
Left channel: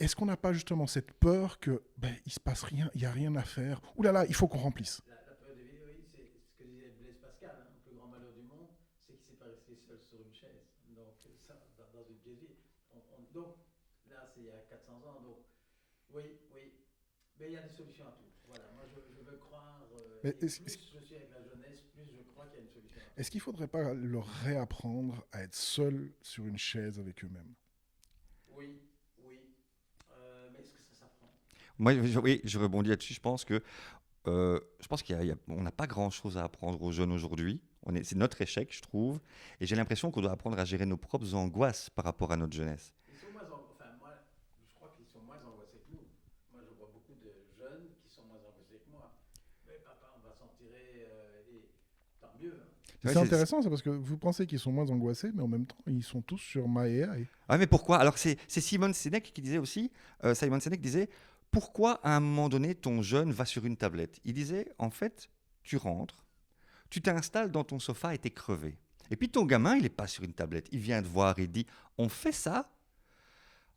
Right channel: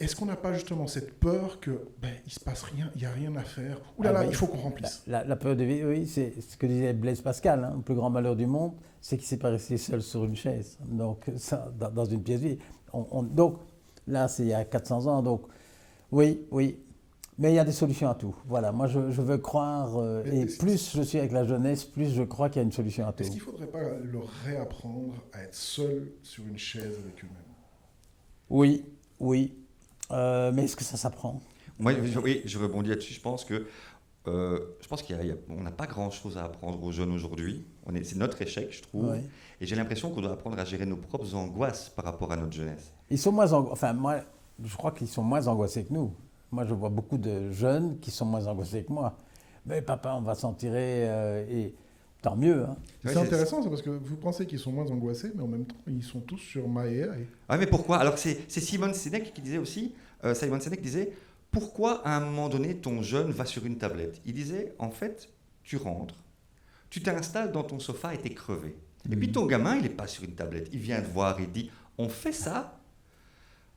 Est-ce qu'on n'a pas justement cette peur que il se passe rien, il n'y a rien à faire? Ouh là là, il faut qu'on remplisse. La peur de vie, oui, c'est ce que disait Blaise Pascal. Hein, le plus grand malheur du monde, c'est qu'il ne s'est pas resté seul sur une chaise. Donc, ça, dans une pièce vide. Donc, là, c'est il y a 400 ans. Donc, oui. Mais il y a des solutions à tout. Voilà, moi je veux croire, et plus je suis avec la jeunesse, plus je crois qu'il y a une solution à tout. Est-ce qu'il ne faudrait pas leur réapprendre à être seuls sur une chaise avec eux-mêmes? Oui. Mais est-ce que ça s'apprend? Moi, je rebondis là-dessus. Je pense qu'on n'a pas grand-chose à apprendre aux jeunes aujourd'hui. C'est notre échec, je trouve. Ouais. Et j'ai l'impression qu'on doit apprendre à gérer nos propres angoisses par rapport à notre jeunesse. Ils sont moins moi, je crois qu'ils sont moins angoissés que nous. Moi, je vois beaucoup de jeunes qui sont moins angoissés que moi. Mais papa, on va s'en tirer, et tant mieux. Hein. C'est intéressant, c'est parce que vous pensez qu'ils sont moins angoissés, mais en même temps, ils sont tous sur MyAI. Ah, mais pourquoi? Alors, c'est Simon Sinek qui disait aussi, Simon Sinek disait, pourquoi à un moment donné, ton jeune va sur une tablette? Il disait, en fait, tu rentres, tu t'installes dans ton sofa et t'es crevé. Et puis ton gamin, il n'est pas sur une tablette. Il vient te voir, il dit, on fait ça?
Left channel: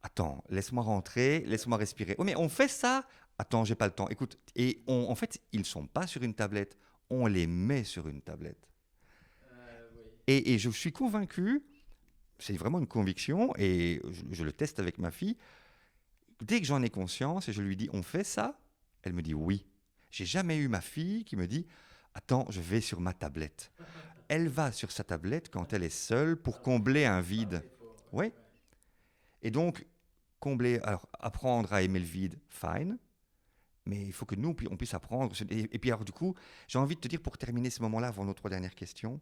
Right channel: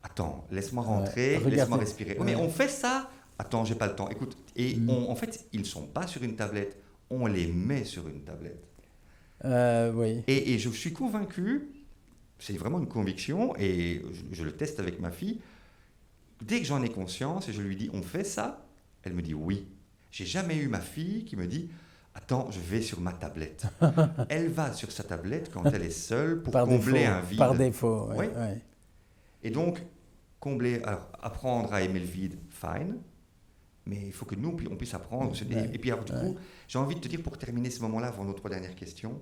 Attends, laisse-moi rentrer, laisse-moi respirer. Oh, mais on fait ça? Attends, j'ai pas le temps. Écoute, et en fait, ils ne sont pas sur une tablette, on les met sur une tablette. Oui. Et je suis convaincu, c'est vraiment une conviction, et je le teste avec ma fille, dès que j'en ai conscience et je lui dis, on fait ça? Elle me dit oui. J'ai jamais eu ma fille qui me dit, attends, je vais sur ma tablette. Elle va sur sa tablette quand elle est seule pour combler un vide. Par défaut, oui. Ouais. Et donc, apprendre à aimer le vide, fine. Mais il faut que nous, on puisse apprendre. Et puis, alors, du coup, j'ai envie de te dire, pour terminer ce moment-là, avant nos 3 dernières questions,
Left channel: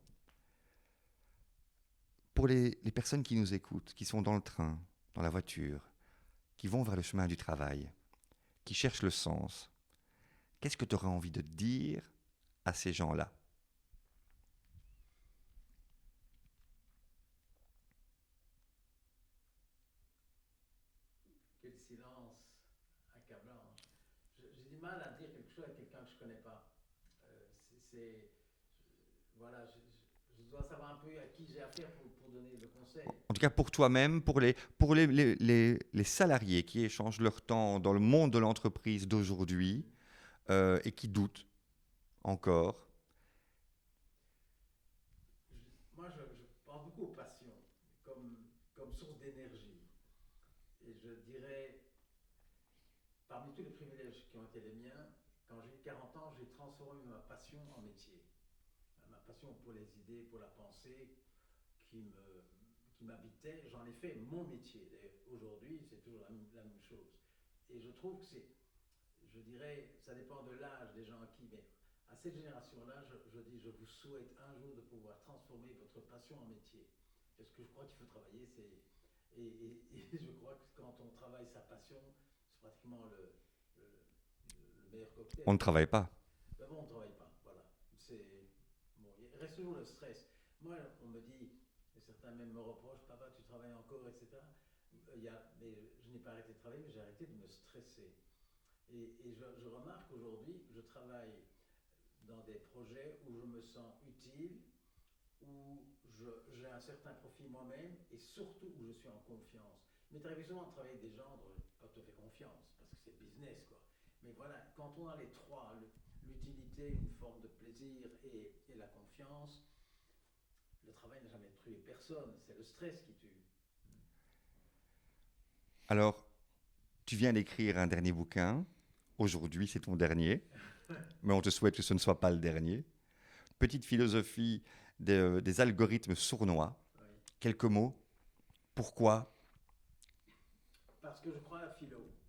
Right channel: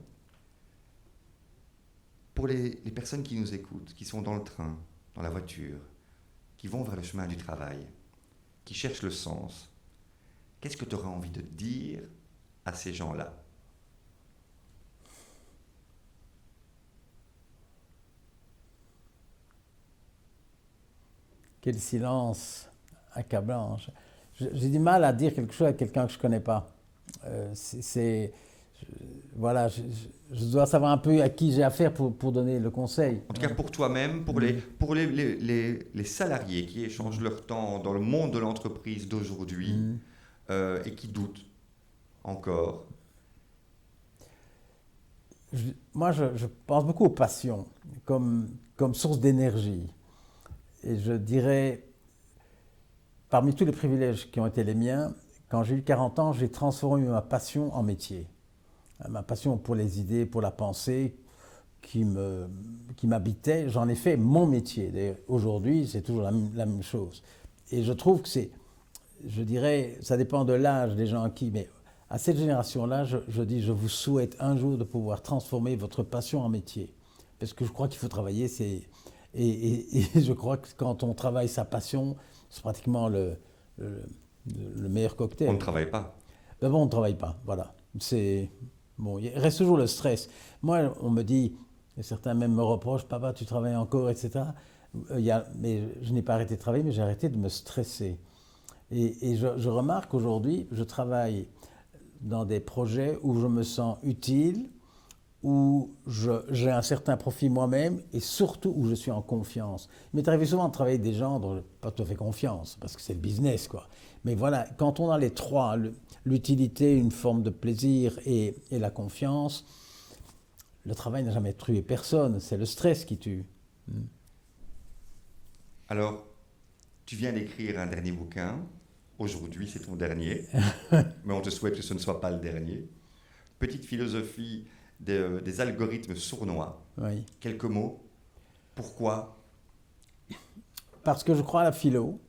pour les personnes qui nous écoutent, qui sont dans le train, dans la voiture, qui vont vers le chemin du travail, qui cherchent le sens, qu'est-ce que tu aurais envie de dire à ces gens-là? Quel silence accablant. J'ai du mal à dire quelque chose à quelqu'un que je ne connais pas. voilà, je dois savoir un peu à qui j'ai affaire pour donner le conseil. En tout cas, pour toi-même, pour les salariés qui échangent leur temps dans le monde de l'entreprise d'aujourd'hui et qui doutent encore. Moi, je pense beaucoup aux passions comme source d'énergie. Et je dirais, parmi tous les privilèges qui ont été les miens, quand j'ai eu 40 ans, j'ai transformé ma passion en métier. Ma passion pour les idées, pour la pensée qui m'habitait, j'en ai fait mon métier. D'ailleurs, aujourd'hui, c'est toujours la même chose. Et je trouve que je dirais, ça dépend de l'âge des gens mais à cette génération-là, je dis, je vous souhaite un jour de pouvoir transformer votre passion en métier. Parce que je crois qu'il faut travailler, et je crois que quand on travaille sa passion, c'est pratiquement le meilleur cocktail. On ne travaille pas. Ben bon, on ne travaille pas, voilà. Bon, il reste toujours le stress. Moi, on me dit, et certains même me reprochent, papa, tu travailles encore, etc. Mais je n'ai pas arrêté de travailler, mais j'ai arrêté de me stresser. Et je remarque aujourd'hui, je travaille dans des projets où je me sens utile, où j'ai un certain profit moi-même et surtout où je suis en confiance. Il m'est arrivé souvent de travailler avec des gens dont je n'ai pas tout à fait confiance, parce que c'est le business, quoi. Mais voilà, quand on a les trois, l'utilité, une forme de plaisir et la confiance, le travail n'a jamais tué personne, c'est le stress qui tue. Alors, tu viens d'écrire un dernier bouquin. Aujourd'hui, c'est ton dernier, mais on te souhaite que ce ne soit pas le dernier. Petite philosophie des algorithmes sournois. Oui. Quelques mots. Pourquoi? Parce que je crois à la philo.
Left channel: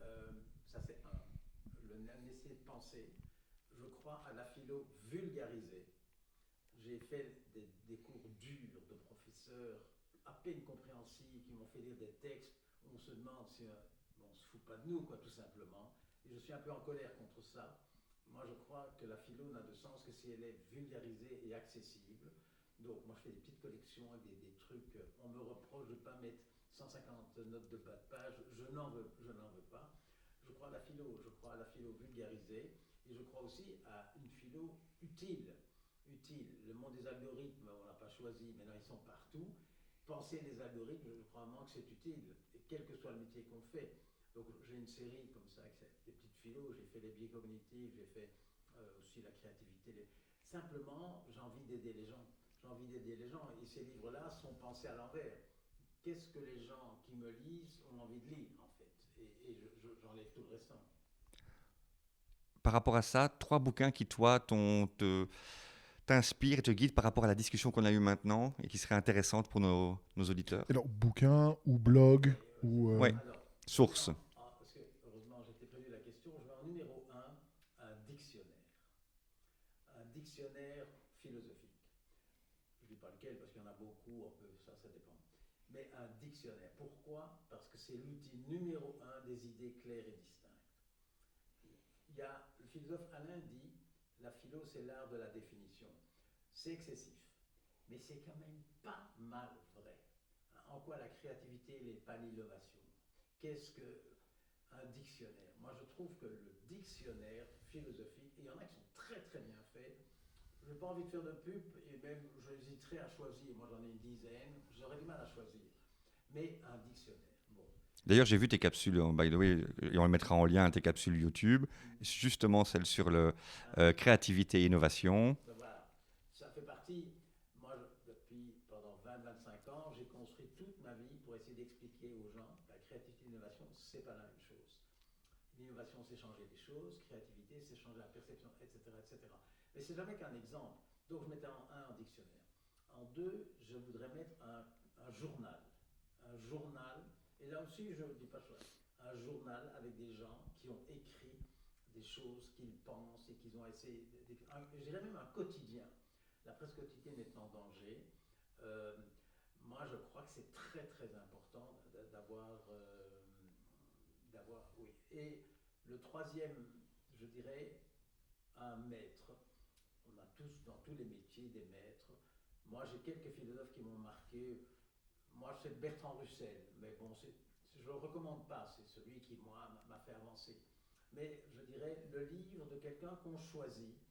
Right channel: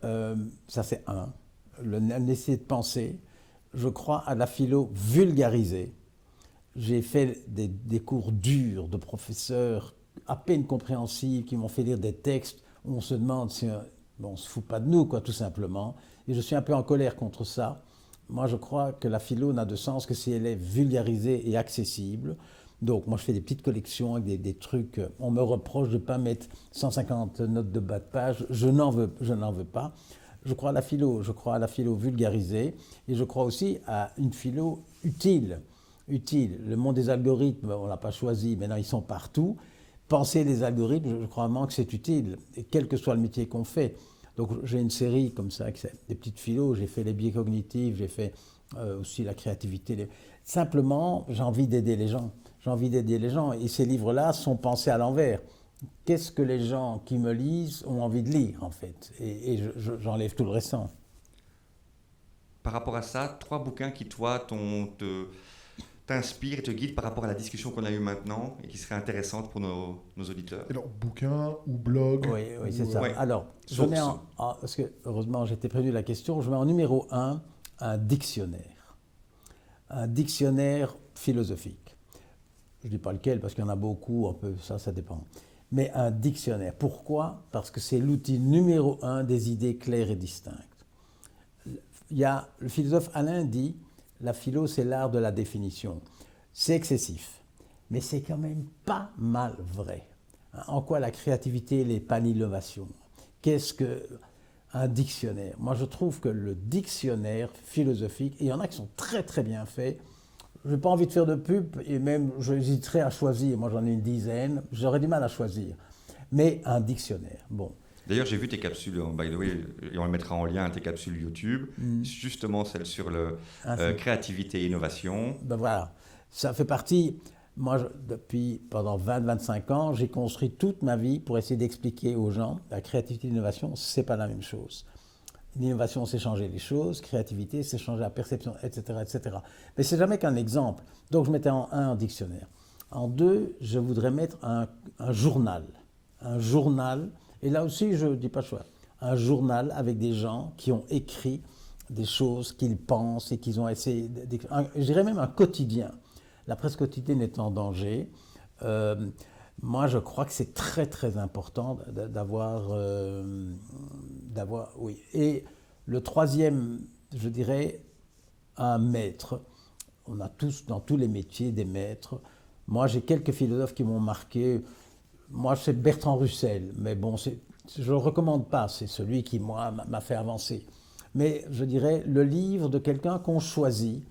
Ça, c'est l'essayer de penser. Je crois à la philo vulgarisée. J'ai fait des cours durs de professeurs à peine compréhensibles qui m'ont fait lire des textes où on se demande si on ne se fout pas de nous, quoi, tout simplement. Et je suis un peu en colère contre ça. Moi, je crois que la philo n'a de sens que si elle est vulgarisée et accessible. Donc, moi, je fais des petites collections avec des trucs. On me reproche de ne pas mettre 150 notes de bas de page. Je n'en veux pas. Je crois à la philo vulgarisée. Et je crois aussi à une philo utile. Le monde des algorithmes, on ne l'a pas choisi, maintenant ils sont partout. Penser les algorithmes, je crois vraiment que c'est utile, et quel que soit le métier qu'on fait. Donc j'ai une série comme ça, des petites philos, j'ai fait les biais cognitifs, j'ai fait aussi la créativité. Simplement, j'ai envie d'aider les gens. Et ces livres-là sont pensés à l'envers. Qu'est-ce que les gens qui me lisent ont envie de lire, en fait? Et j'enlève tout le restant. Par rapport à ça, 3 bouquins qui, toi, t'inspirent et te guident par rapport à la discussion qu'on a eue maintenant et qui seraient intéressantes pour nos auditeurs. Alors, bouquin ou blog? Oui, c'est ça. Oui. Alors, source. Parce que, heureusement, j'étais prévenu de la question, je mets en numéro 1 un dictionnaire. Un dictionnaire philosophique. Je ne dis pas lequel, parce qu'il y en a beaucoup, un peu, ça dépend. Mais un dictionnaire. Pourquoi? Parce que c'est l'outil numéro 1 des idées claires et distinctes. Le philosophe Alain dit, la philo, c'est l'art de la définition. C'est excessif, mais c'est quand même pas mal vrai. En quoi la créativité n'est pas l'innovation? Qu'est-ce qu'un dictionnaire? Moi, je trouve que le dictionnaire philosophique, et il y en a qui sont très très bien faits, je n'ai pas envie de faire de pub, et même j'hésiterais à choisir, moi j'en ai une dizaine, j'aurais du mal à choisir. Mais un dictionnaire, bon. D'ailleurs, j'ai vu tes capsules, by the way, et on les mettra en lien, tes capsules YouTube, justement celle sur créativité et innovation. Ben voilà, ça fait partie. Moi, pendant 20-25 ans, j'ai construit toute ma vie pour essayer d'expliquer aux gens la créativité et l'innovation, ce n'est pas la même chose. L'innovation, c'est changer les choses, créativité, c'est changer la perception, etc. etc. Mais c'est jamais qu'un exemple. Donc, je mettais en 1 un dictionnaire. En 2, je voudrais mettre un journal. Un journal. Et là aussi, je ne dis pas choix. Un journal avec des gens qui ont écrit des choses qu'ils pensent et qu'ils ont essayé d'écrire. Je dirais même un quotidien. La presse quotidienne est en danger. Moi, je crois que c'est très, très important d'avoir... oui. Et le 3e, je dirais, un maître. On a tous, dans tous les métiers, des maîtres. Moi, j'ai quelques philosophes qui m'ont marqué. Moi, c'est Bertrand Russell, mais bon, je ne le recommande pas, c'est celui qui, moi, m'a fait avancer. Mais je dirais le livre de quelqu'un qu'on choisit,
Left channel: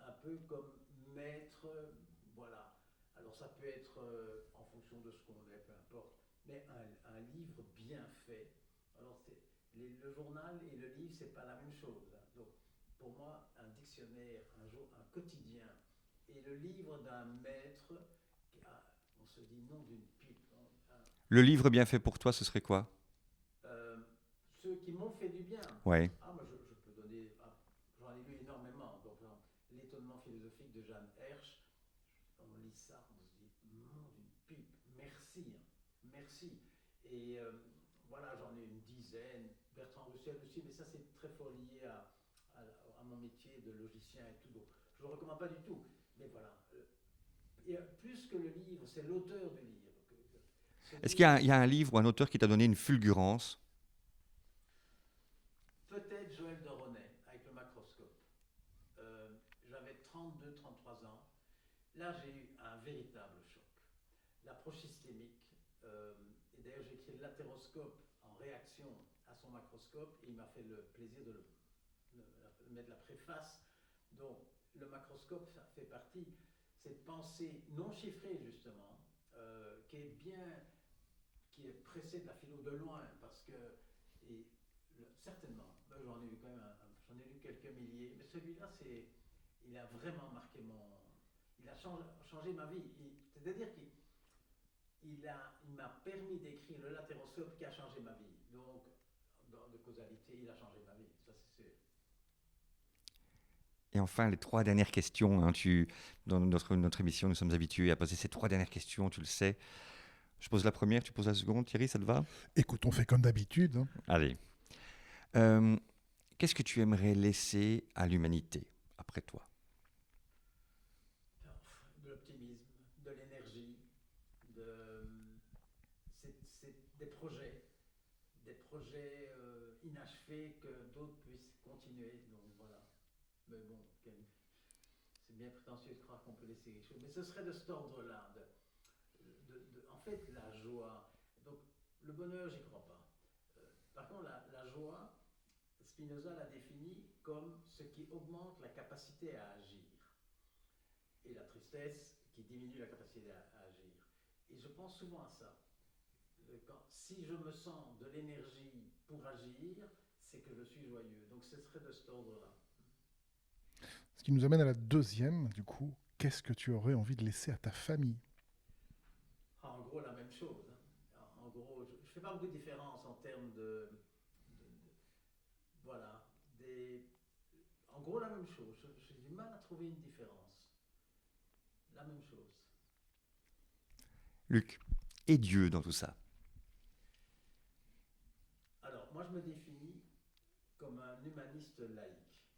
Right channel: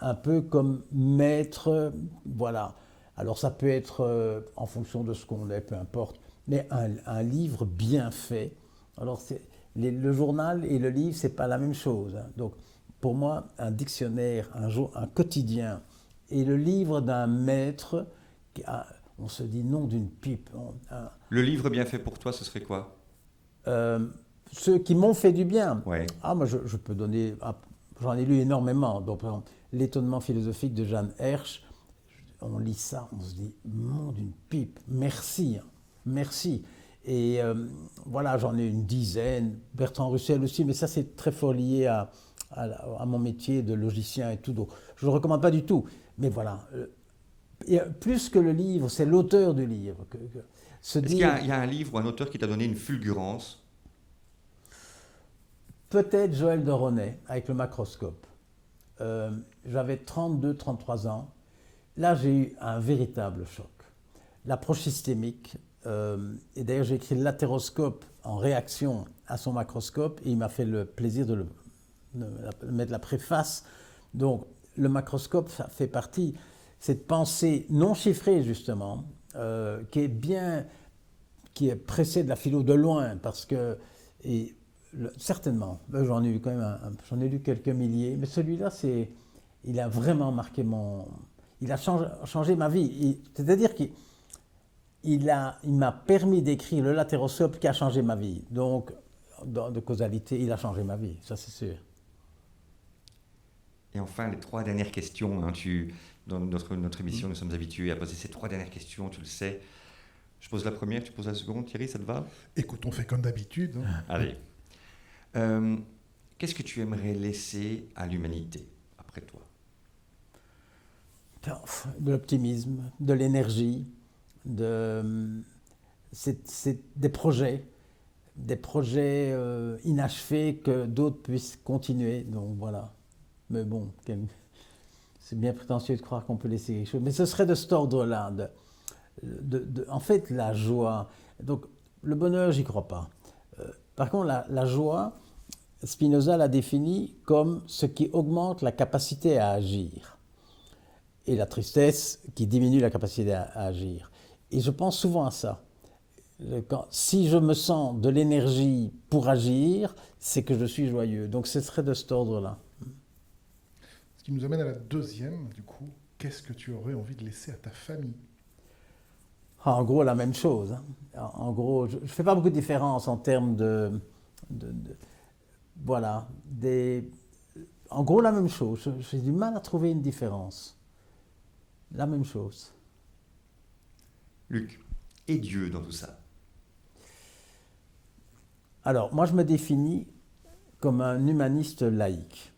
un peu comme maître, voilà. Alors ça peut être en fonction de ce qu'on est, peu importe, mais un livre bien fait. Alors le journal et le livre, c'est pas la même chose, hein. Donc pour moi, un dictionnaire, un quotidien et le livre d'un maître, on se dit non d'une pipe. Le livre bien fait pour toi, ce serait quoi? Ceux qui m'ont fait du bien. Ouais. Ah, moi je peux donner, j'en ai lu énormément. Donc par exemple, L'étonnement philosophique de Jeanne Hersch, on lit ça, on se dit, mon d'une pipe, merci, hein, merci. Et voilà, j'en ai une dizaine, Bertrand Russell aussi, mais ça c'est très fort lié à mon métier de logicien et tout. Donc je ne le recommande pas du tout. Mais voilà, et plus que le livre, c'est l'auteur du livre. Est-ce qu'il y a un livre ou un auteur qui t'a donné une fulgurance? Peut-être Joël de Ronet, avec le macroscope. J'avais 32-33 ans. Là, j'ai eu un véritable choc. L'approche systémique, et d'ailleurs j'ai écrit l'atéroscope en réaction à son macroscope, et il m'a fait le plaisir de mettre la préface. Donc le macroscope, ça fait partie, cette pensée non chiffrée justement, qui est pressée de la philo de loin, parce que, certainement, j'en ai eu quand même j'en ai lu quelques milliers, mais celui-là, il a vraiment marqué il a changé ma vie. C'est-à-dire qu'il m'a permis d'écrire le latéroscope qui a changé ma vie. Donc, de causalité, il a changé ma vie, ça c'est sûr. Et enfin, les 3 dernières questions. Hein, dans notre émission, nous sommes habitués à poser ces 3 dernières questions, tu le sais. Je pose la première, tu poses la seconde. Thierry, ça te va? Écoute, on fait comme d'habitude. Hein. Allez. Qu'est-ce que tu aimerais laisser à l'humanité, après toi? De l'optimisme, de l'énergie, c'est des projets inachevés que d'autres puissent continuer. Donc voilà. Mais bon, c'est bien prétentieux de croire qu'on peut laisser quelque chose. Mais ce serait de cet ordre-là. En fait, la joie. Donc le bonheur, j'y crois pas. Par contre, la joie, Spinoza l'a définie comme ce qui augmente la capacité à agir. Et la tristesse qui diminue la capacité à agir. Et je pense souvent à ça. Si je me sens de l'énergie pour agir, c'est que je suis joyeux. Donc ce serait de cet ordre-là. Ce qui nous amène à la deuxième, du coup. Qu'est-ce que tu aurais envie de laisser à ta famille? En gros, la même chose. Hein. En gros, je ne fais pas beaucoup de différence en termes voilà. En gros, la même chose. J'ai du mal à trouver une différence. La même chose. Luc, et Dieu dans tout ça? Alors, moi, je me définis comme un humaniste laïque.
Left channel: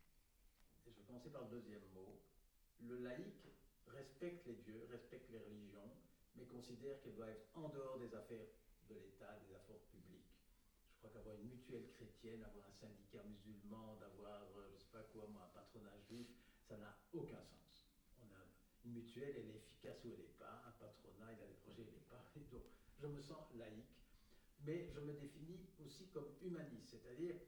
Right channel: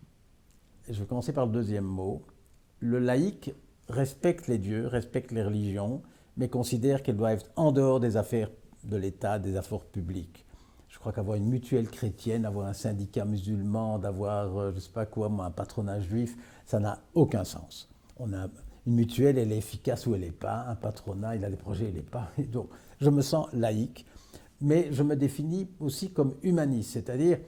Et je vais commencer par le deuxième mot. Le laïque respecte les dieux, respecte les religions, mais considère qu'elles doivent être en dehors des affaires de l'État, des affaires publiques. Je crois qu'avoir une mutuelle chrétienne, avoir un syndicat musulman, d'avoir, je ne sais pas quoi, un patronat juif, ça n'a aucun sens. Une mutuelle, elle est efficace ou elle n'est pas. Un patronat, il a des projets, il n'est pas. Et donc, je me sens laïque, mais je me définis aussi comme humaniste. C'est-à-dire,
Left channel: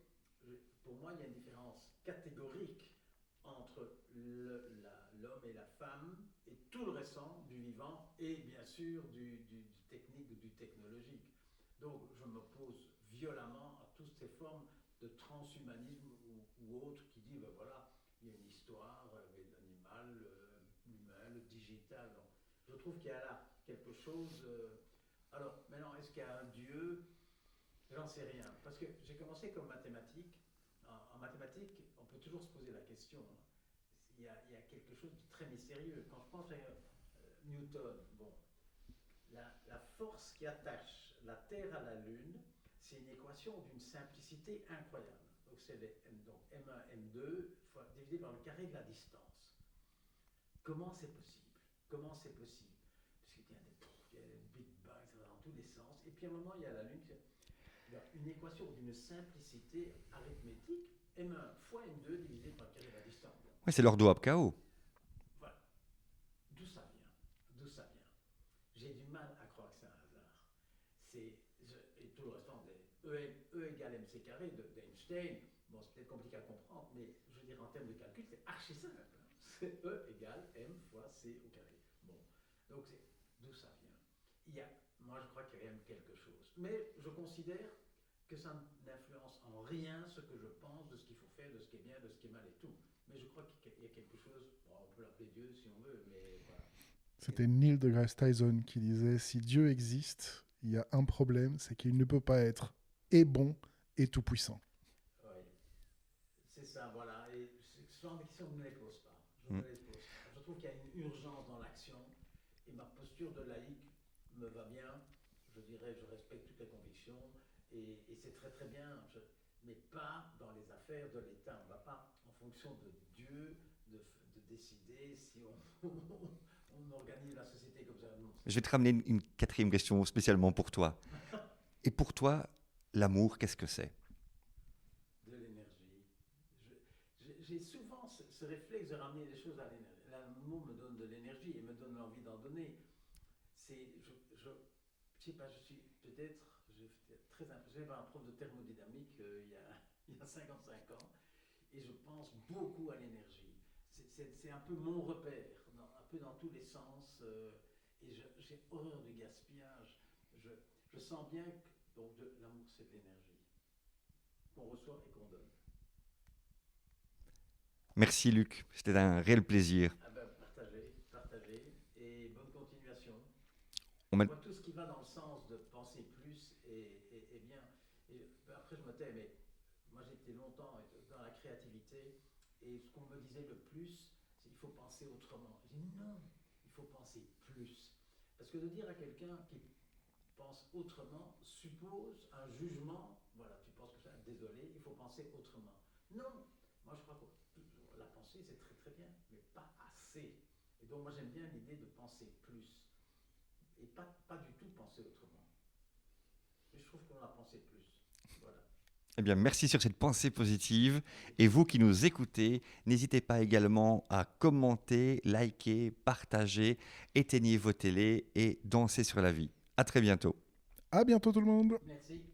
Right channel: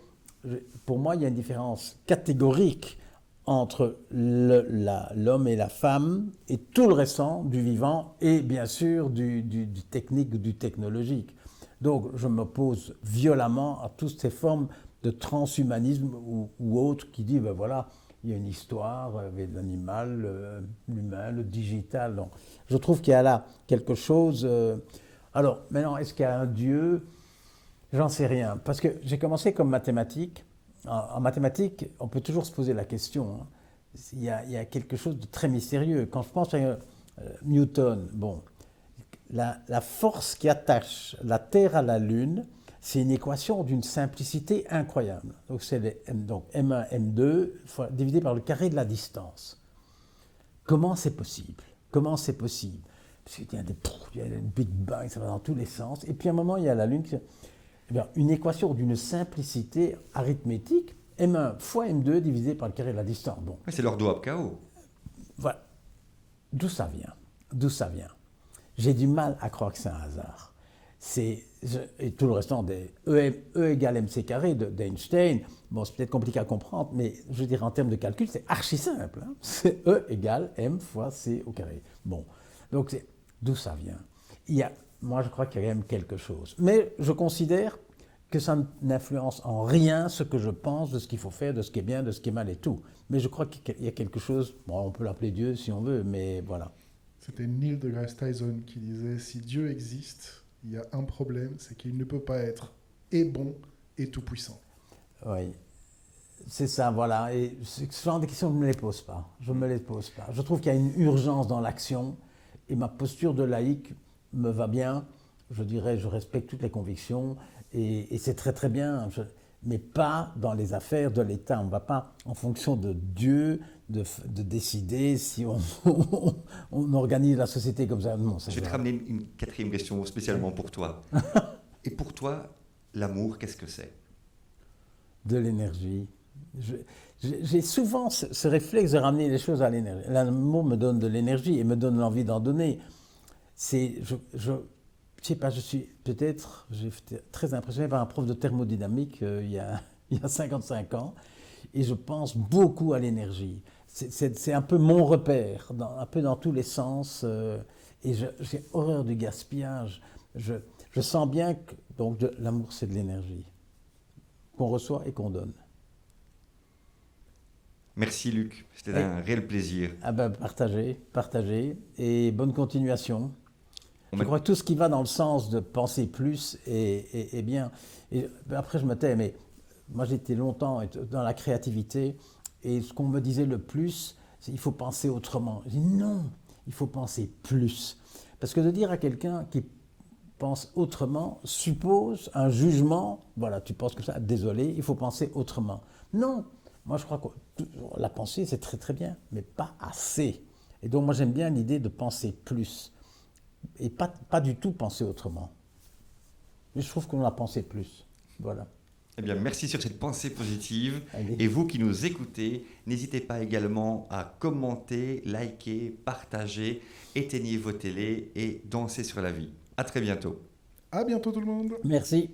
pour moi, il y a une différence catégorique entre l'homme et la femme et tout le restant du vivant et bien sûr du technique ou du technologique. Donc, je m'oppose violemment à toutes ces formes de transhumanisme ou autres qui disent, ben voilà, il y a une histoire avec l'animal, l'humain, le digital. Donc, je trouve qu'il y a là quelque chose. Alors, maintenant, est-ce qu'il y a un Dieu? J'en sais rien. Parce que j'ai commencé comme mathématique. En mathématiques, on peut toujours se poser la question. Hein. Il y a quelque chose de très mystérieux. Quand je pense à Newton, bon, la force qui attache la Terre à la Lune, c'est une équation d'une simplicité incroyable. Donc, c'est M1, M2 divisé par le carré de la distance. Comment c'est possible? Comment c'est possible? Parce qu'il y a une Big Bang, ça va dans tous les sens. Et puis à un moment, il y a la Lune. Une équation d'une simplicité arithmétique, M1 fois M2 divisé par le carré de la distance. Bon. Oui, c'est l'ordo ab chaos. Voilà. D'où ça vient? J'ai du mal à croire que c'est un hasard. Et tout le restant des E égale mc carré d'Einstein, bon, c'est peut-être compliqué à comprendre, mais je veux dire, en termes de calcul, c'est archi simple. Hein. C'est E égale m fois c au carré. Bon, donc d'où ça vient? Moi, je crois qu'il y a quand même quelque chose. Mais je considère que ça n'influence en rien ce que je pense de ce qu'il faut faire, de ce qui est bien, de ce qui est mal et tout. Mais je crois qu'il y a quelque chose, bon, on peut l'appeler Dieu si on veut, mais voilà. C'était Neil deGrasse Tyson qui disait « Si Dieu existe, il y a un problème, c'est qu'il ne peut pas être et bon et tout-puissant. » Oui, c'est ça, voilà. Et ce genre de questions, je ne me les pose pas. Je ne me les pose pas. Je trouve qu'il y a une urgence dans l'action et ma posture de laïc me va bien. Je dirais, je respecte toutes les convictions et c'est très très bien. Mais pas dans les affaires de l'État. On ne va pas, en fonction de Dieu, de décider si on organise la société comme ça. Non, je vais te ramener une quatrième question spécialement pour toi. Et pour toi, l'amour, qu'est-ce que c'est? De l'énergie. J'ai souvent ce réflexe de ramener les choses à l'énergie. L'amour me donne de l'énergie et me donne l'envie d'en donner. Je sais pas, j'ai été très impressionné par un prof de thermodynamique il y a 55 ans et je pense beaucoup à l'énergie. C'est un peu mon repère, un peu dans tous les sens et j'ai horreur du gaspillage. Je sens bien que donc l'amour c'est de l'énergie qu'on reçoit et qu'on donne. Merci Luc, c'était un réel plaisir. Ah ben, partagez et bonne continuation. Je crois que tout ce qui va dans le sens de penser plus est bien. Et après, je me tais, mais moi j'étais longtemps dans la créativité et ce qu'on me disait le plus, c'est qu'il faut penser autrement. Je dis non, il faut penser plus. Parce que de dire à quelqu'un qui pense autrement suppose un jugement, voilà, tu penses comme ça, désolé, il faut penser autrement. Non, moi je crois que la pensée c'est très très bien, mais pas assez. Et donc moi j'aime bien l'idée de penser plus. Et pas du tout penser autrement. Mais je trouve qu'on a pensé plus. Voilà. Eh bien, merci sur cette pensée positive. Allez. Et vous qui nous écoutez, n'hésitez pas également à commenter, liker, partager, éteignez vos télés et dansez sur la vie. À très bientôt. À bientôt tout le monde. Merci.